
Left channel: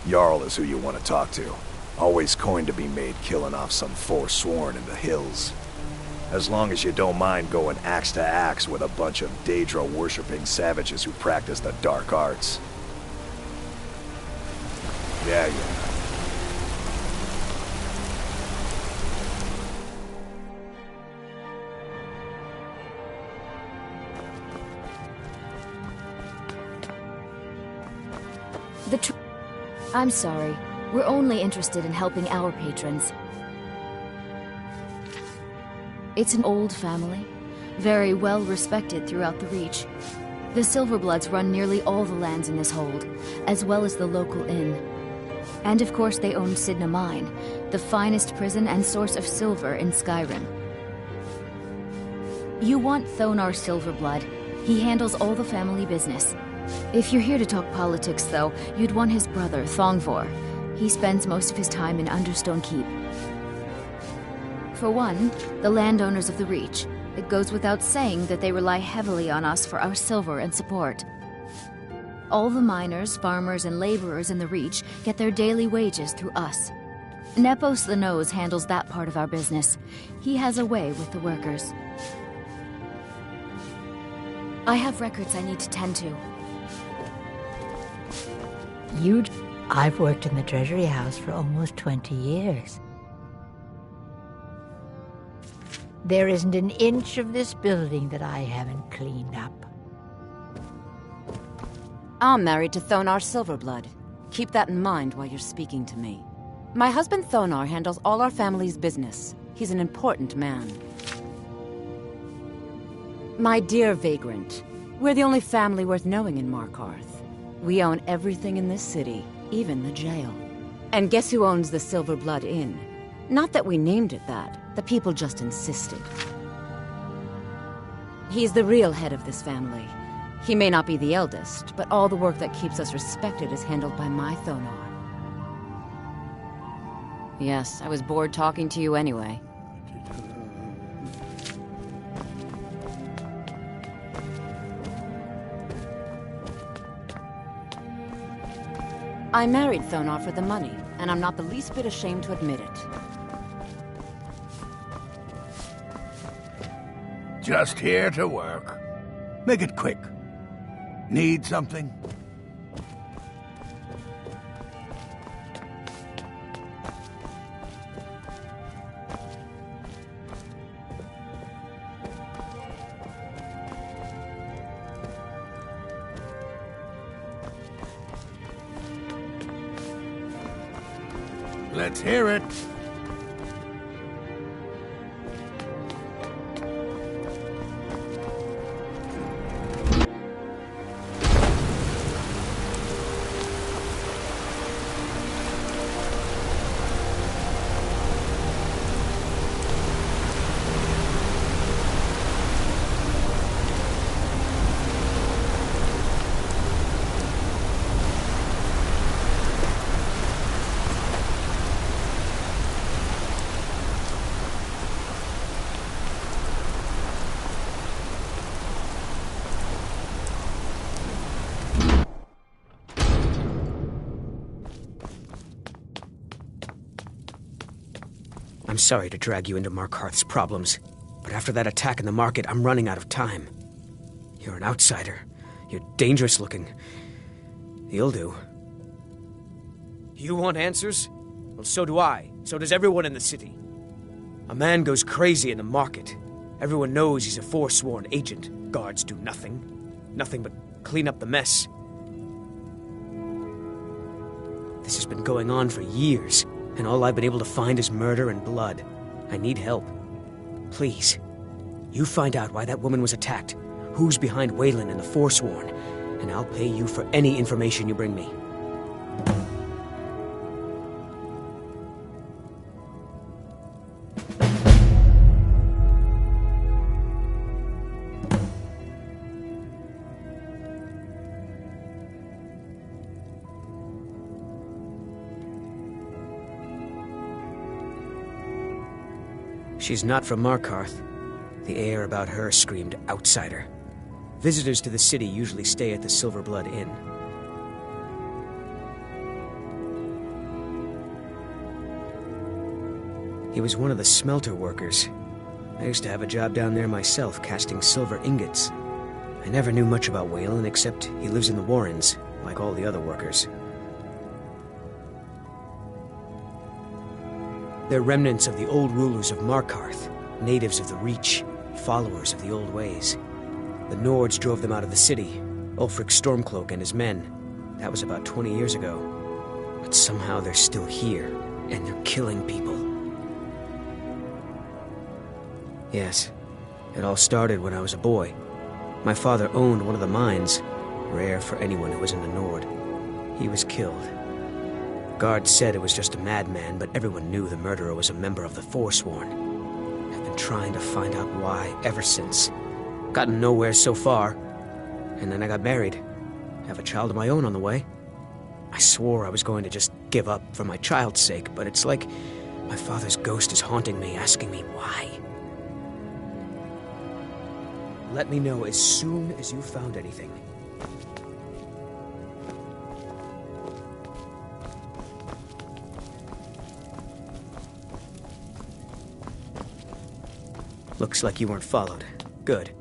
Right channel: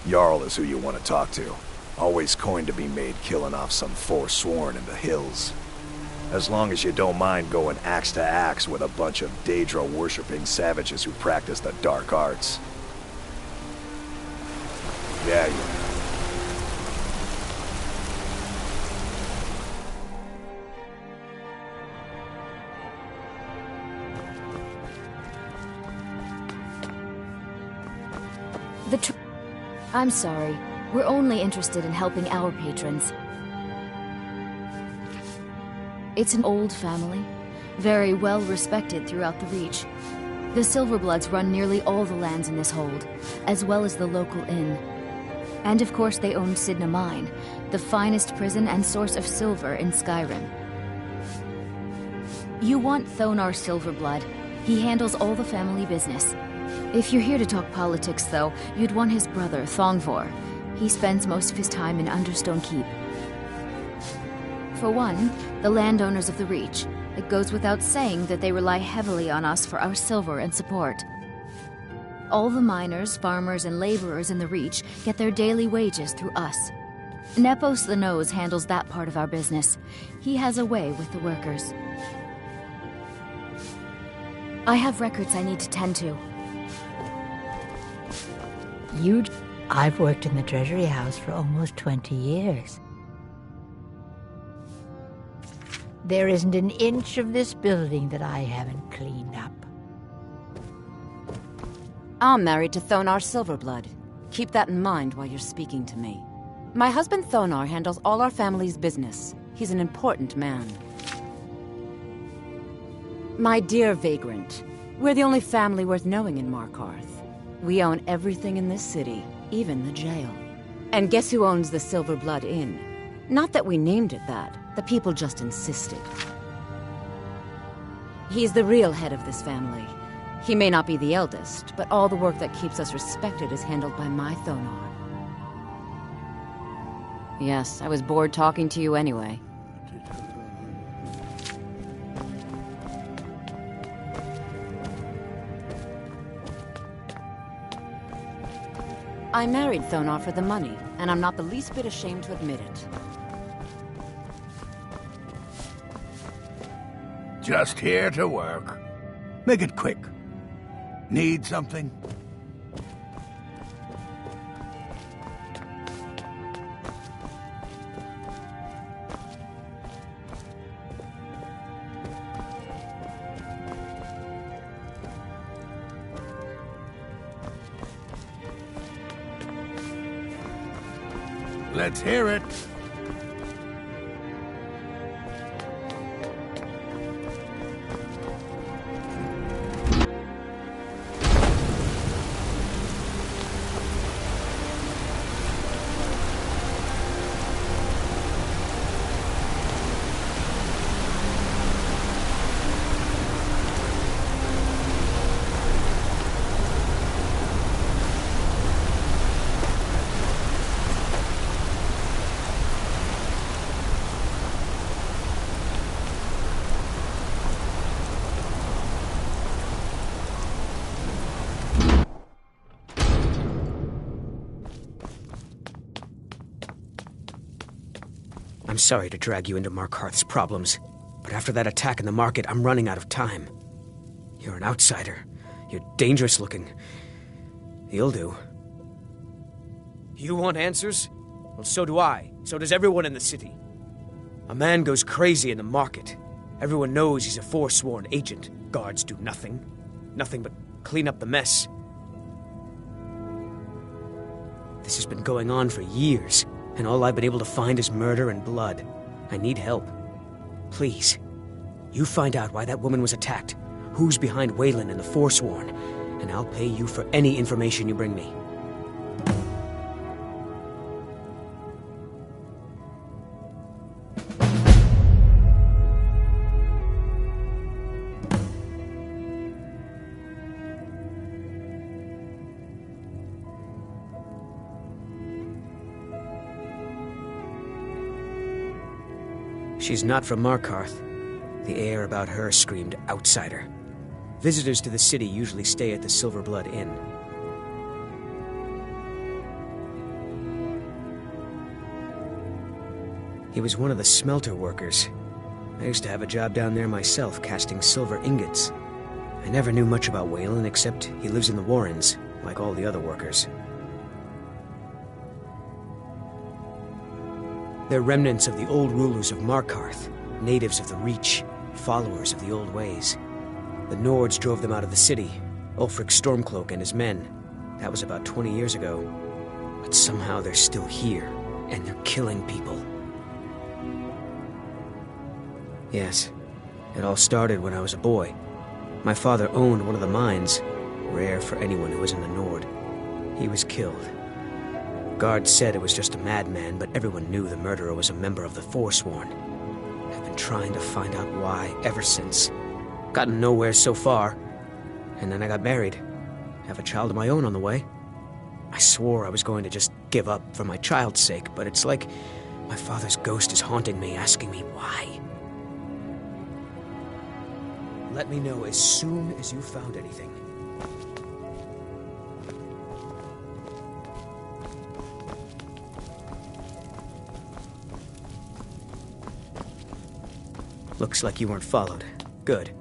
Jarl is who you want to talk to. Always coin to be made killing off some forsworn in the hills. As long as you don't mind going axe to axe with a bunch of Daedra-worshipping savages who practice the dark arts. Yeah. I'm sorry. We're only interested in helping our patrons. It's an old family, very well respected throughout the Reach. The Silverbloods run nearly all the lands in this hold, as well as the local inn. And of course they own Sidna Mine, the finest prison and source of silver in Skyrim. You want Thonar Silverblood. He handles all the family business. If you're here to talk politics, though, you'd want his brother, Thongvor. He spends most of his time in Understone Keep. For one, the landowners of the Reach. It goes without saying that they rely heavily on us for our silver and support. All the miners, farmers, and laborers in the Reach get their daily wages through us. Nepos the Nose handles that part of our business. He has a way with the workers. I have records I need to tend to. I've worked in the Treasury House for almost 20 years. There isn't an inch of this building that I haven't cleaned up. I'm married to Thonar Silverblood. Keep that in mind while you're speaking to me. My husband Thonar handles all our family's business. He's an important man. My dear Vagrant, we're the only family worth knowing in Markarth. We own everything in this city, even the jail. And guess who owns the Silverblood Inn? Not that we named it that. The people just insisted. He's the real head of this family. He may not be the eldest, but all the work that keeps us respected is handled by my Thonar. Yes, I was bored talking to you anyway. I married Thonar for the money, and I'm not the least bit ashamed to admit it. Just here to work. Make it quick. Need something? Let's hear it. I'm sorry to drag you into Markarth's problems, but after that attack in the market, I'm running out of time. You're an outsider. You're dangerous looking. You'll do. You want answers? Well, so do I. So does everyone in the city. A man goes crazy in the market. Everyone knows he's a forsworn agent. Guards do nothing. Nothing but clean up the mess. This has been going on for years, and all I've been able to find is murder and blood. I need help. Please, you find out why that woman was attacked, who's behind Wasteland and the Forsworn, and I'll pay you for any information you bring me. She's not from Markarth. The air about her screamed outsider. Visitors to the city usually stay at the Silverblood Inn. He was one of the smelter workers. I used to have a job down there myself, casting silver ingots. I never knew much about Wasteland, except he lives in the Warrens, like all the other workers. They're remnants of the old rulers of Markarth, natives of the Reach, followers of the old ways. The Nords drove them out of the city, Ulfric Stormcloak and his men. That was about 20 years ago. But somehow they're still here, and they're killing people. Yes, it all started when I was a boy. My father owned one of the mines, rare for anyone who isn't a Nord. He was killed. Guards said it was just a madman, but everyone knew the murderer was a member of the Forsworn. I've been trying to find out why ever since. Gotten nowhere so far. And then I got married. Have a child of my own on the way. I swore I was going to just give up for my child's sake, but it's like my father's ghost is haunting me, asking me why. Let me know as soon as you found anything. Looks like you weren't followed. Good.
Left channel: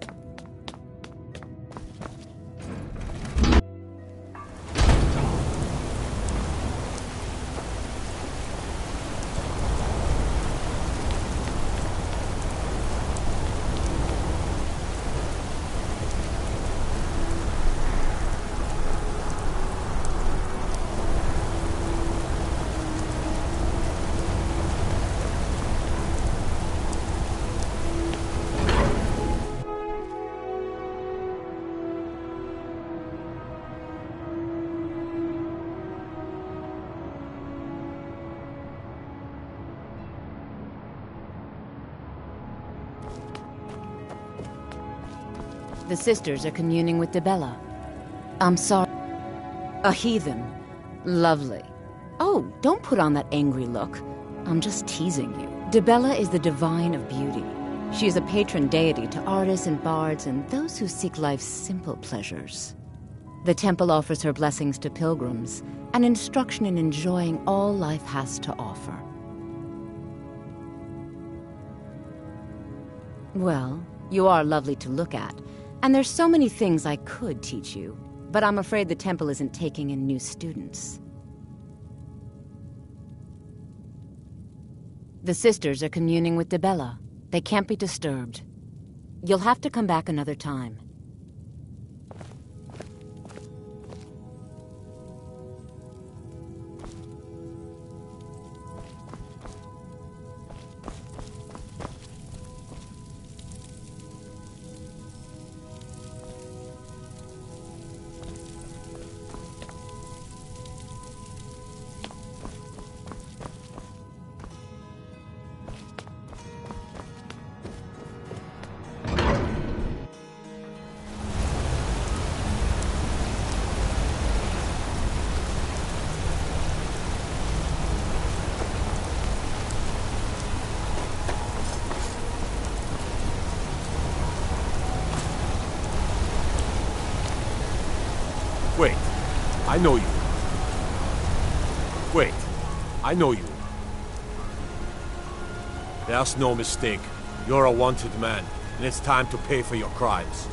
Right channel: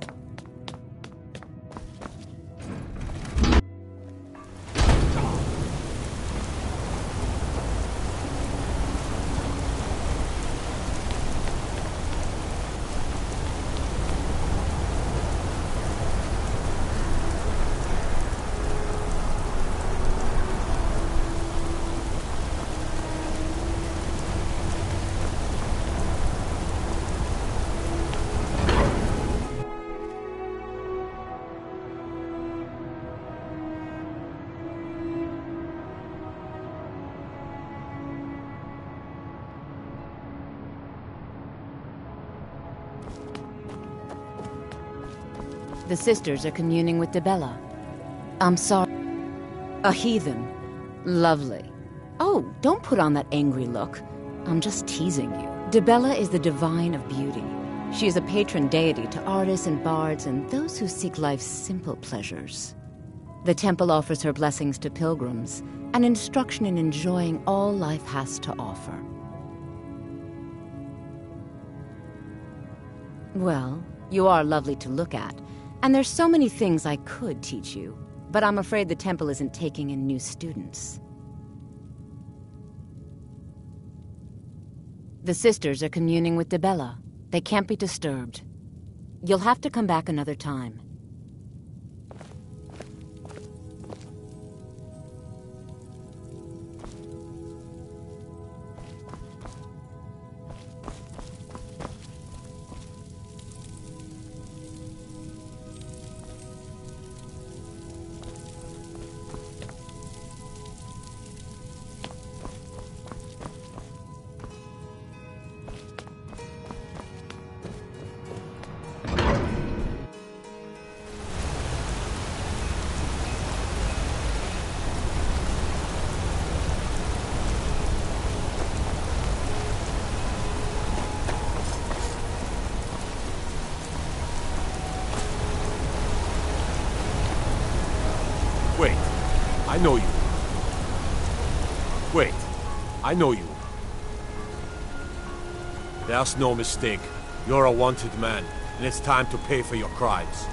The sisters are communing with Dibella. I'm sorry. A heathen. Lovely. Oh, don't put on that angry look. I'm just teasing you. Dibella is the divine of beauty. She is a patron deity to artists and bards and those who seek life's simple pleasures. The temple offers her blessings to pilgrims and instruction in enjoying all life has to offer. Well, you are lovely to look at. And there's so many things I could teach you, but I'm afraid the temple isn't taking in new students. The sisters are communing with Dibella. They can't be disturbed. You'll have to come back another time. Wait, I know you. Wait, I know you. There's no mistake. You're a wanted man, and it's time to pay for your crimes.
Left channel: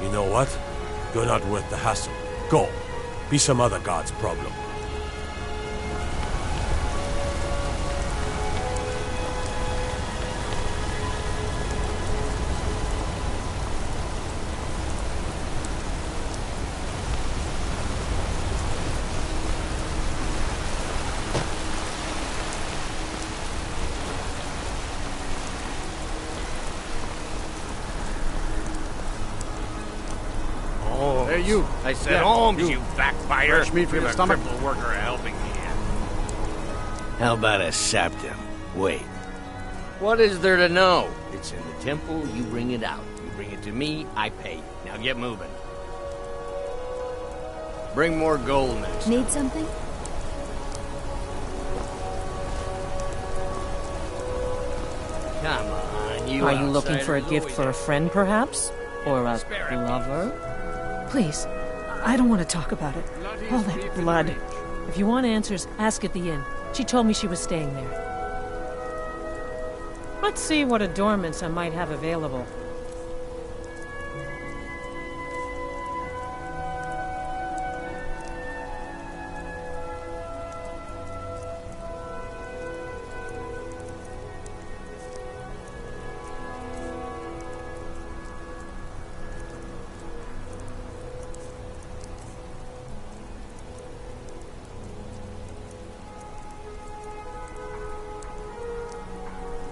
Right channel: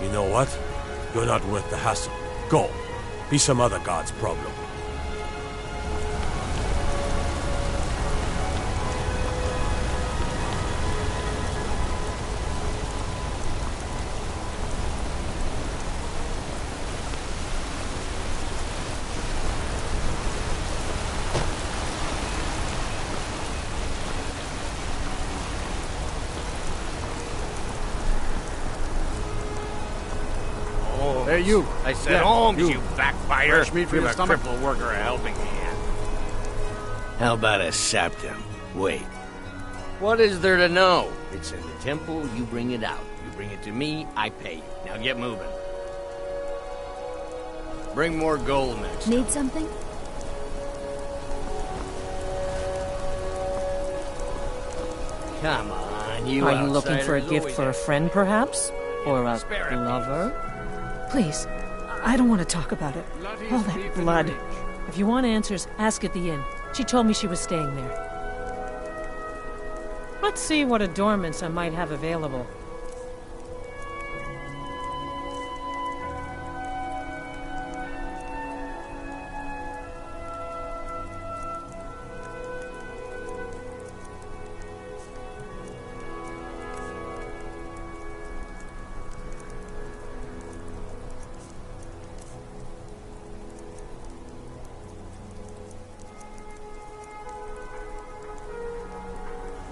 You know what? You're not worth the hassle. Go. Be some other god's problem. Hey, you. I said, Yeah, Holmes, you. you backbiter. Fresh meat for Give your a stomach? crippled worker a helping hand. How about a septum? Wait. What is there to know? It's in the temple, you bring it out. You bring it to me, I pay you. Now get moving. Bring more gold next Need something? Come on, you Are you looking for a outsiders gift always for a friend, perhaps? Or a lover? Please, I don't want to talk about it. All that blood. If you want answers, ask at the inn. She told me she was staying there. Let's see what adornments I might have available.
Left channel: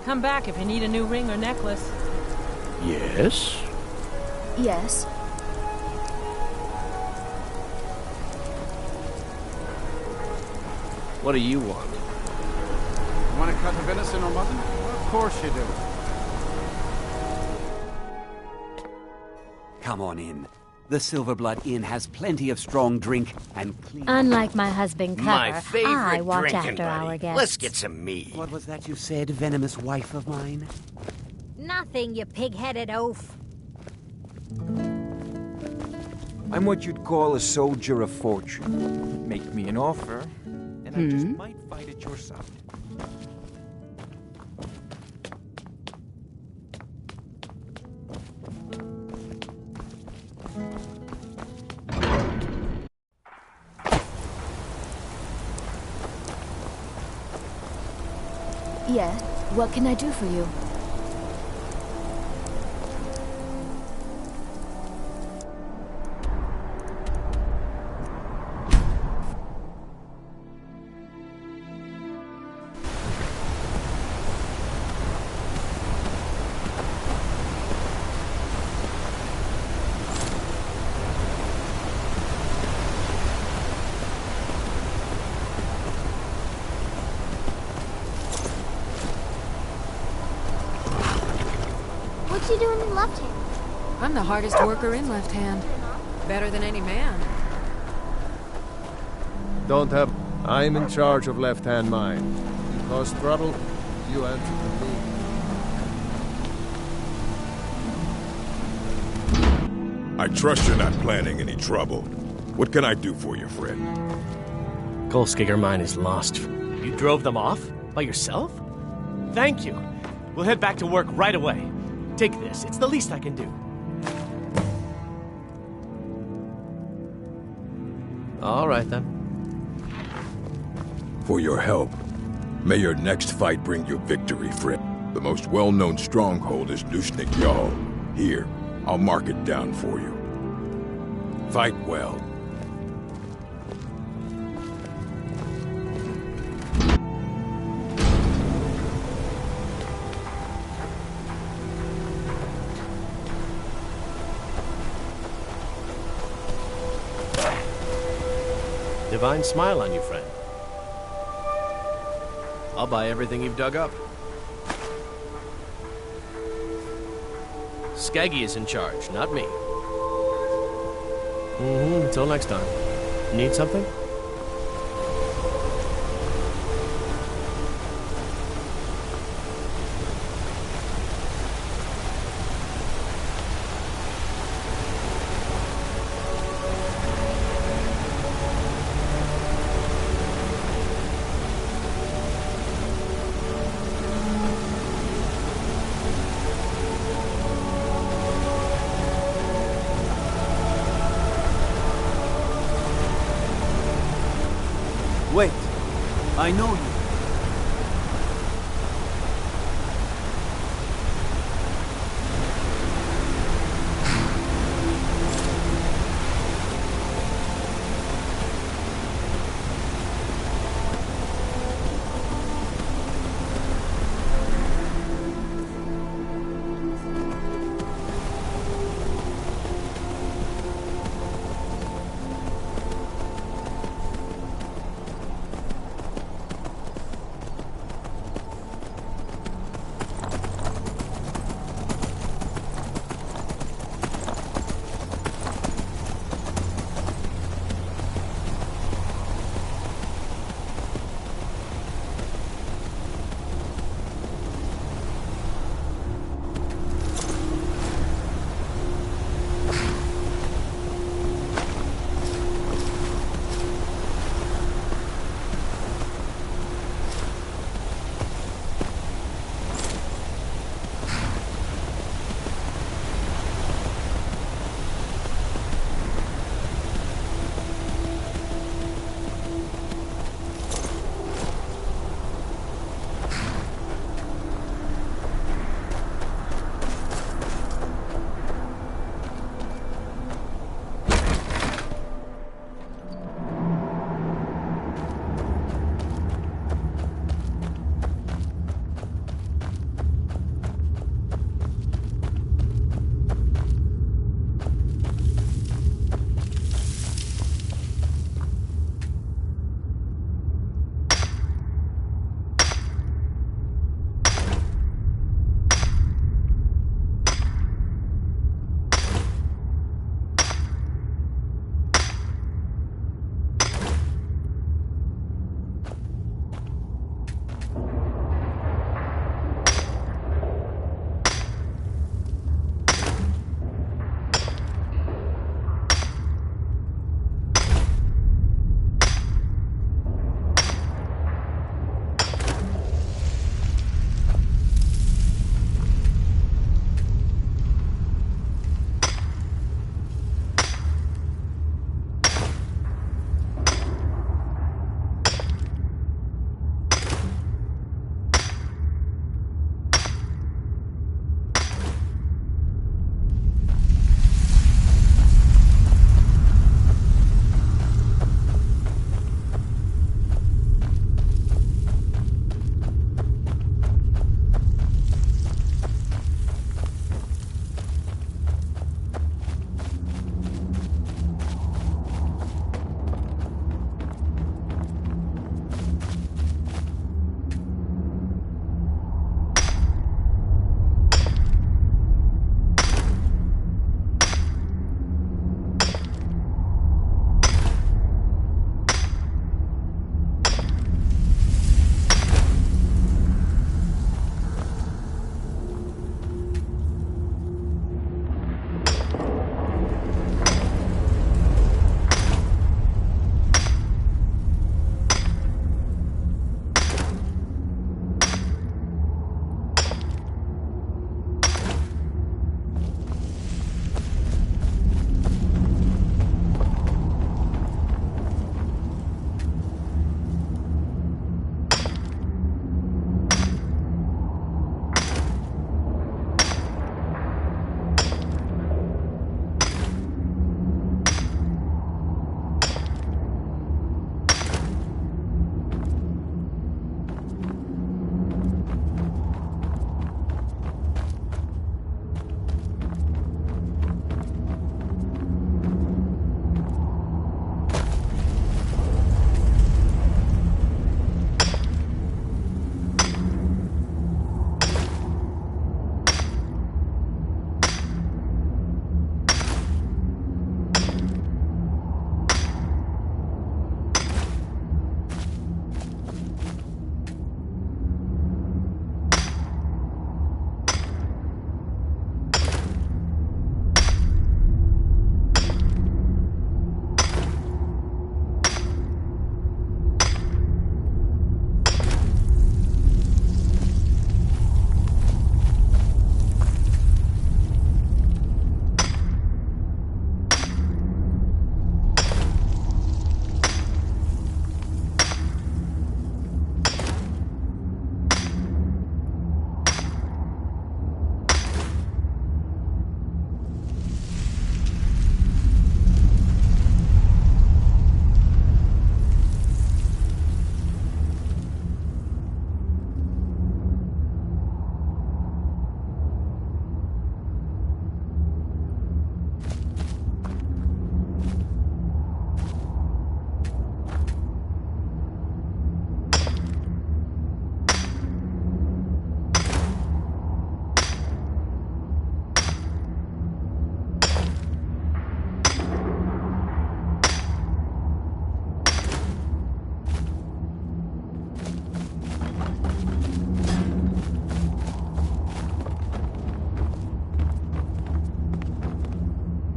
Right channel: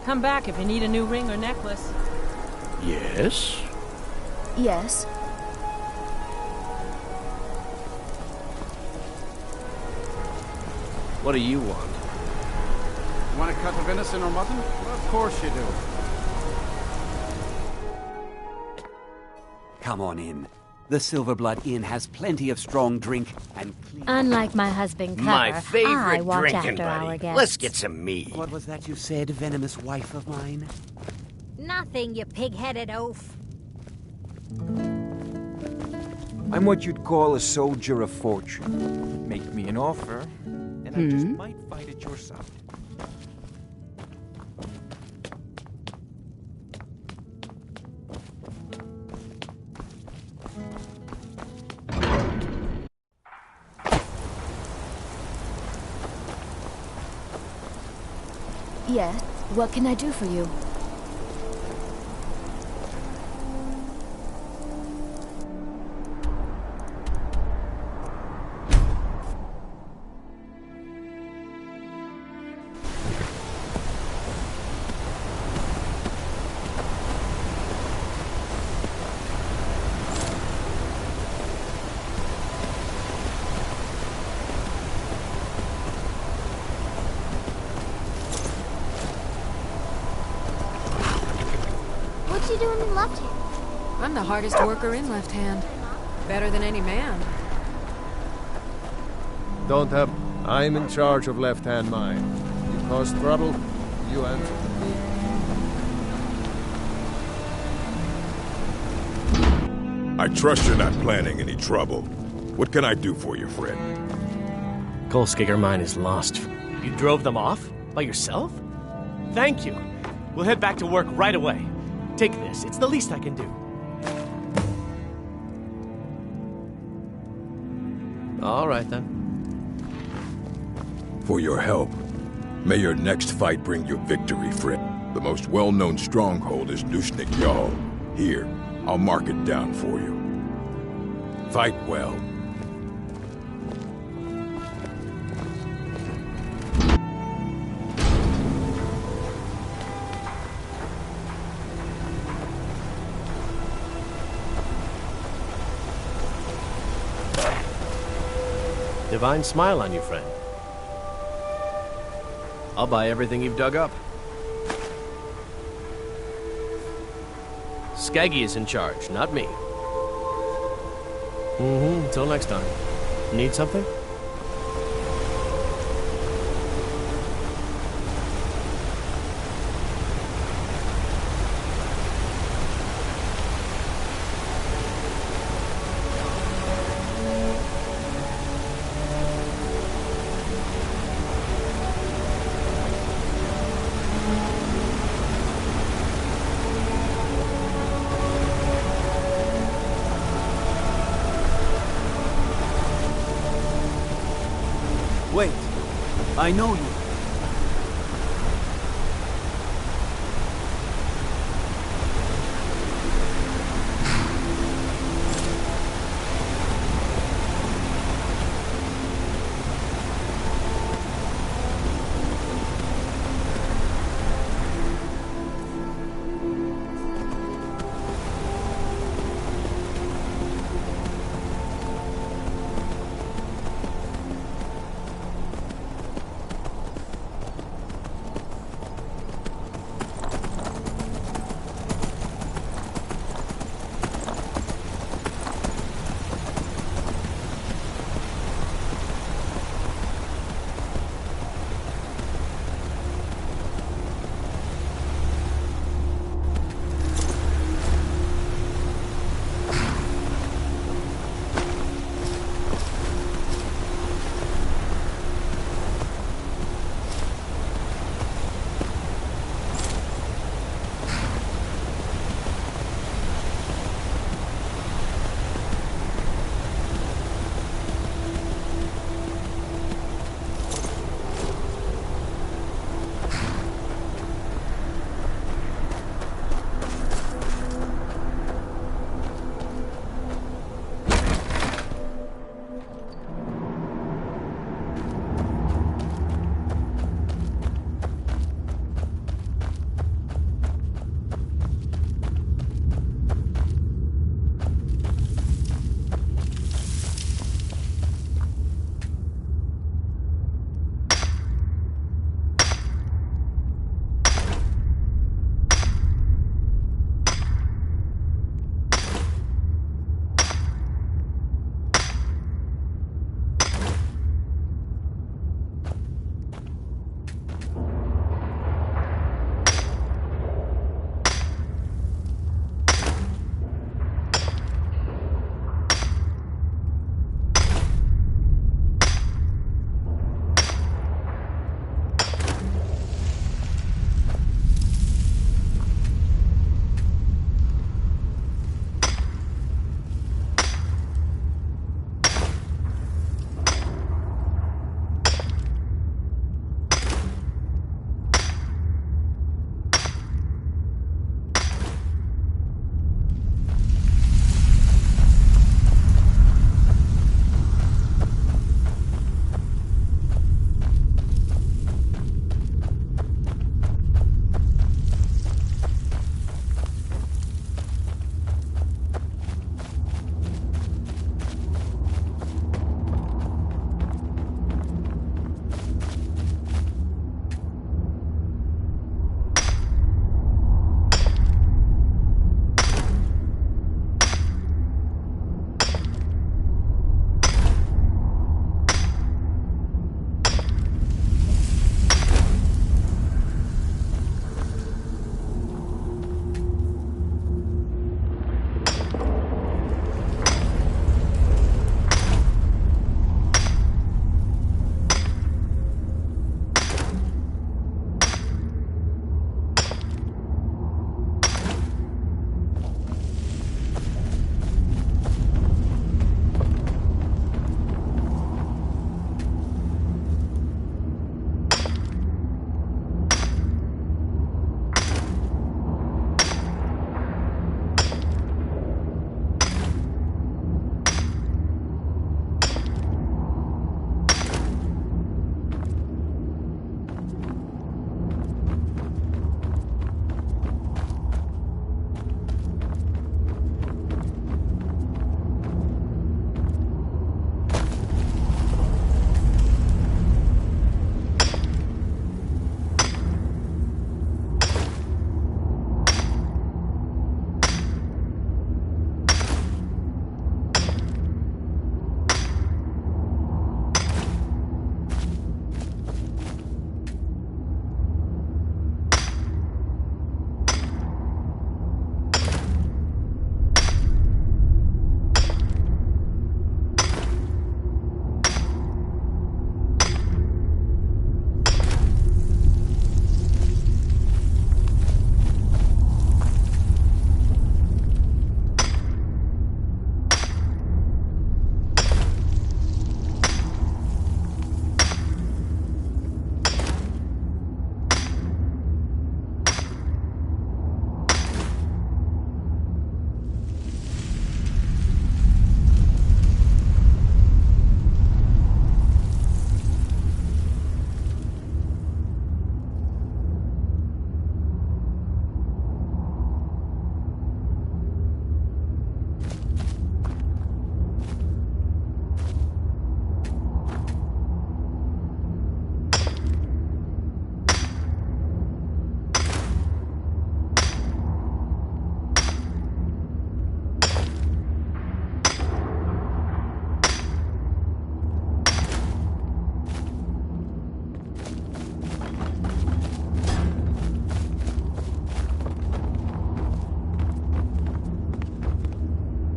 Come back if you need a new ring or necklace. Yes? Yes. What do you want? You want a cut of venison or mutton? Well, of course you do. Come on in. The Silverblood Inn has plenty of strong drink and clean... Unlike my husband Clever, My favorite I watch drinking after buddy. our guests. Let's get some meat. What was that you said, venomous wife of mine? Nothing, you pig-headed oaf. I'm what you'd call a soldier of fortune. Make me an offer, and I just might fight at your side. Yes. What can I do for you? What you doing in left hand? I'm the hardest worker in Left Hand. Better than any man. Don't have... I'm in charge of left-hand mine. You cause trouble, you answer to me. I trust you're not planning any trouble. What can I do for you, friend? Kolskiger mine is lost. You drove them off? By yourself? Thank you. We'll head back to work right away. Take this. It's the least I can do. All right, then. For your help. May your next fight bring you victory, friend. The most well-known stronghold is Nushnik Yal. Here, I'll mark it down for you. Fight well. Divine smile on you, friend. I'll buy everything you've dug up. Skaggy is in charge, not me. Until next time. Need something? Wait. I know you.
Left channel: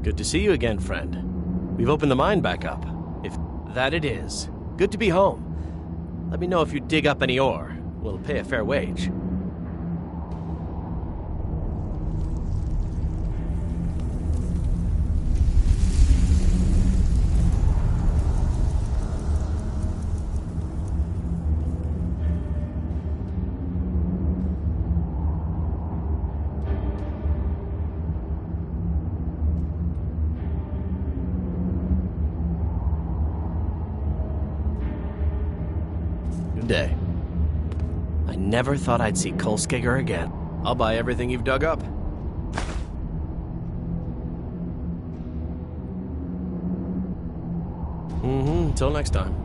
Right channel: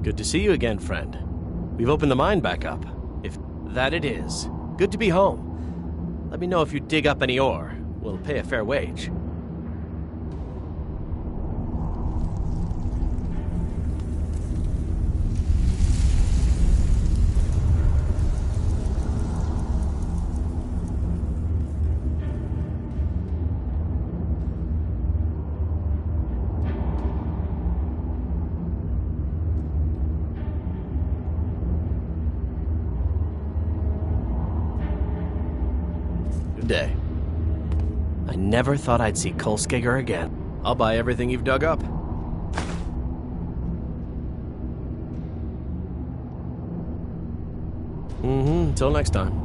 Good to see you again, friend. We've opened the mine back up. If that it is. Good to be home. Let me know if you dig up any ore. We'll pay a fair wage. Good day. I never thought I'd see Kolskegger again. I'll buy everything you've dug up. Until next time.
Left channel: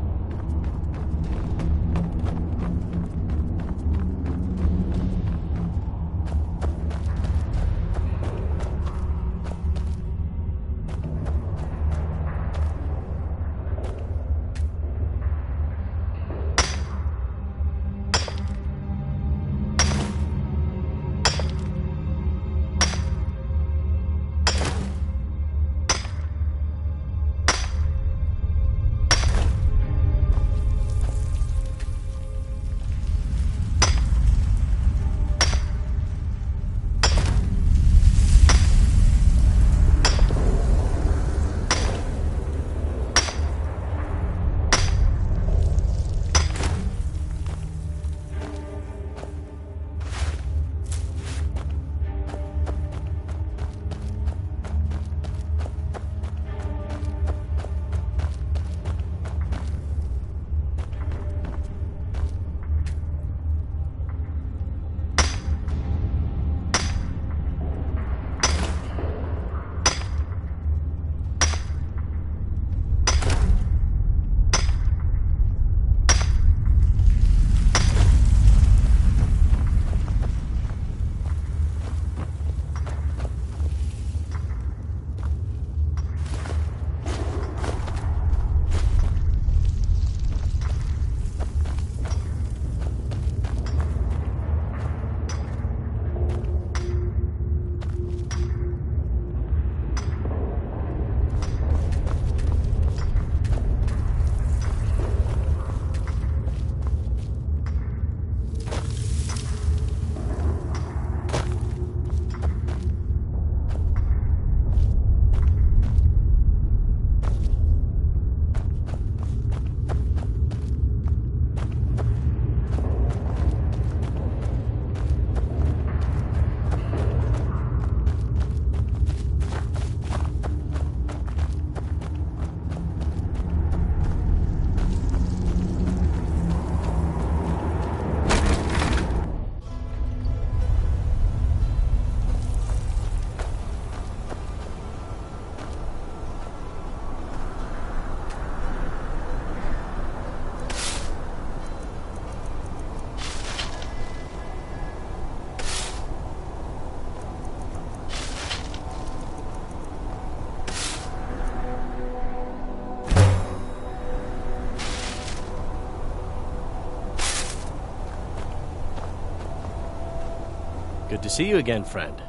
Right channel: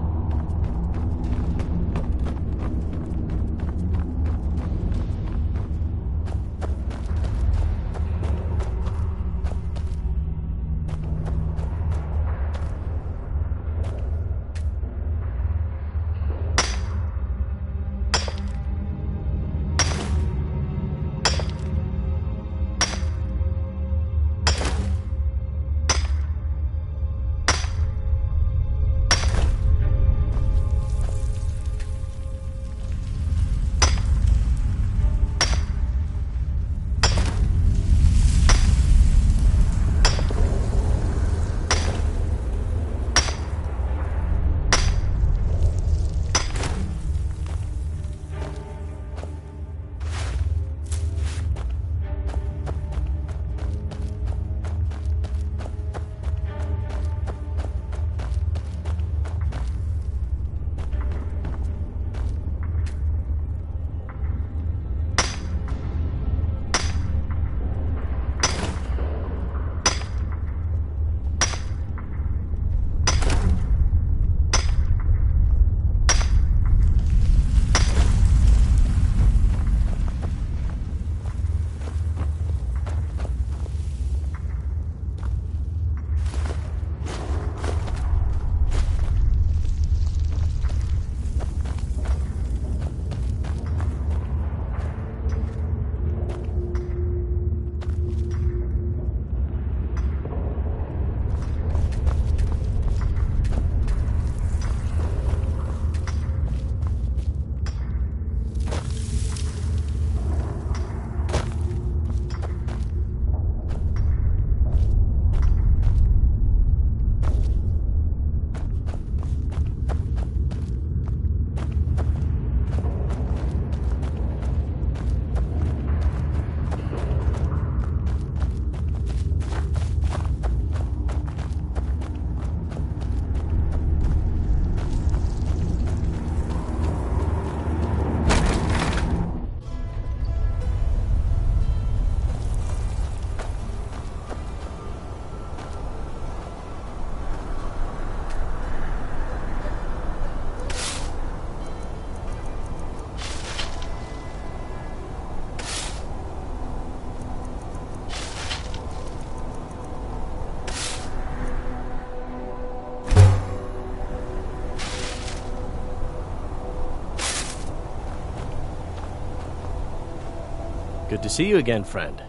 Good to see you again, friend.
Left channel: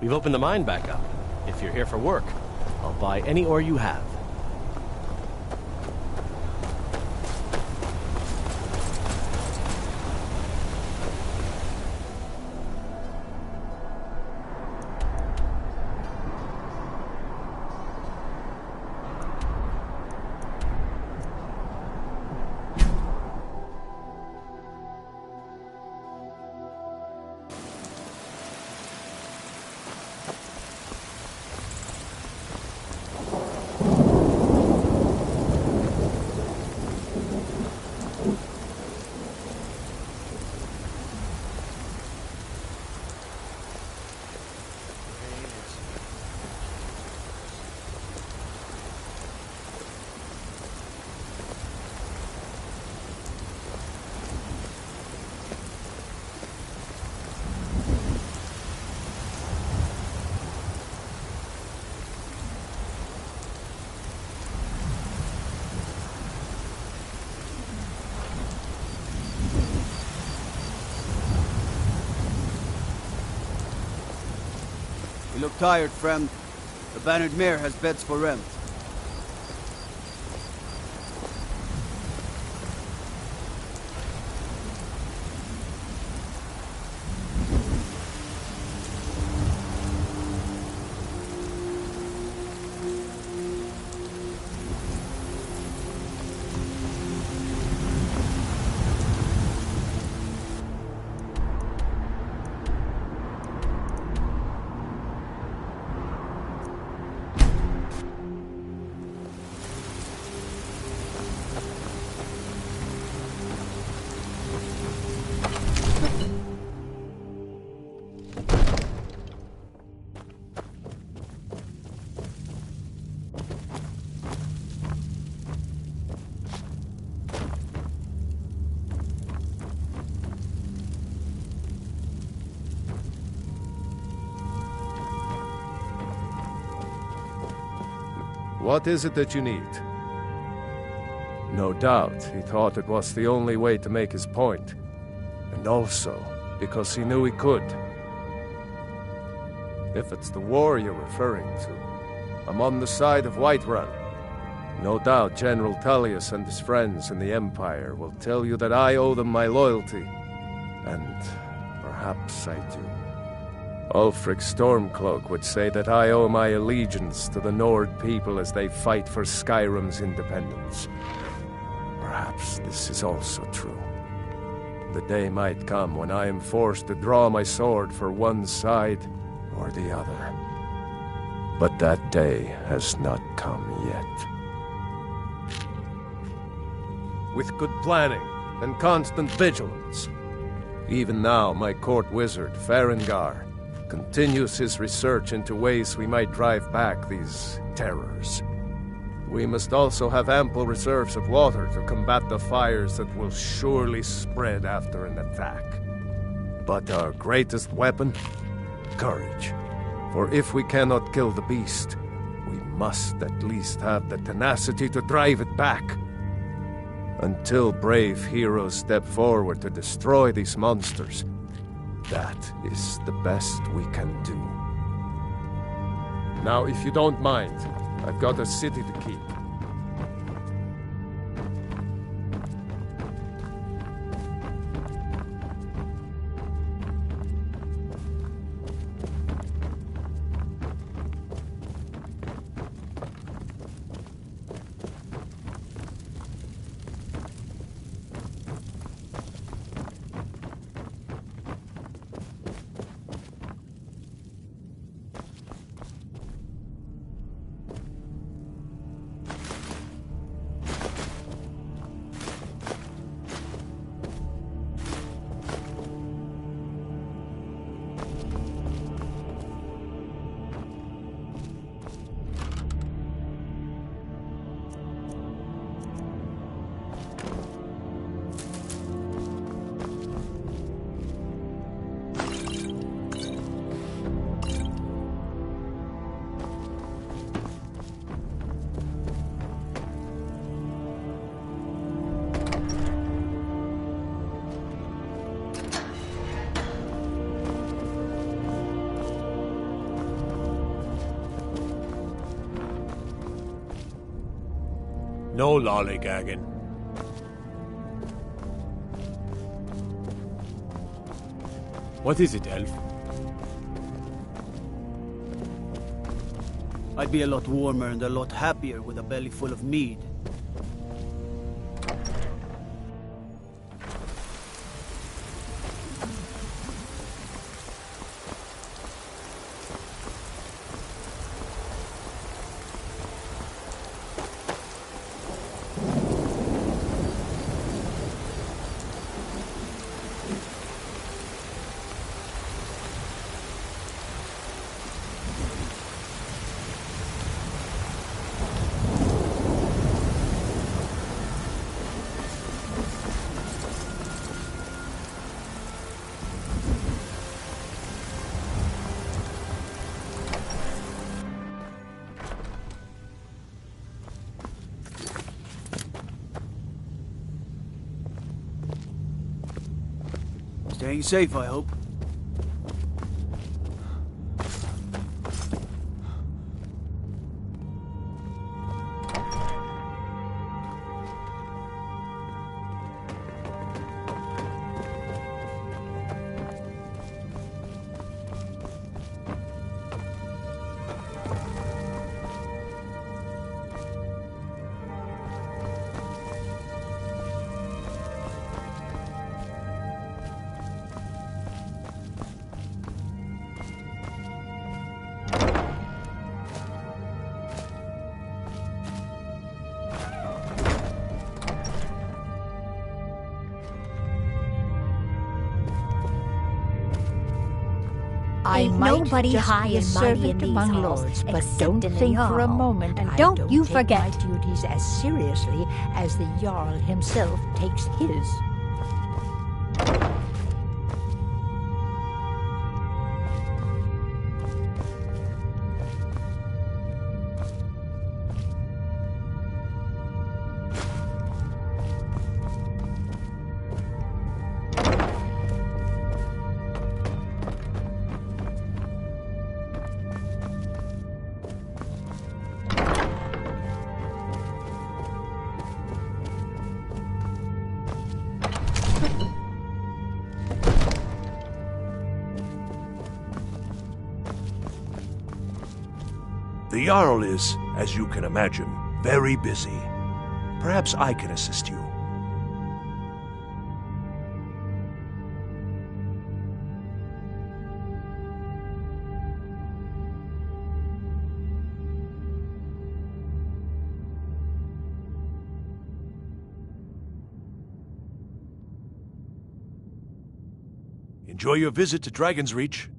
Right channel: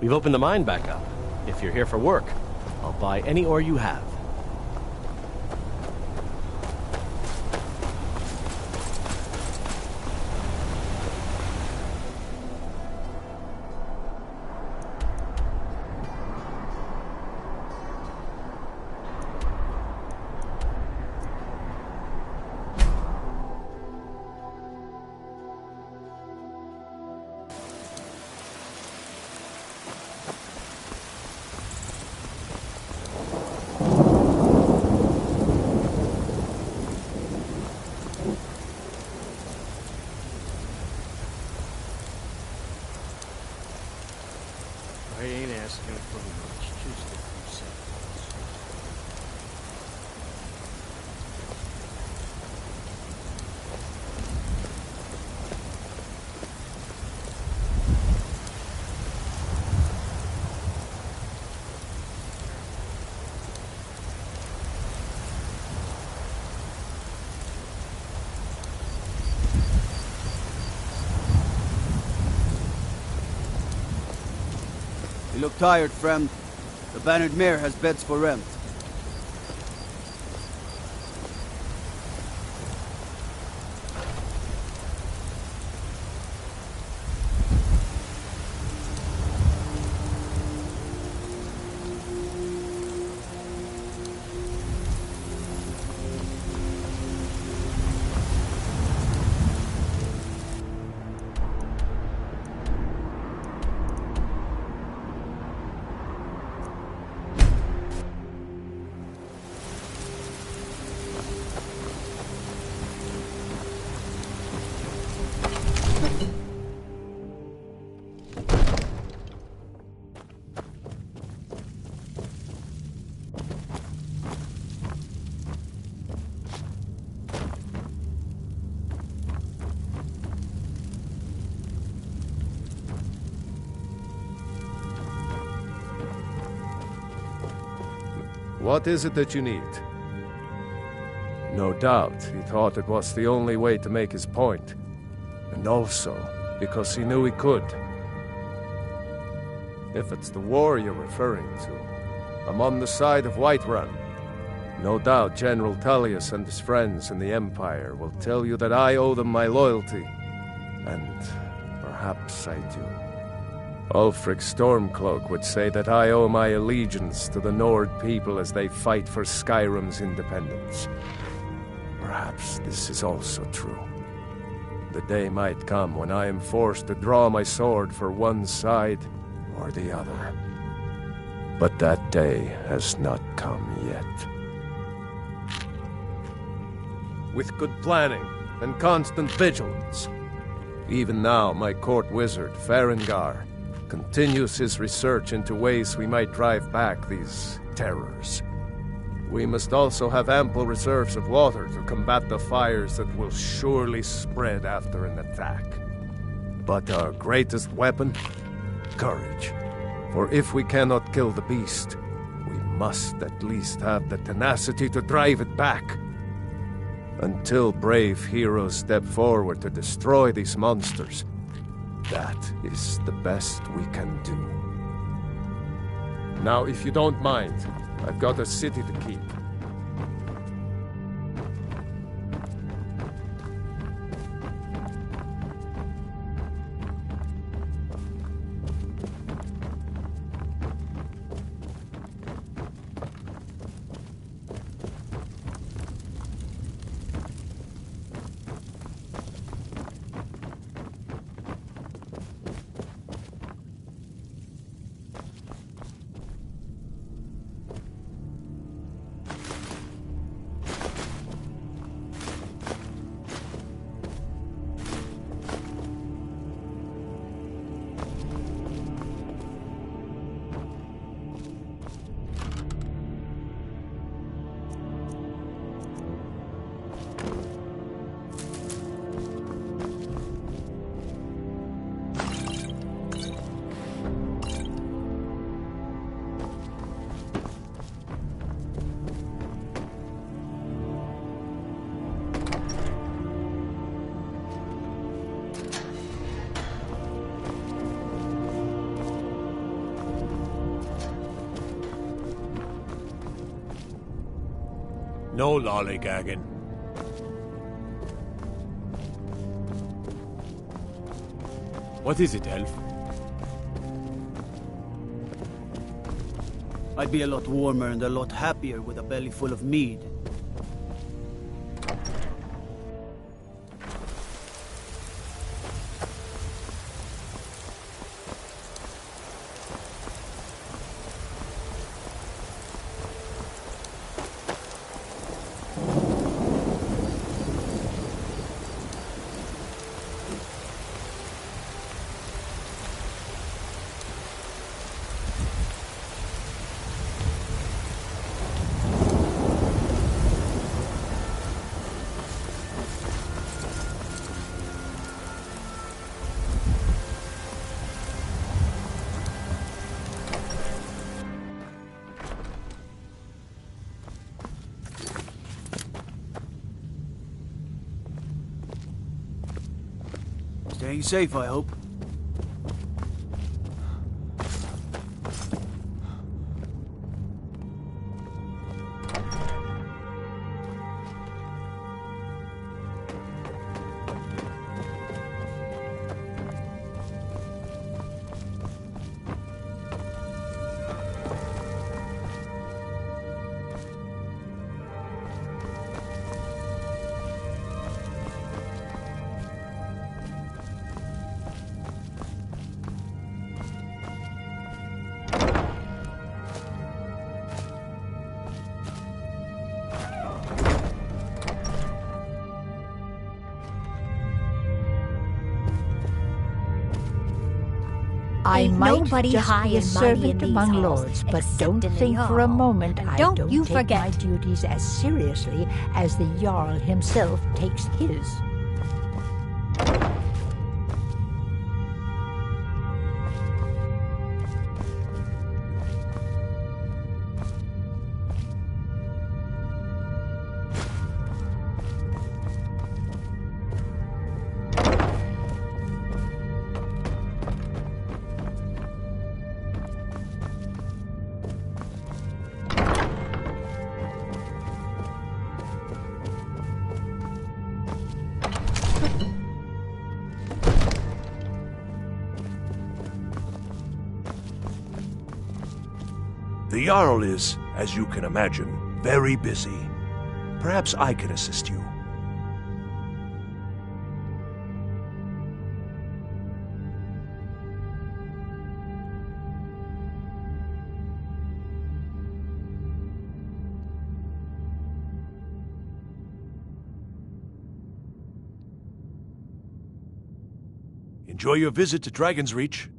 We've opened the mine back up. If you're here for work, I'll buy any ore you have. You look tired, friend. The Bannered Mare has beds for rent. What is it that you need? No doubt, he thought it was the only way to make his point. And also, because he knew he could. If it's the war you're referring to, I'm on the side of Whiterun. No doubt General Tullius and his friends in the Empire will tell you that I owe them my loyalty. And perhaps I do. Ulfric Stormcloak would say that I owe my allegiance to the Nord people as they fight for Skyrim's independence. Perhaps this is also true. The day might come when I am forced to draw my sword for one side or the other. But that day has not come yet. With good planning and constant vigilance. Even now, my court wizard, Farengar, continues his research into ways we might drive back these terrors. We must also have ample reserves of water to combat the fires that will surely spread after an attack. But our greatest weapon? Courage. For if we cannot kill the beast, we must at least have the tenacity to drive it back. Until brave heroes step forward to destroy these monsters, that is the best we can do. Now, if you don't mind, I've got a city to keep. No lollygagging. What is it, Elf? I'd be a lot warmer and a lot happier with a belly full of mead. Staying safe, I hope. I Ain't might nobody just high be a and mighty in servant these among halls, lords, but except don't in the think for a Jarl. moment And I don't don't you take forget. my duties as seriously as the Jarl himself takes his. The Jarl is, as you can imagine, very busy. Perhaps I can assist you. Enjoy your visit to Dragon's Reach.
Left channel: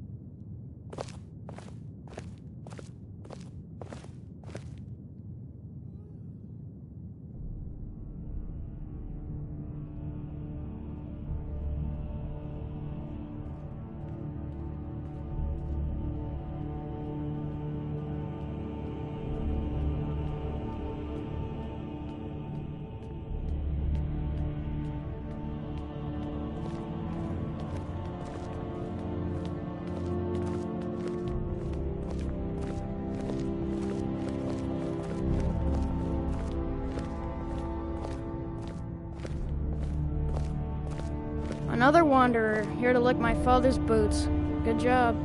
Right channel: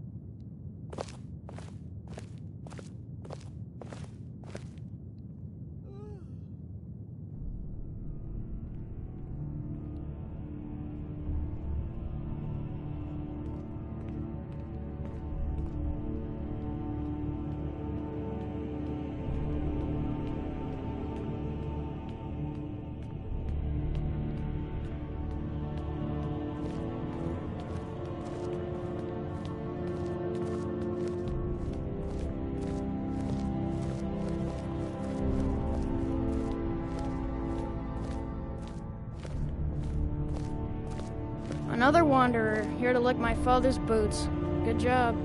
Another wanderer, here to lick my father's boots. Good job.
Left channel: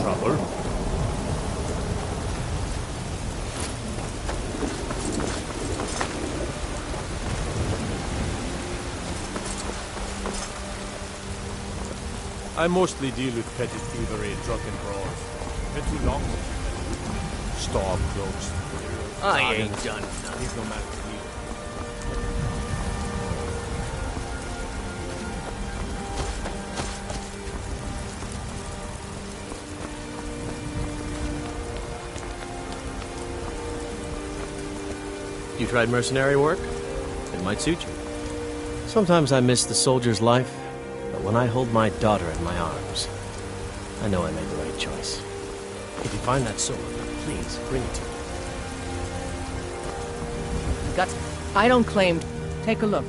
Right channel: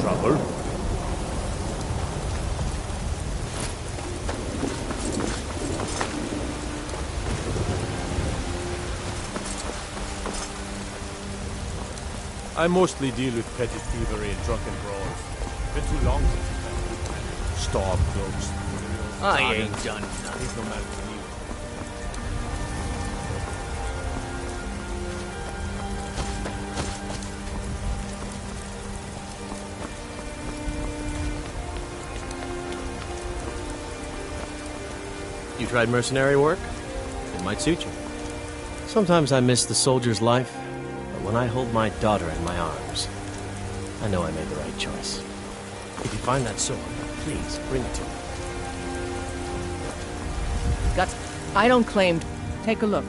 Trouble? I mostly deal with petty thievery and drunken brawls. Been too long since you've been with me. Store closed. I ain't done nothing. He's no matter to me. You tried mercenary work? It might suit you. Sometimes I miss the soldier's life, but when I hold my daughter in my arms, I know I made the right choice. If you find that sword, please bring it to me. I don't claim. Take a look.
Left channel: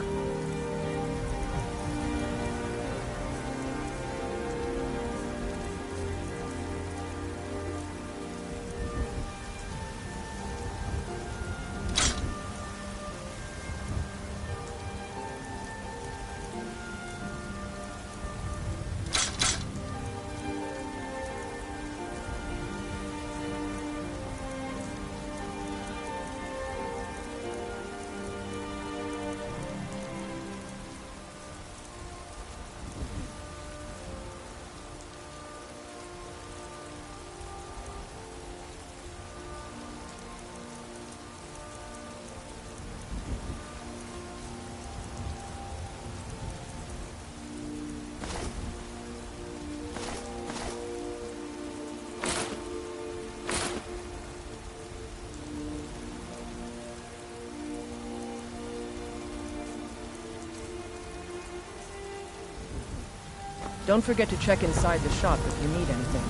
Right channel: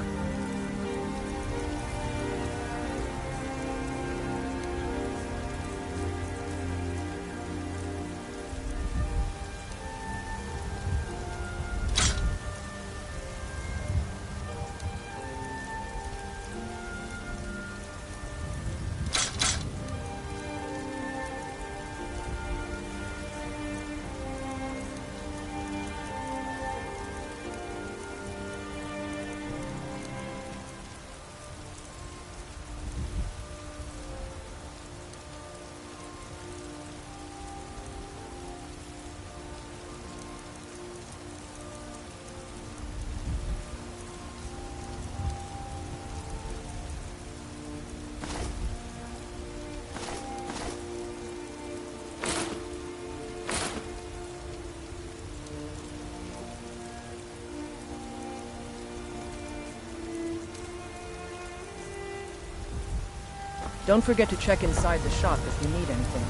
Don't forget to check inside the shop if you need anything.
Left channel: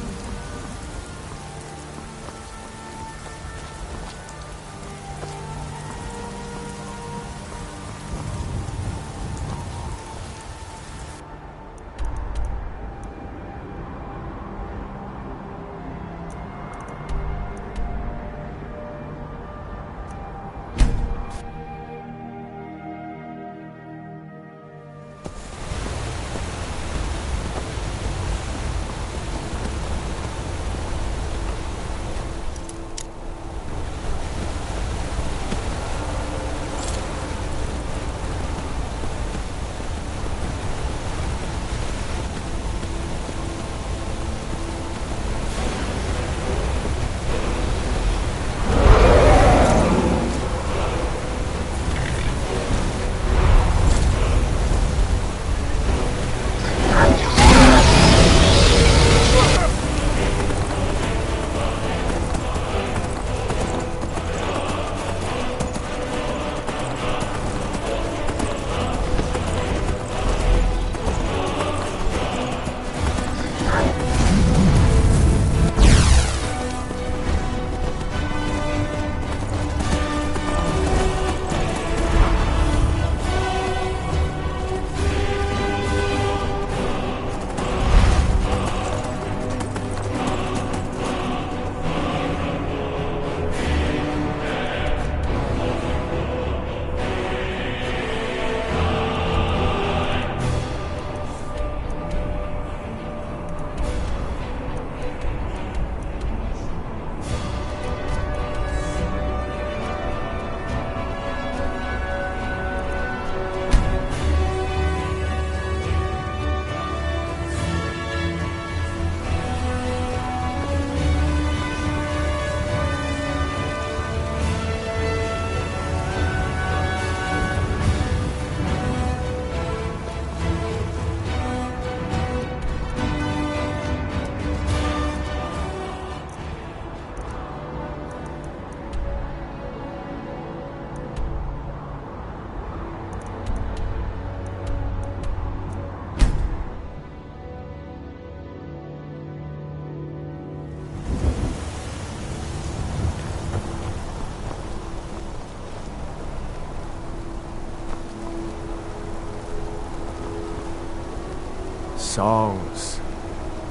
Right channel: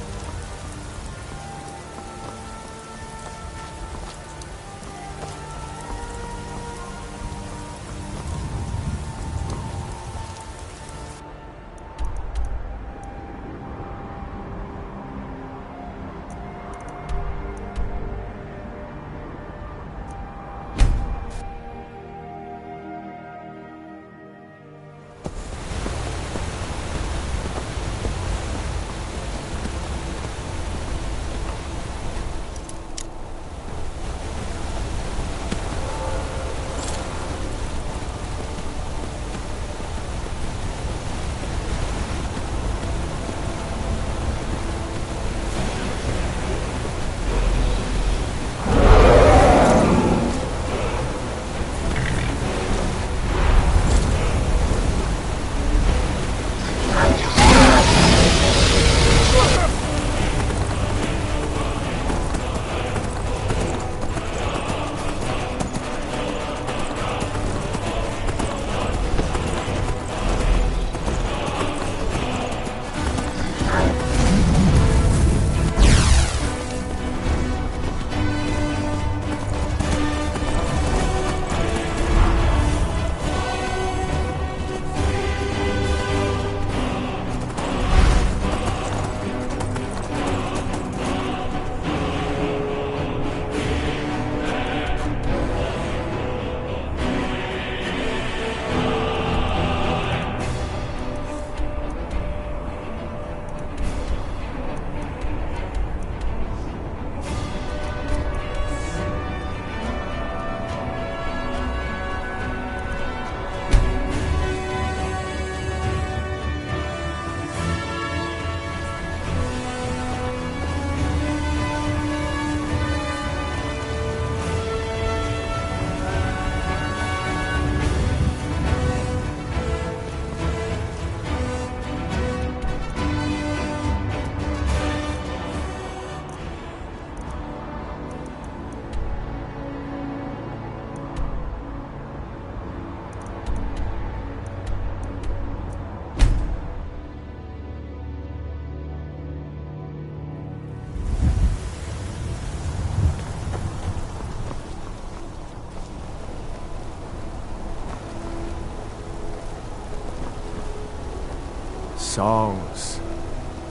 Songs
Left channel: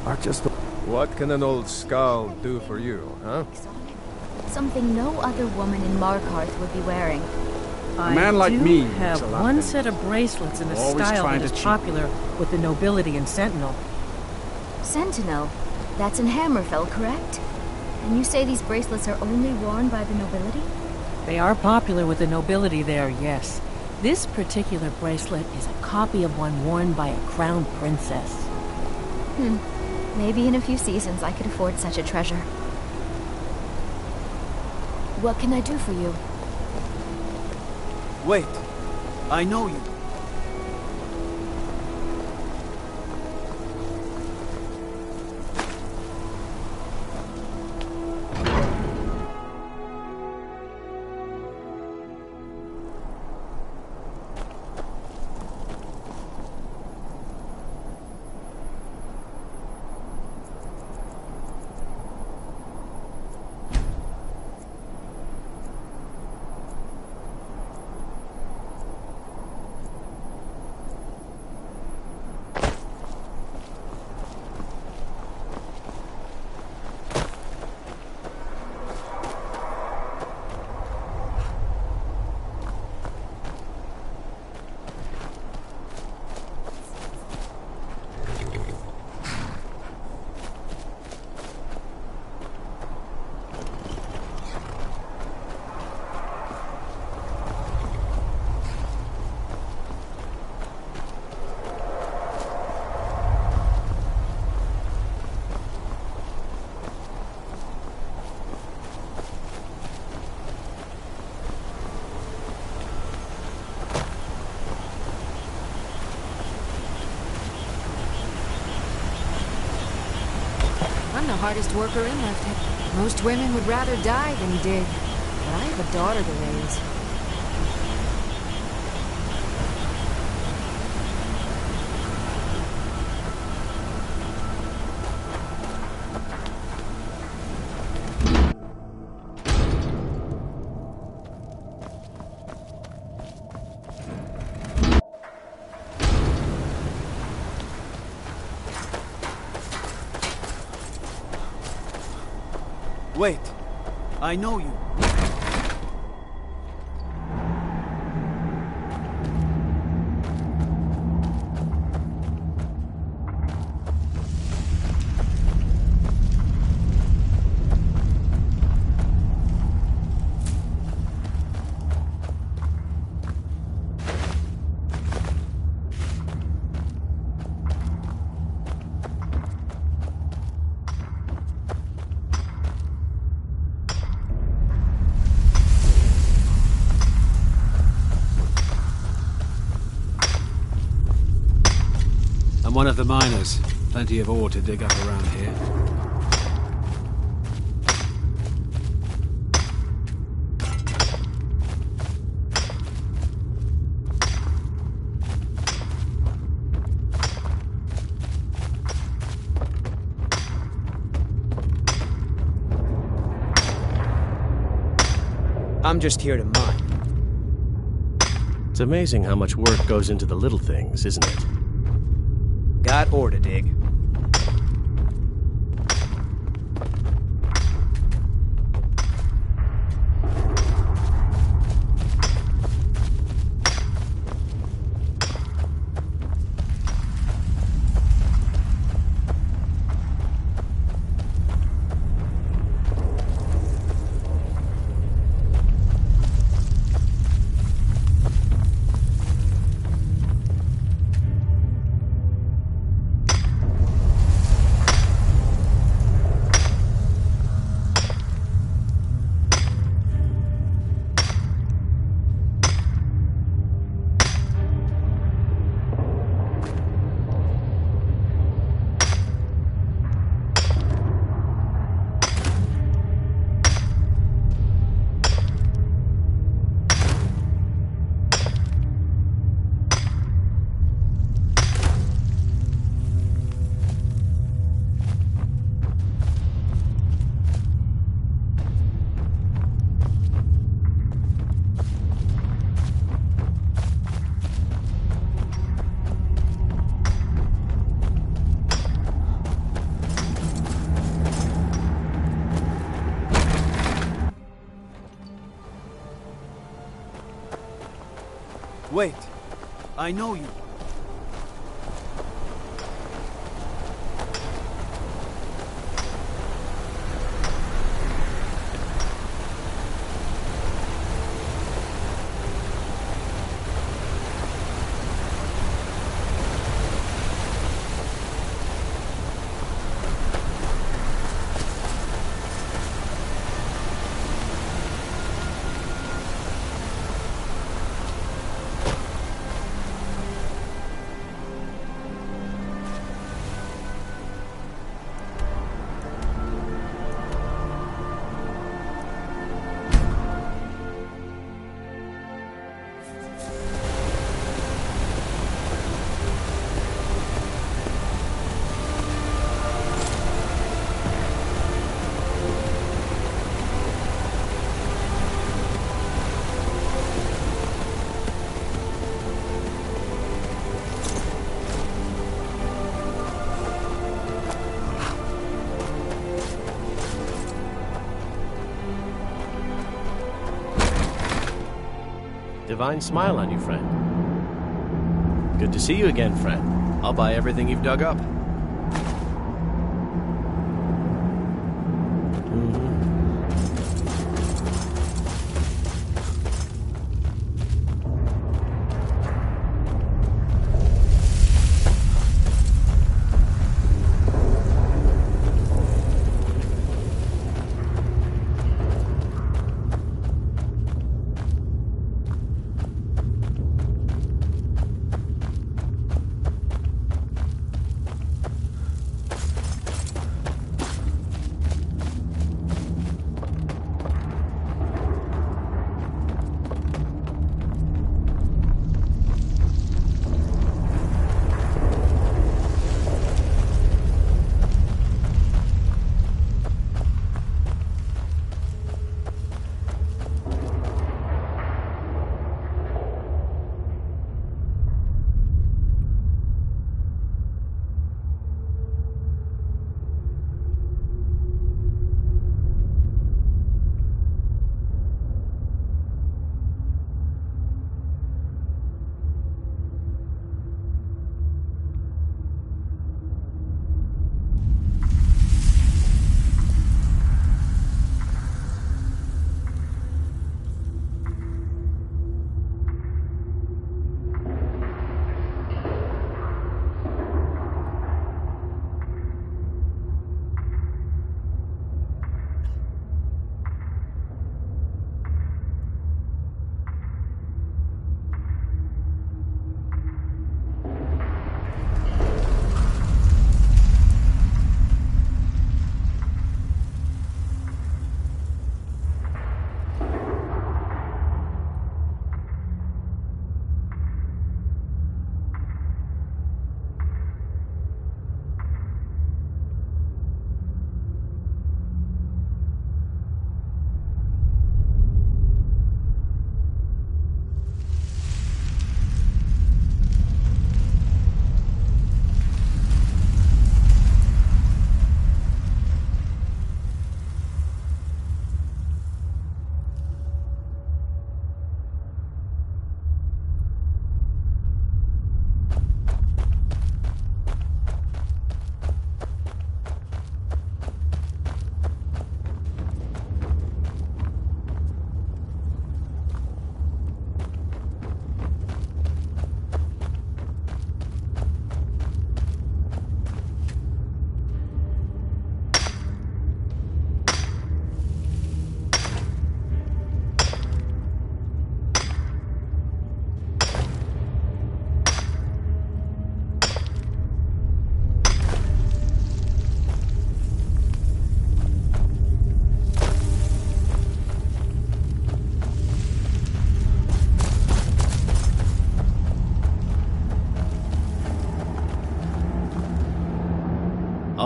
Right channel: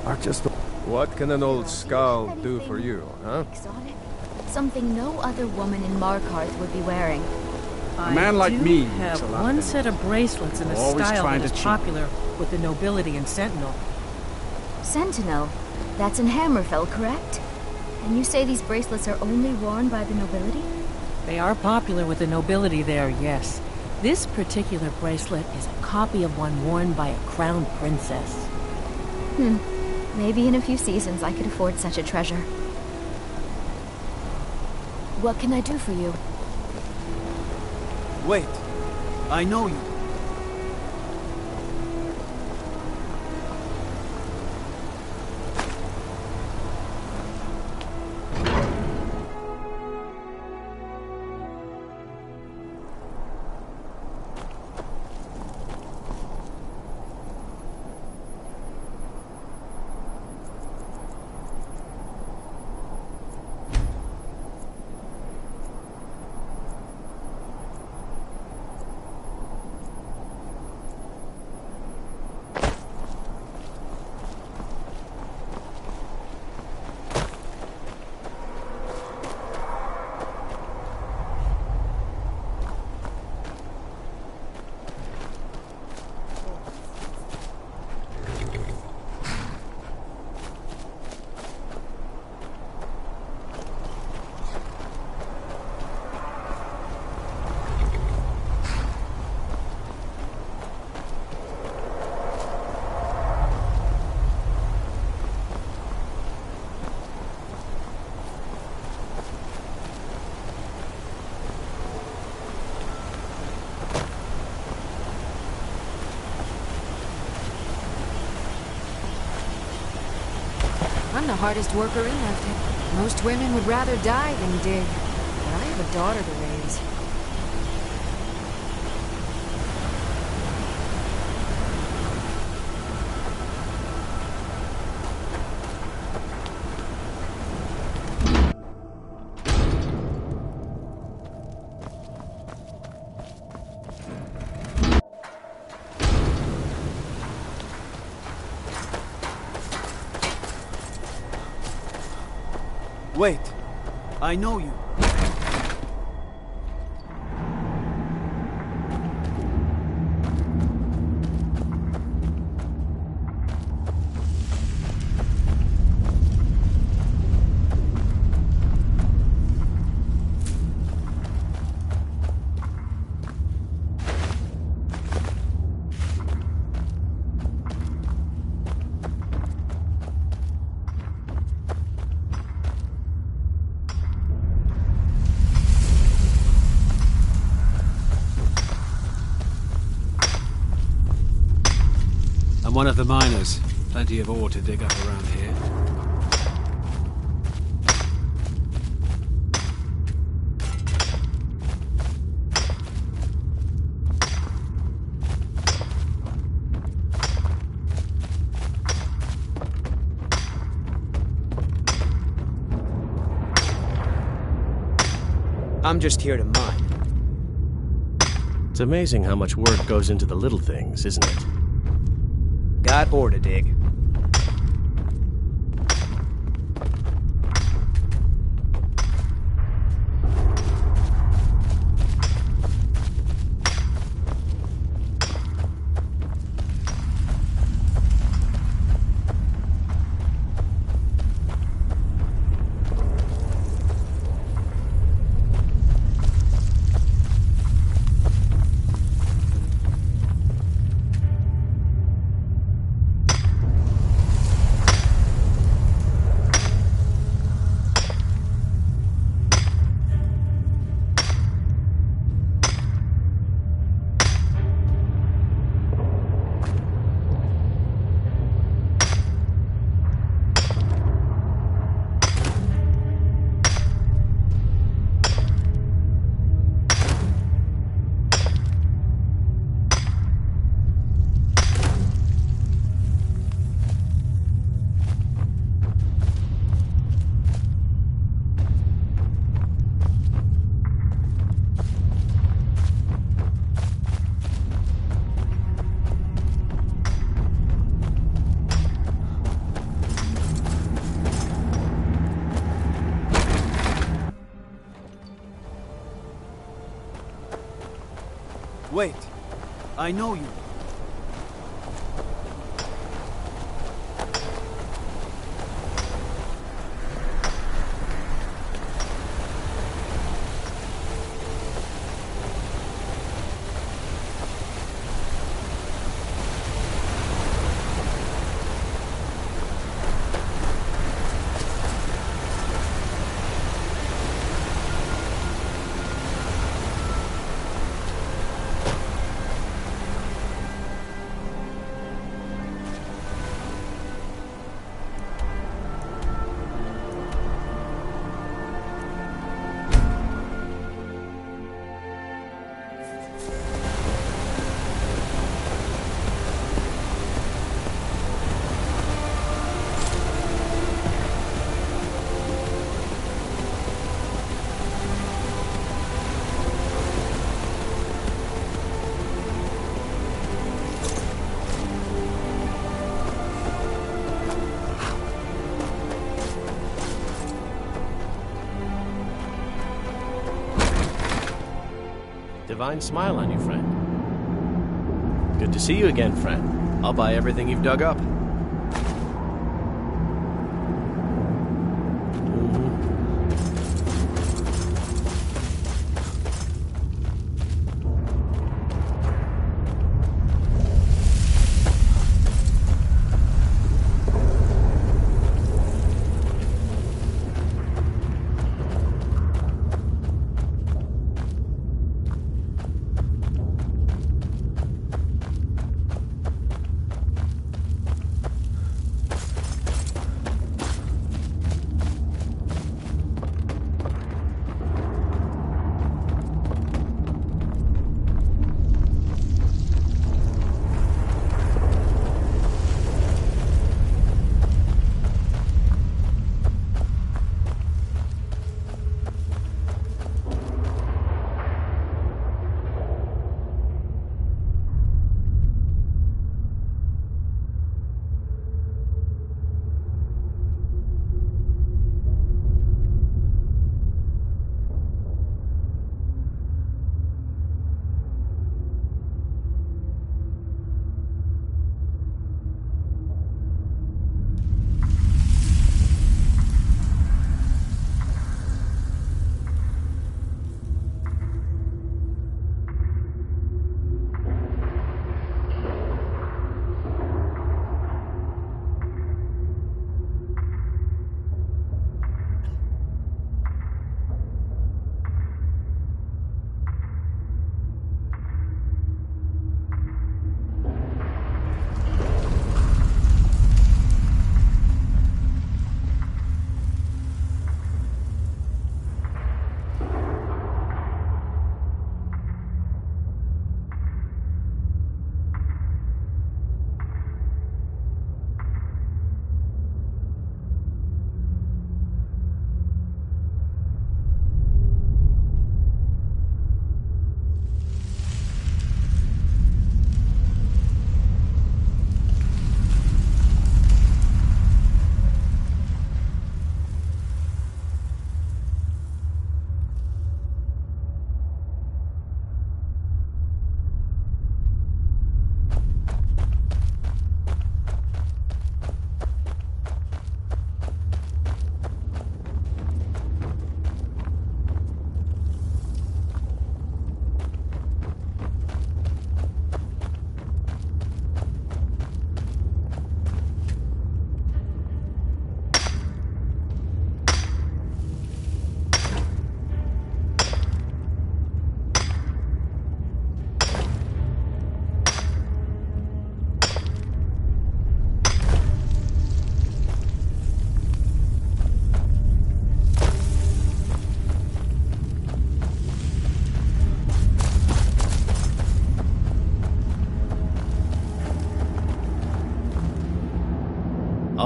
are just... What can an old skull do for you, huh? Something no other woman in Markarth would be wearing. A man like me have one set of bracelets in a style that is popular with the nobility and Sentinel. Sentinel? That's in Hammerfell, correct? And you say these bracelets are only worn by the nobility? They are popular with the nobility there, yes. This particular bracelet is a copy of one worn by a crown princess. Maybe in a few seasons I could afford such a treasure. What can I do for you? Wait. I know you. I'm the hardest worker in left hand. Most women would rather die than dig. But I have a daughter to raise. Wait. I know you. I'm one of the miners. Plenty of ore to dig up around here. I'm just here to mine. It's amazing how much work goes into the little things, isn't it? Got ore to dig. Wait. I know you. Divine smile on you, friend. Good to see you again, friend. I'll buy everything you've dug up.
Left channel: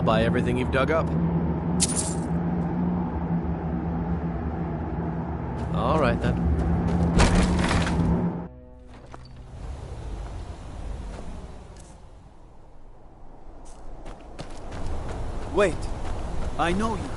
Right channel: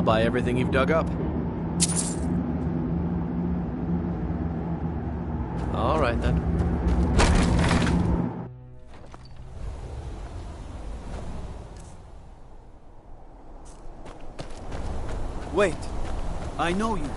buy everything you've dug up. All right, then. Wait. I know you.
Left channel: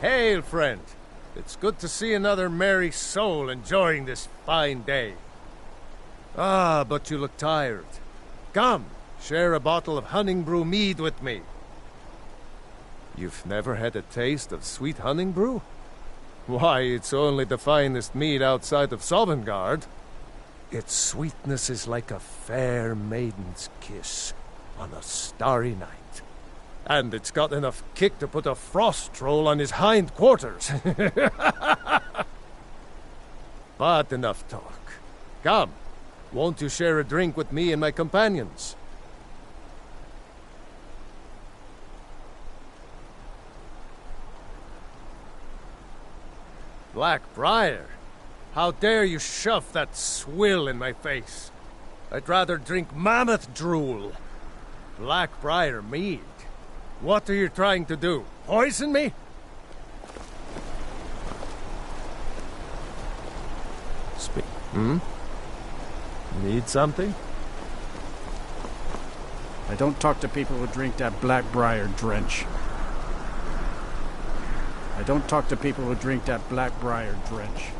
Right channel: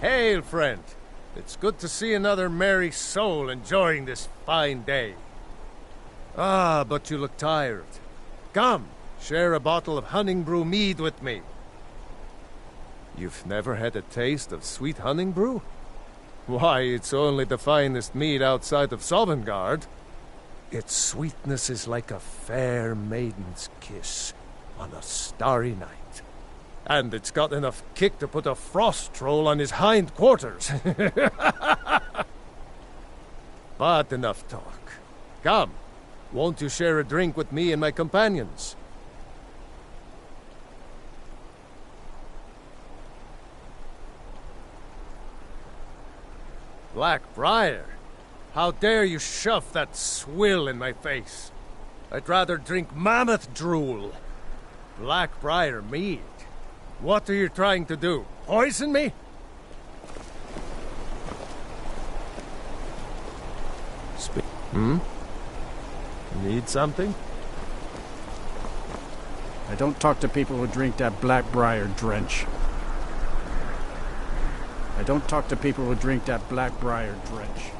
Hail, friend. It's good to see another merry soul enjoying this fine day. Ah, but you look tired. Come, share a bottle of honey brew mead with me. You've never had a taste of sweet honey brew? Why, it's only the finest mead outside of Sovngarde. Its sweetness is like a fair maiden's kiss on a starry night. And it's got enough kick to put a frost troll on his hind quarters. But enough talk. Come, won't you share a drink with me and my companions? Blackbriar? How dare you shove that swill in my face? I'd rather drink mammoth drool. Blackbriar mead? What are you trying to do? Poison me? Need something? I don't talk to people who drink that Blackbriar drench. I don't talk to people who drink that Blackbriar drench.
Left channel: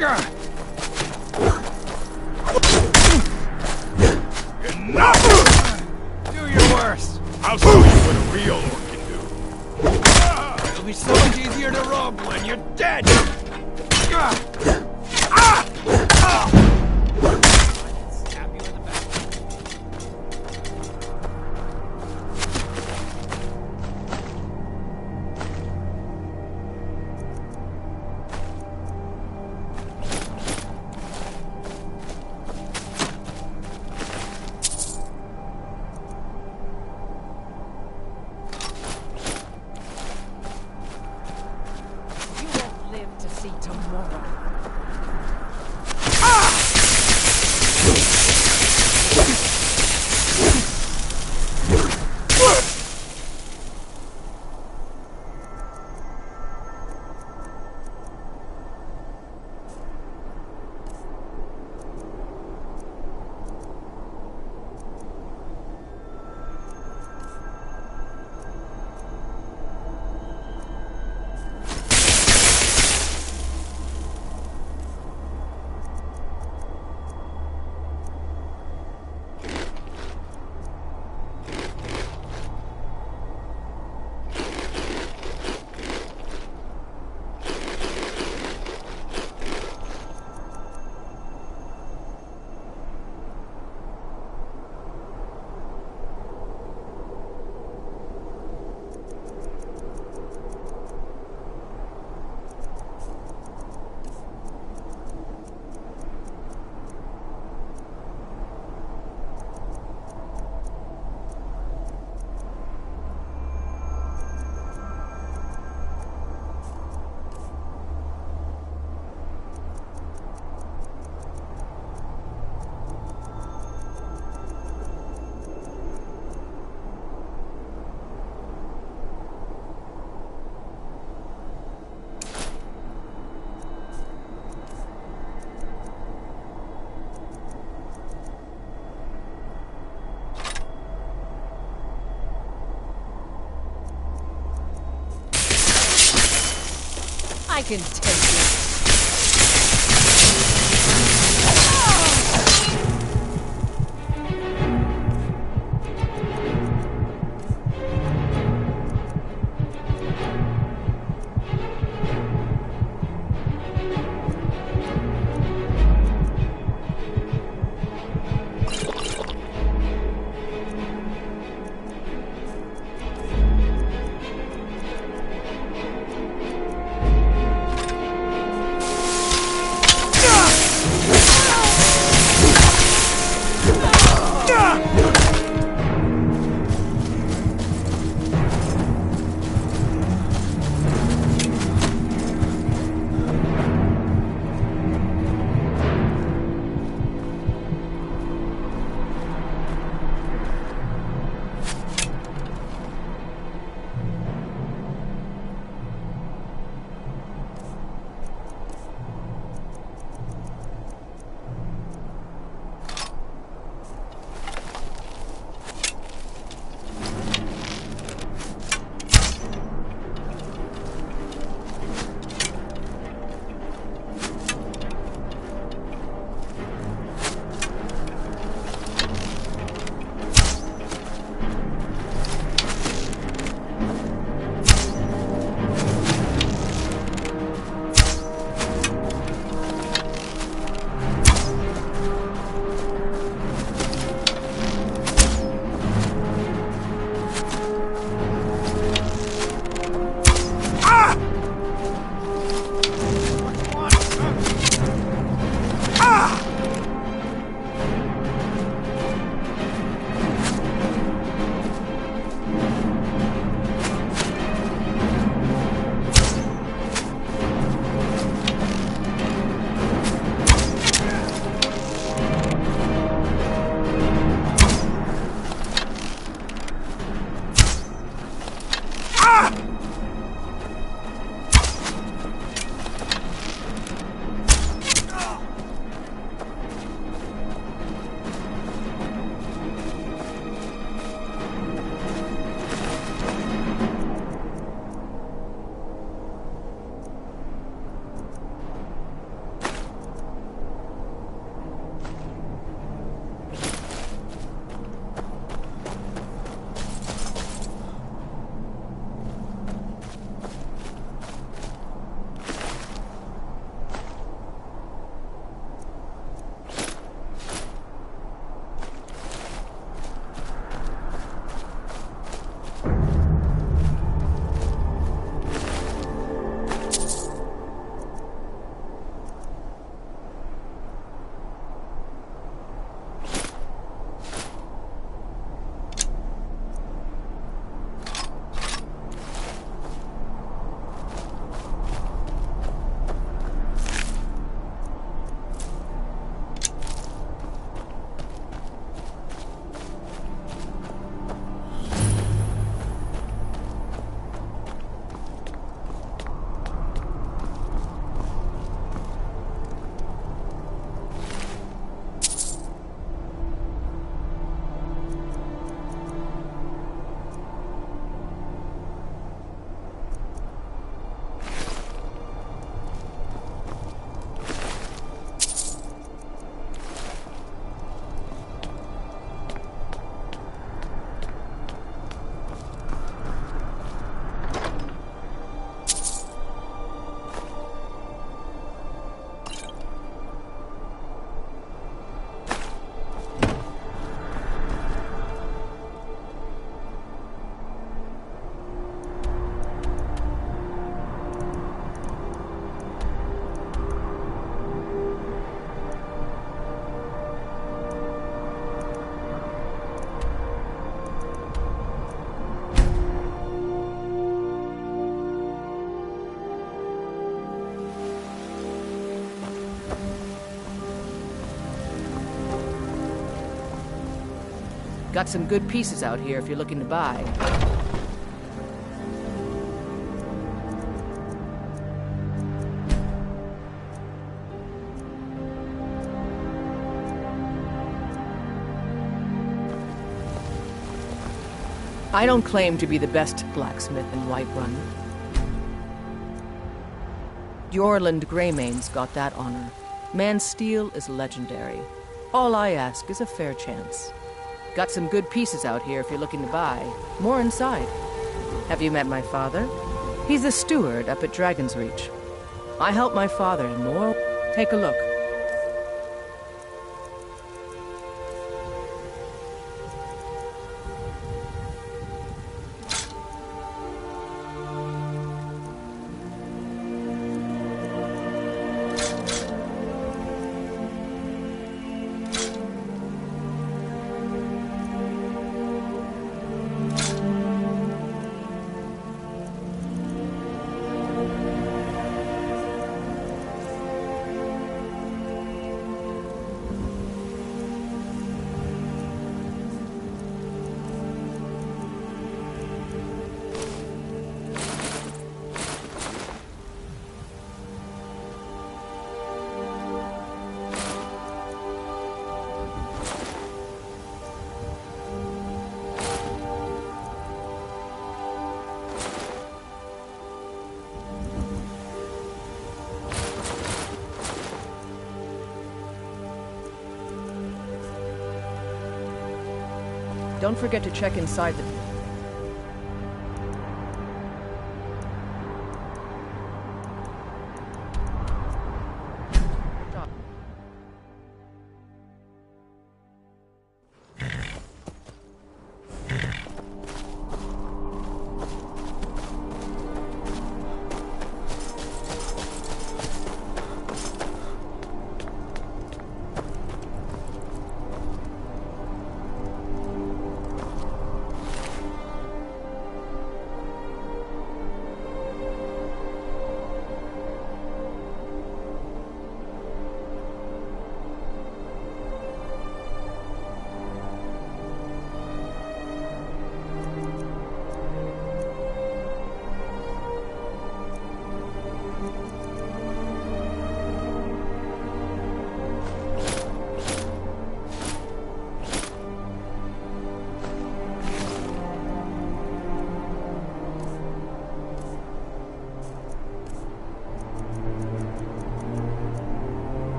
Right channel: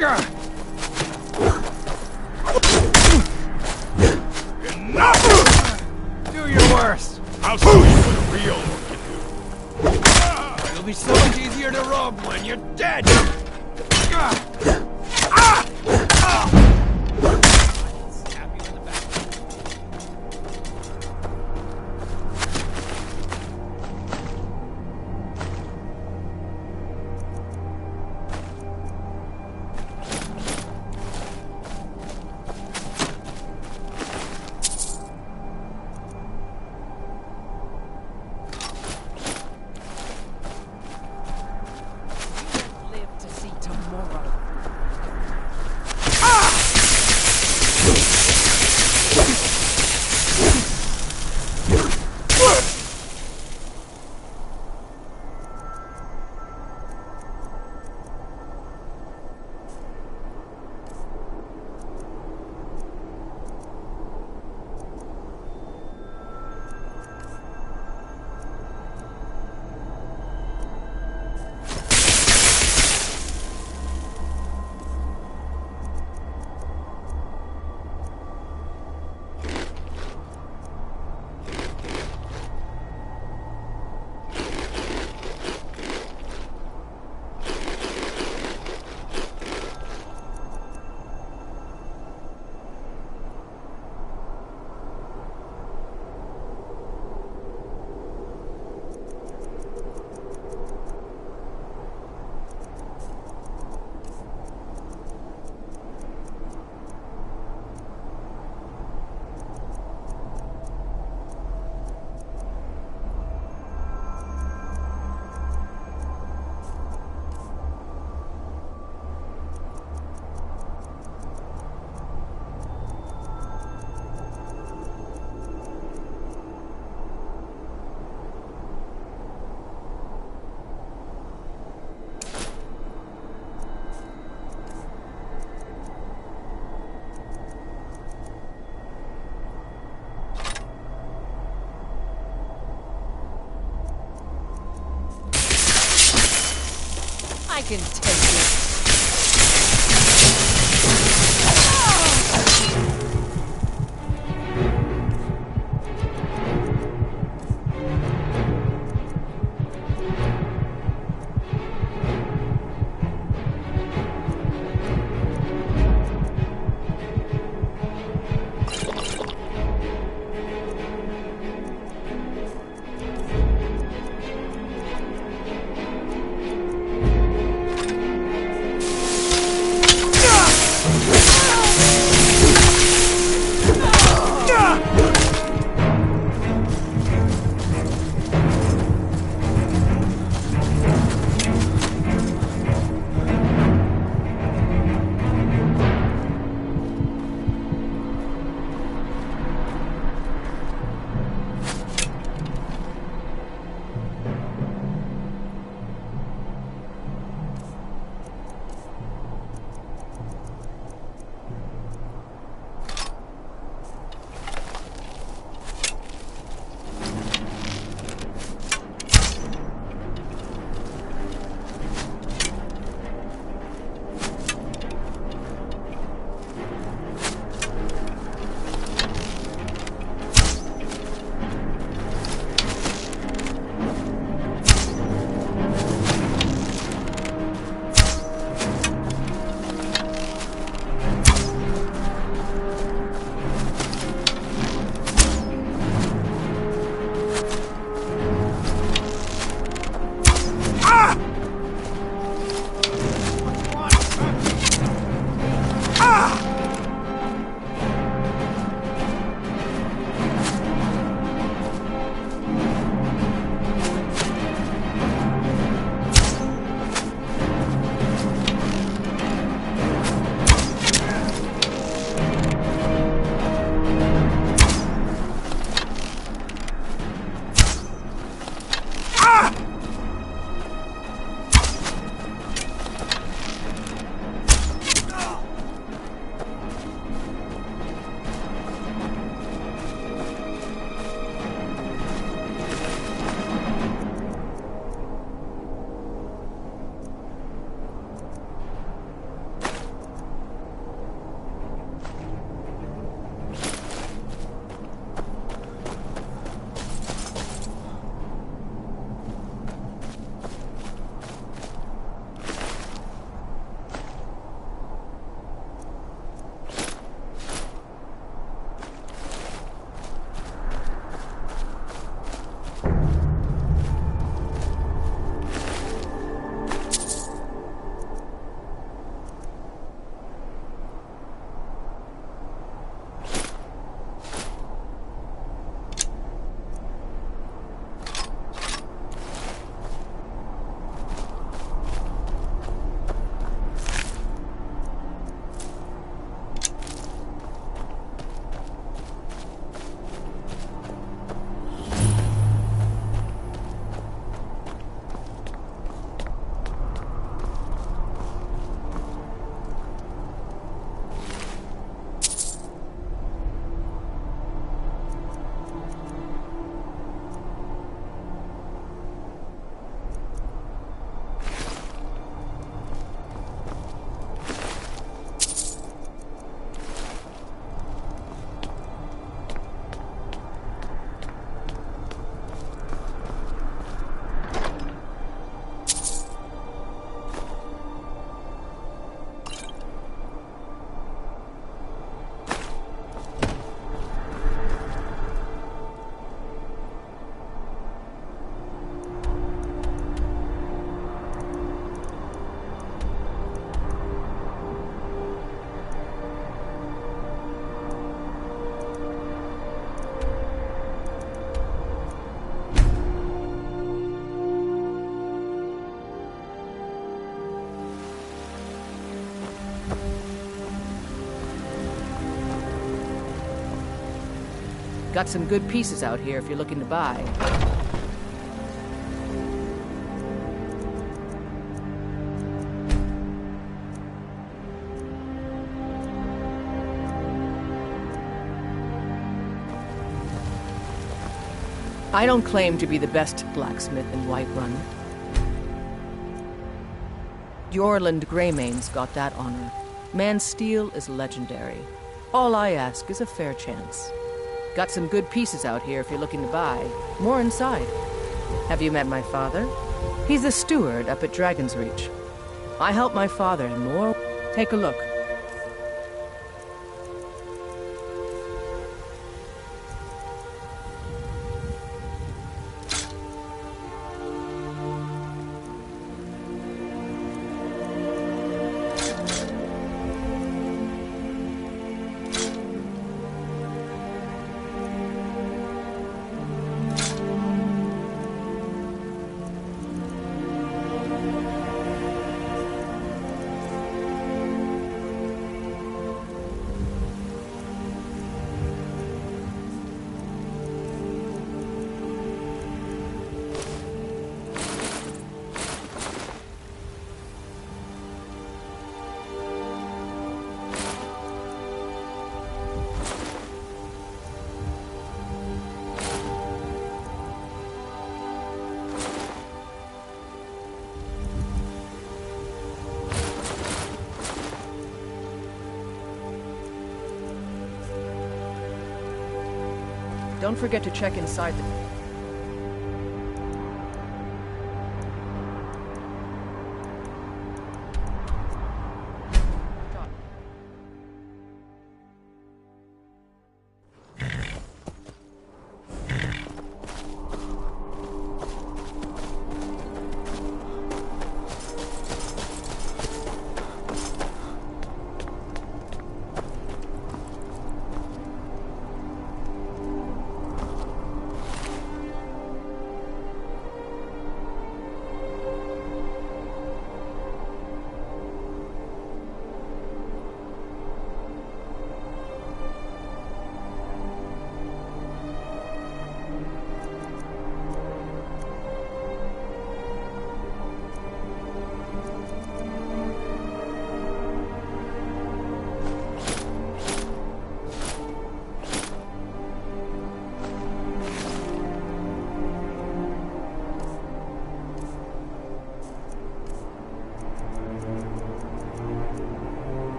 Enough! Do your worst. I'll show you what a real orc can do. It'll be so much easier to rob when you're dead. I can take it. Got some good pieces out here if you're looking to buy. I don't claim to be the best blacksmith in Whiterun. Jorland Greymane's got that honor. Man's steel is legendary. All I ask is a fair chance. Got some good pieces out here if you're looking to buy. More inside. Have you met my father? He's the steward up at Dragon's Reach. I help my father in more. Take a look. Don't forget to check inside the...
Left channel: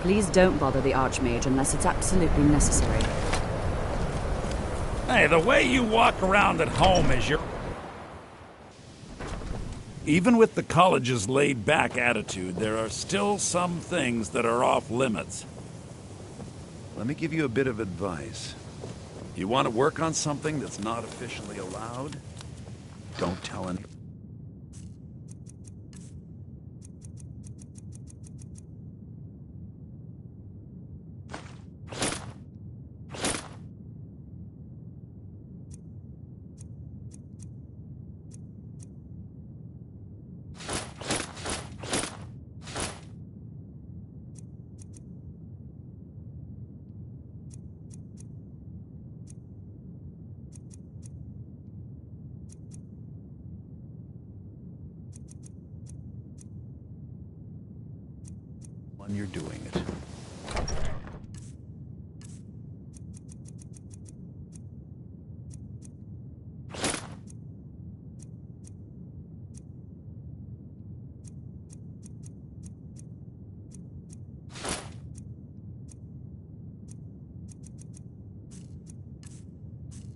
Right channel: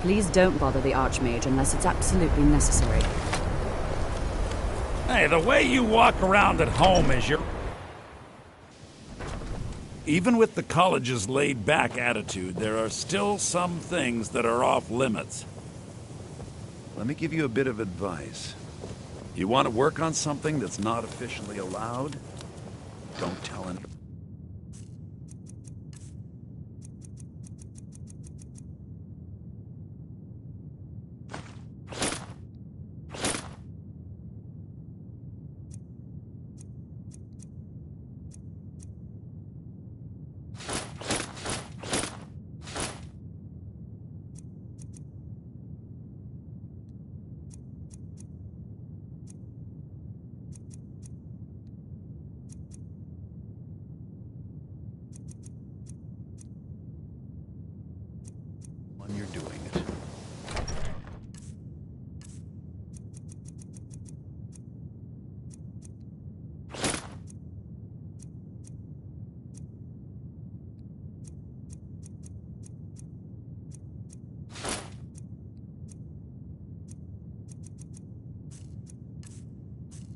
Please don't bother the Archmage unless it's absolutely necessary. Hey, the way you walk around at home is your... Even with the college's laid-back attitude, there are still some things that are off-limits. Let me give you a bit of advice. You want to work on something that's not officially allowed? Don't tell anyone. When you're doing it.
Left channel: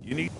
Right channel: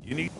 You need...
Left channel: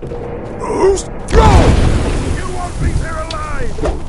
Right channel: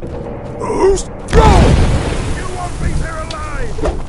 Who's go? You won't leave here alive!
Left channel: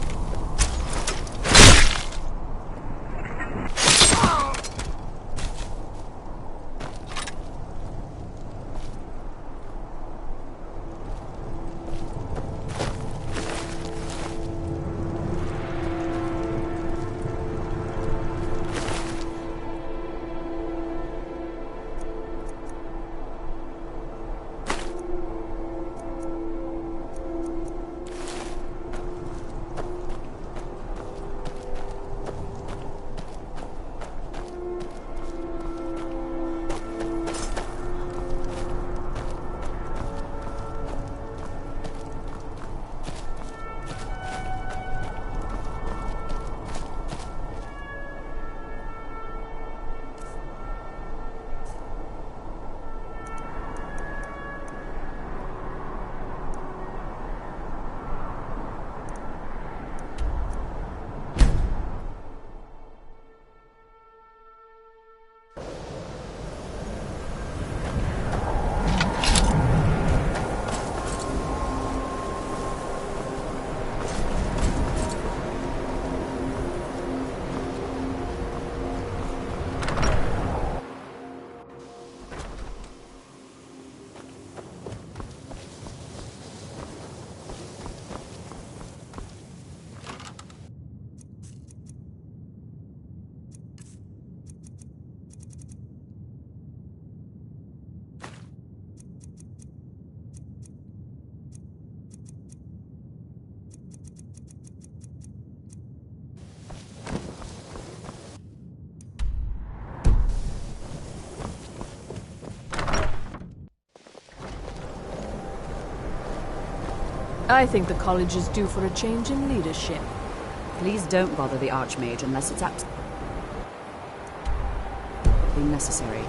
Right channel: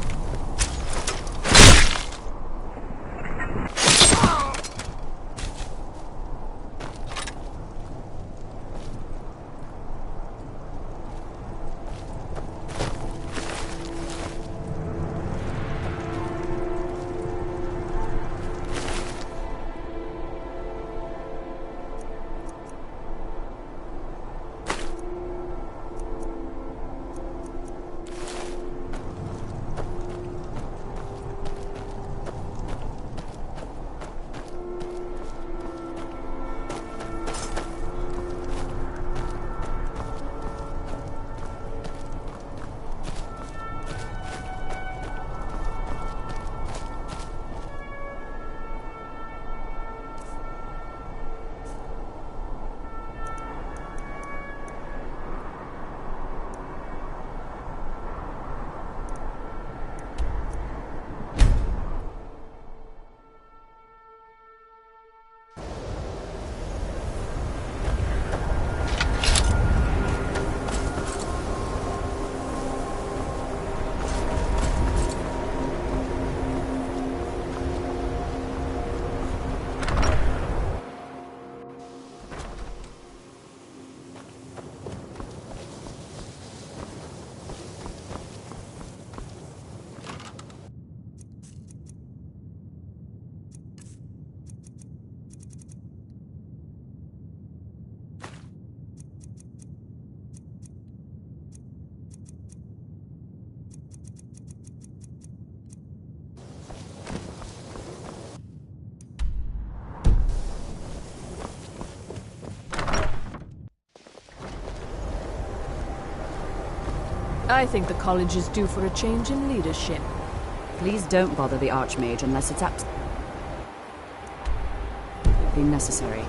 I think the college is due for a change in leadership. Please don't bother the Archmage unless it's absolutely necessary.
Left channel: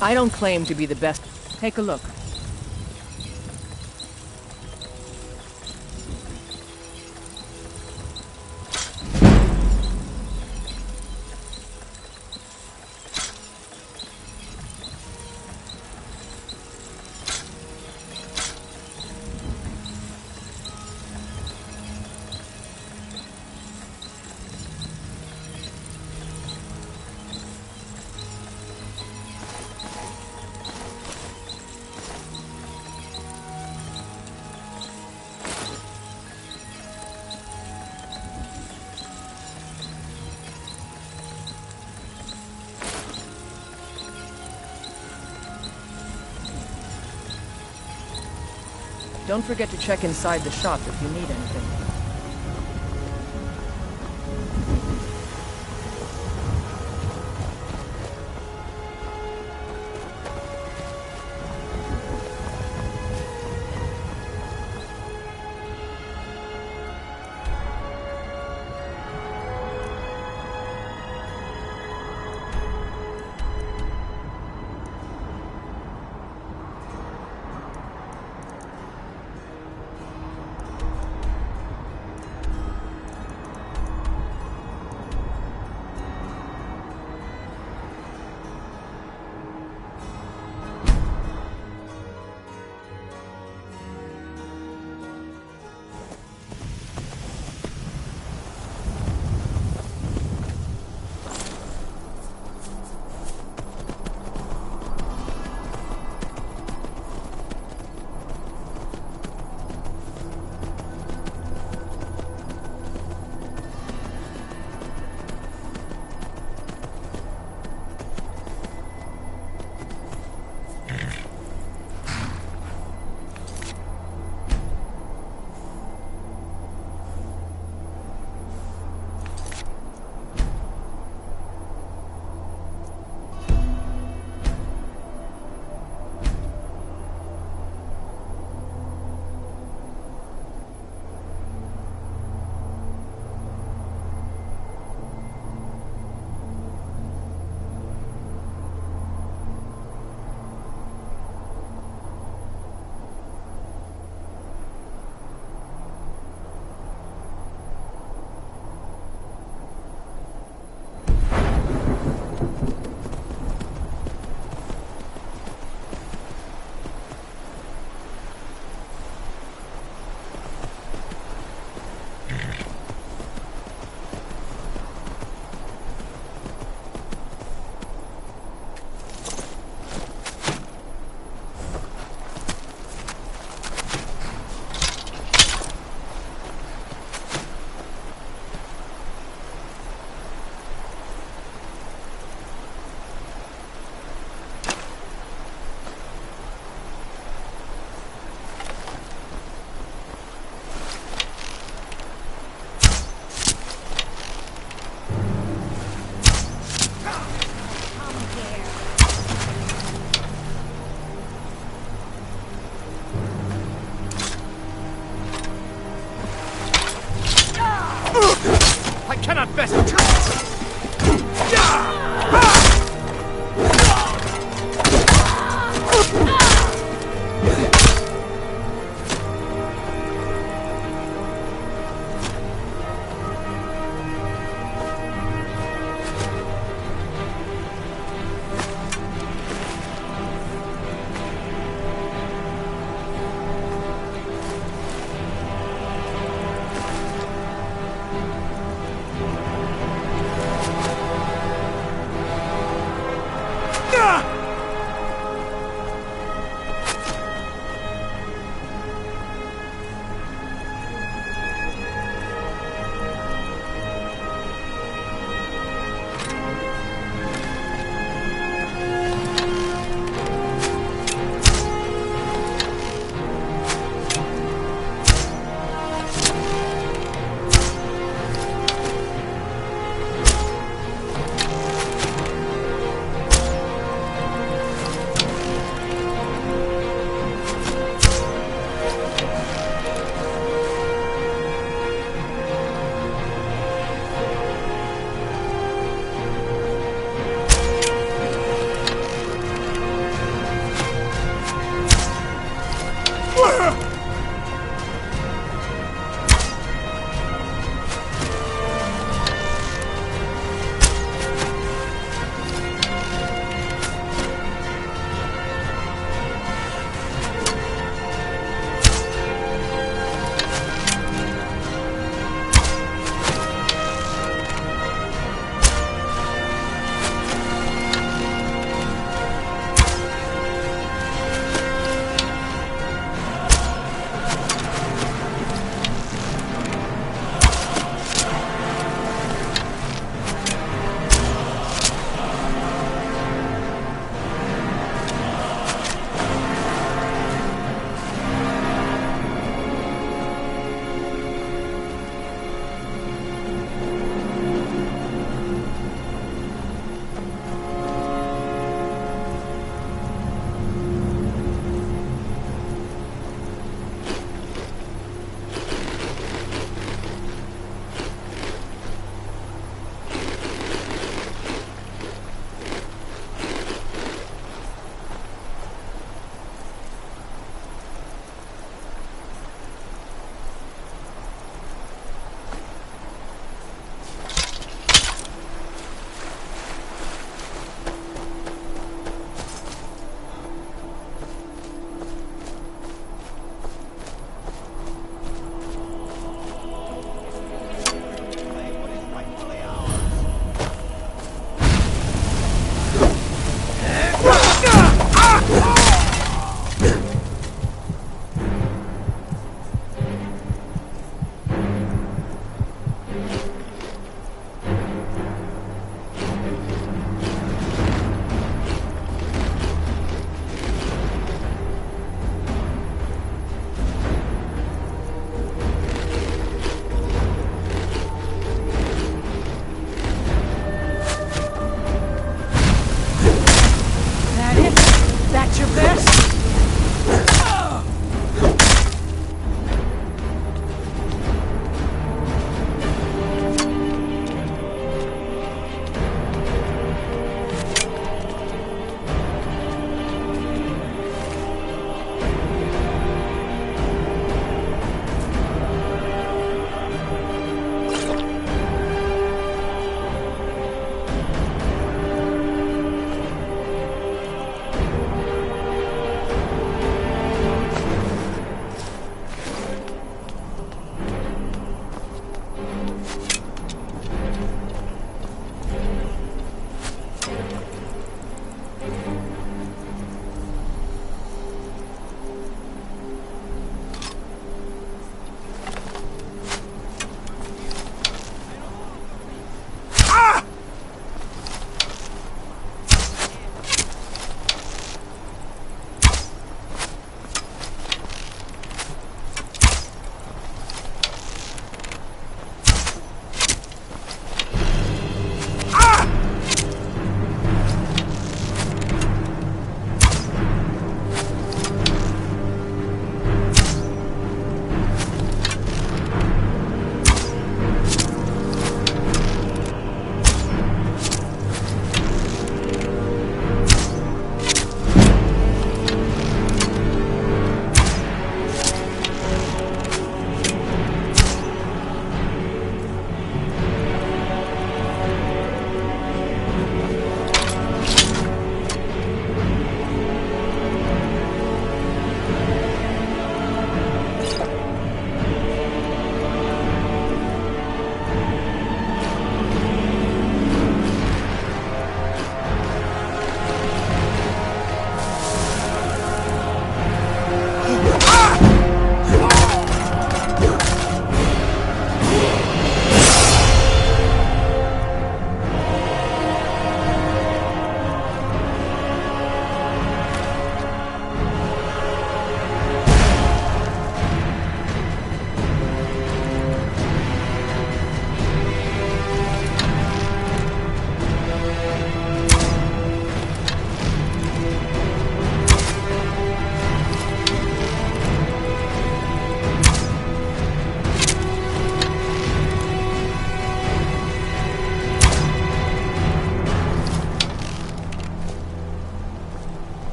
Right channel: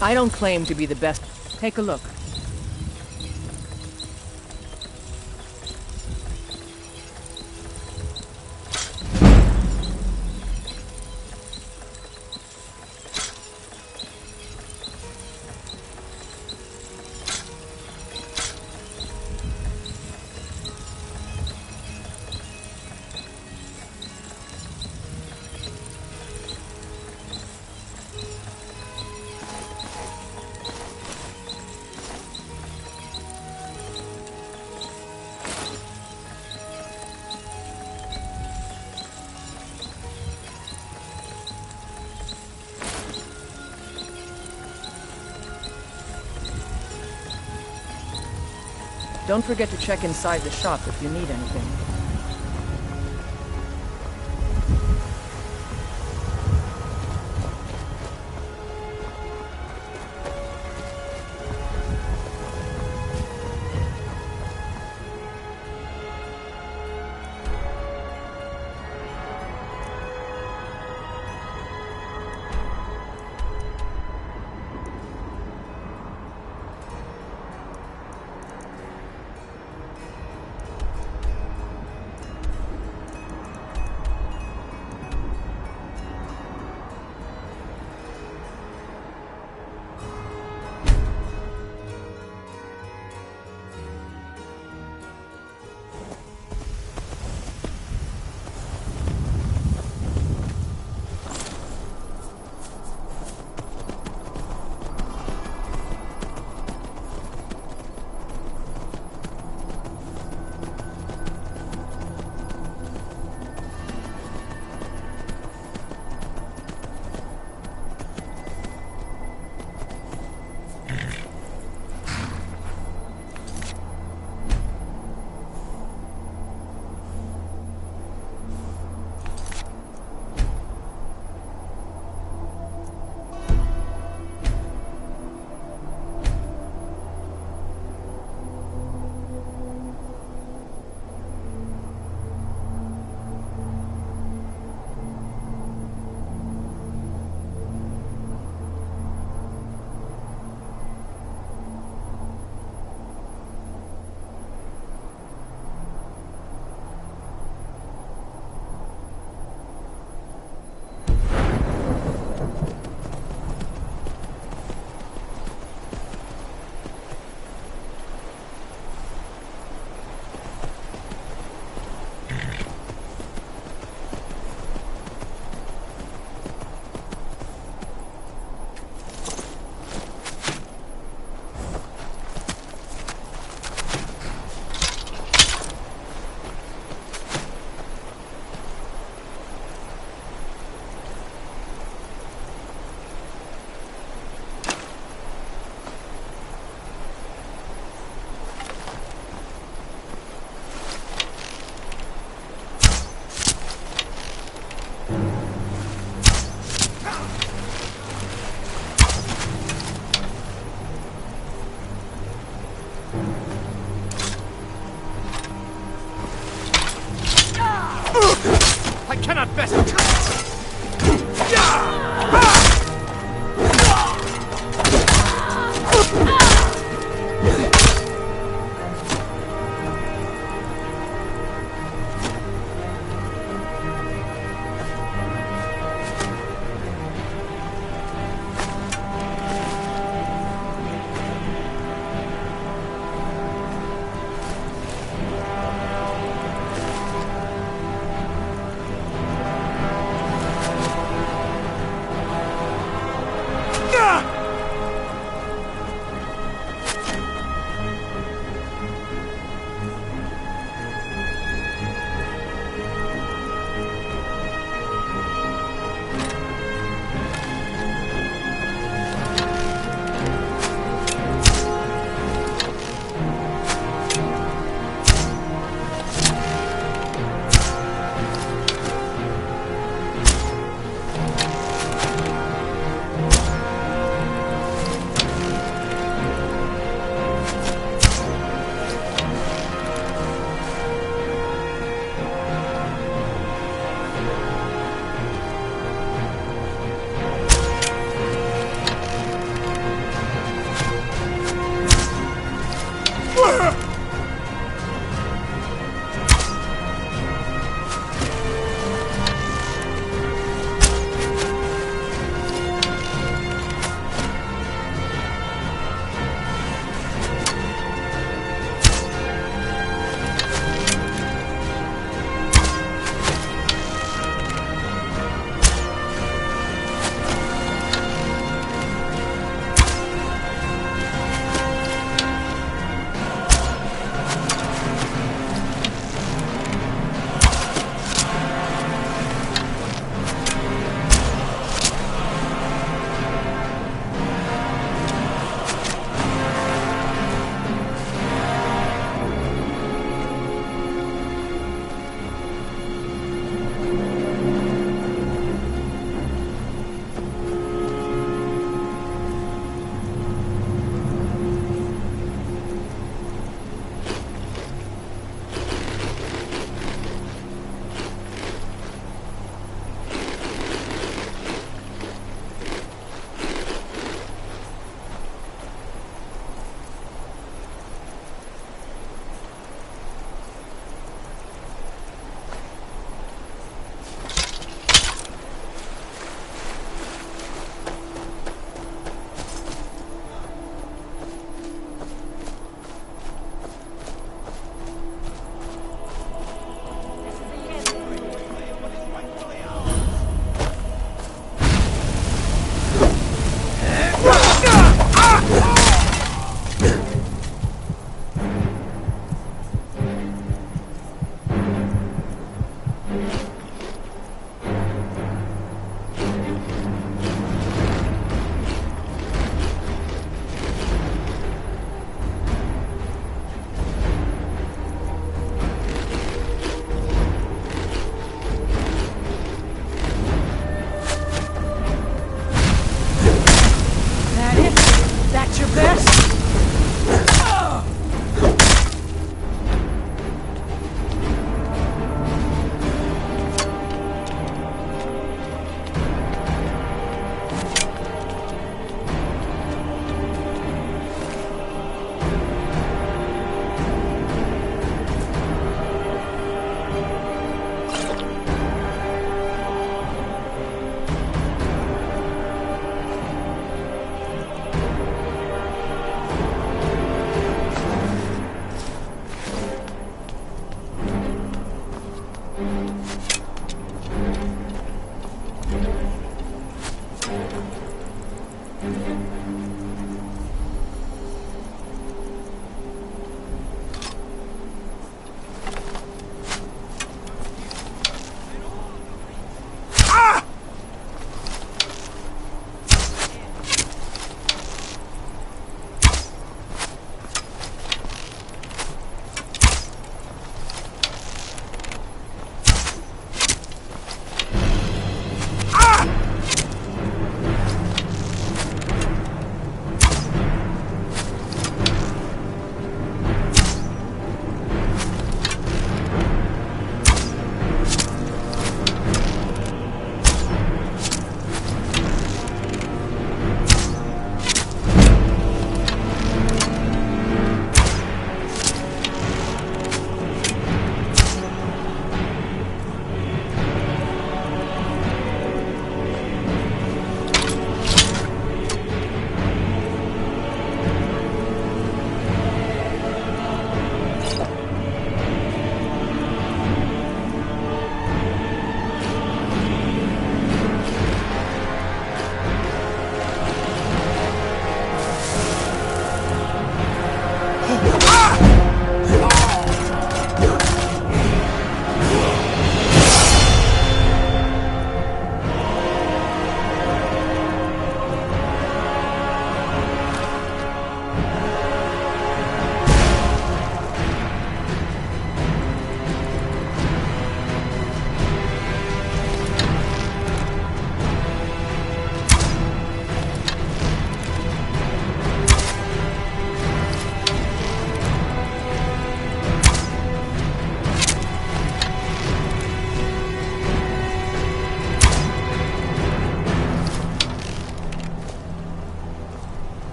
I don't claim to be the best. Take a look. Don't forget to check inside the shop if you need anything. I cannot best.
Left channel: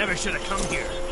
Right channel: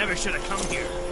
never should have come here.